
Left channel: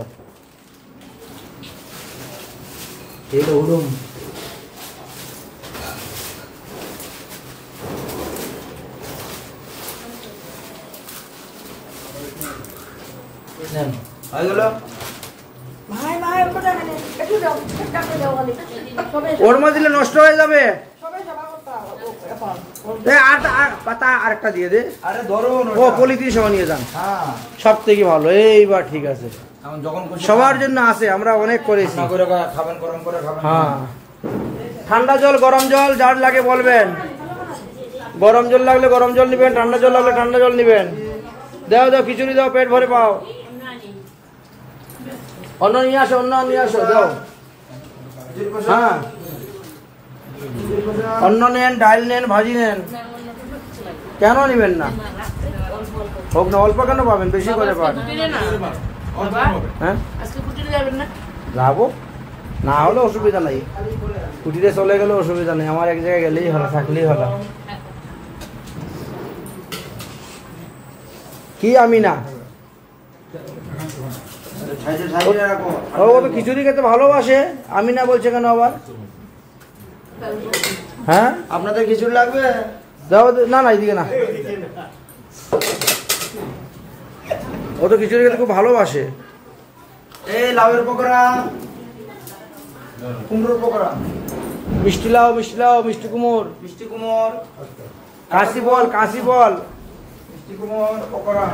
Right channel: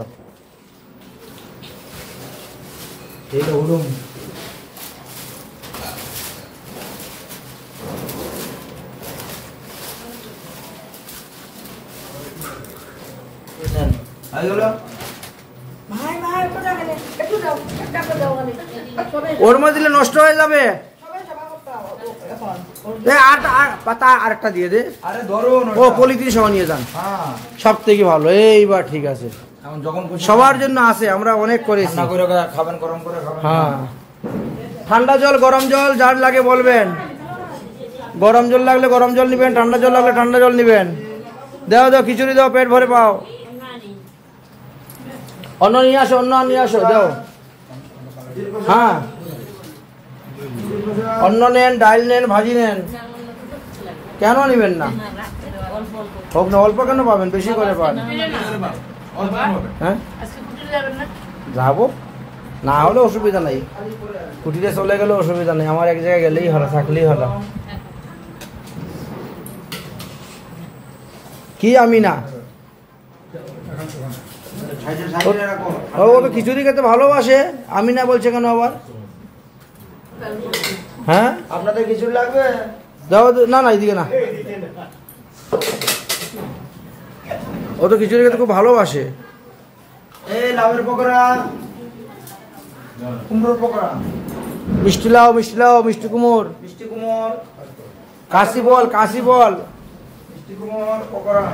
হয়ে গেল। ওর মধ্যে দিলে নষ্ট হয়ে যাবে। পাতা আরেকটা দিয়ে দে। আরে ধরো ও পলিথিন সহ নিয়ে যান, হ্যাঁ সব থেকে ভালো। এইবার ঠিক আছে, এখন যখন খুশি সবার জন্য আছে, আমরা অনেক করেছি। ঠান্ডা করে খাবেন, গরম করে খাবেন। হ্যাঁ ঠান্ডা জল গরম জল যার লাগে বলবেন। গরম জল লাগলে গরম জল নিবেন, ঠান্ডা জল লাগলে ঠান্ডা জল নিবেন। দাও দাও খিচুড়ি দাও, পেট ভরে পাও। অন্ন নিয়ে আসো, অন্ন নিয়ে আসো, দাও। হ্যাঁ অন্ন নেন, ডাল নেন, ভাজি নেন, কেন নিবেন না? হোক না, অল্প কেন পাবেন, বেশি করে পান। হ্যাঁ যাবো, না হলে অসুবিধা নাই। কুটিরে চলে গেলে অসুবিধা নেই, আমার এক জায়গায় গেলেই হলো, থাকলেই হলো। কি আমি না, ও তো খিচুড়ি খেতে ভালোবাসে। আমি না বলছে কেন আবার? হ্যাঁ আপনাদের খিচুড়ি লাগবে? দাও। না না এইদিকে না, ও তো খিচুড়ি খেতে খুব ভালোবাসে। এই লাউয়ের পকোড়া, কুমড়োর পকোড়া, মিষ্টি লাউ, মিষ্টি লাউ, মিষ্টি কুমোর, মিষ্টি কুমড়, কাশি বল, কাশি বল। মিষ্টি কুমড় পকোড়া।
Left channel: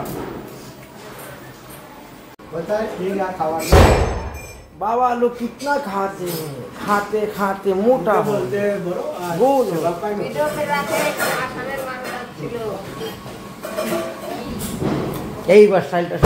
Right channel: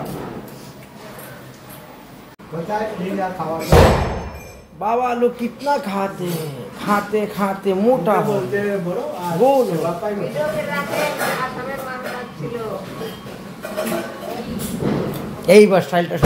बाबा लोग कितना खाते हैं, खाते खाते मोटा हो गोल हो। এই বাস স্টাইলটা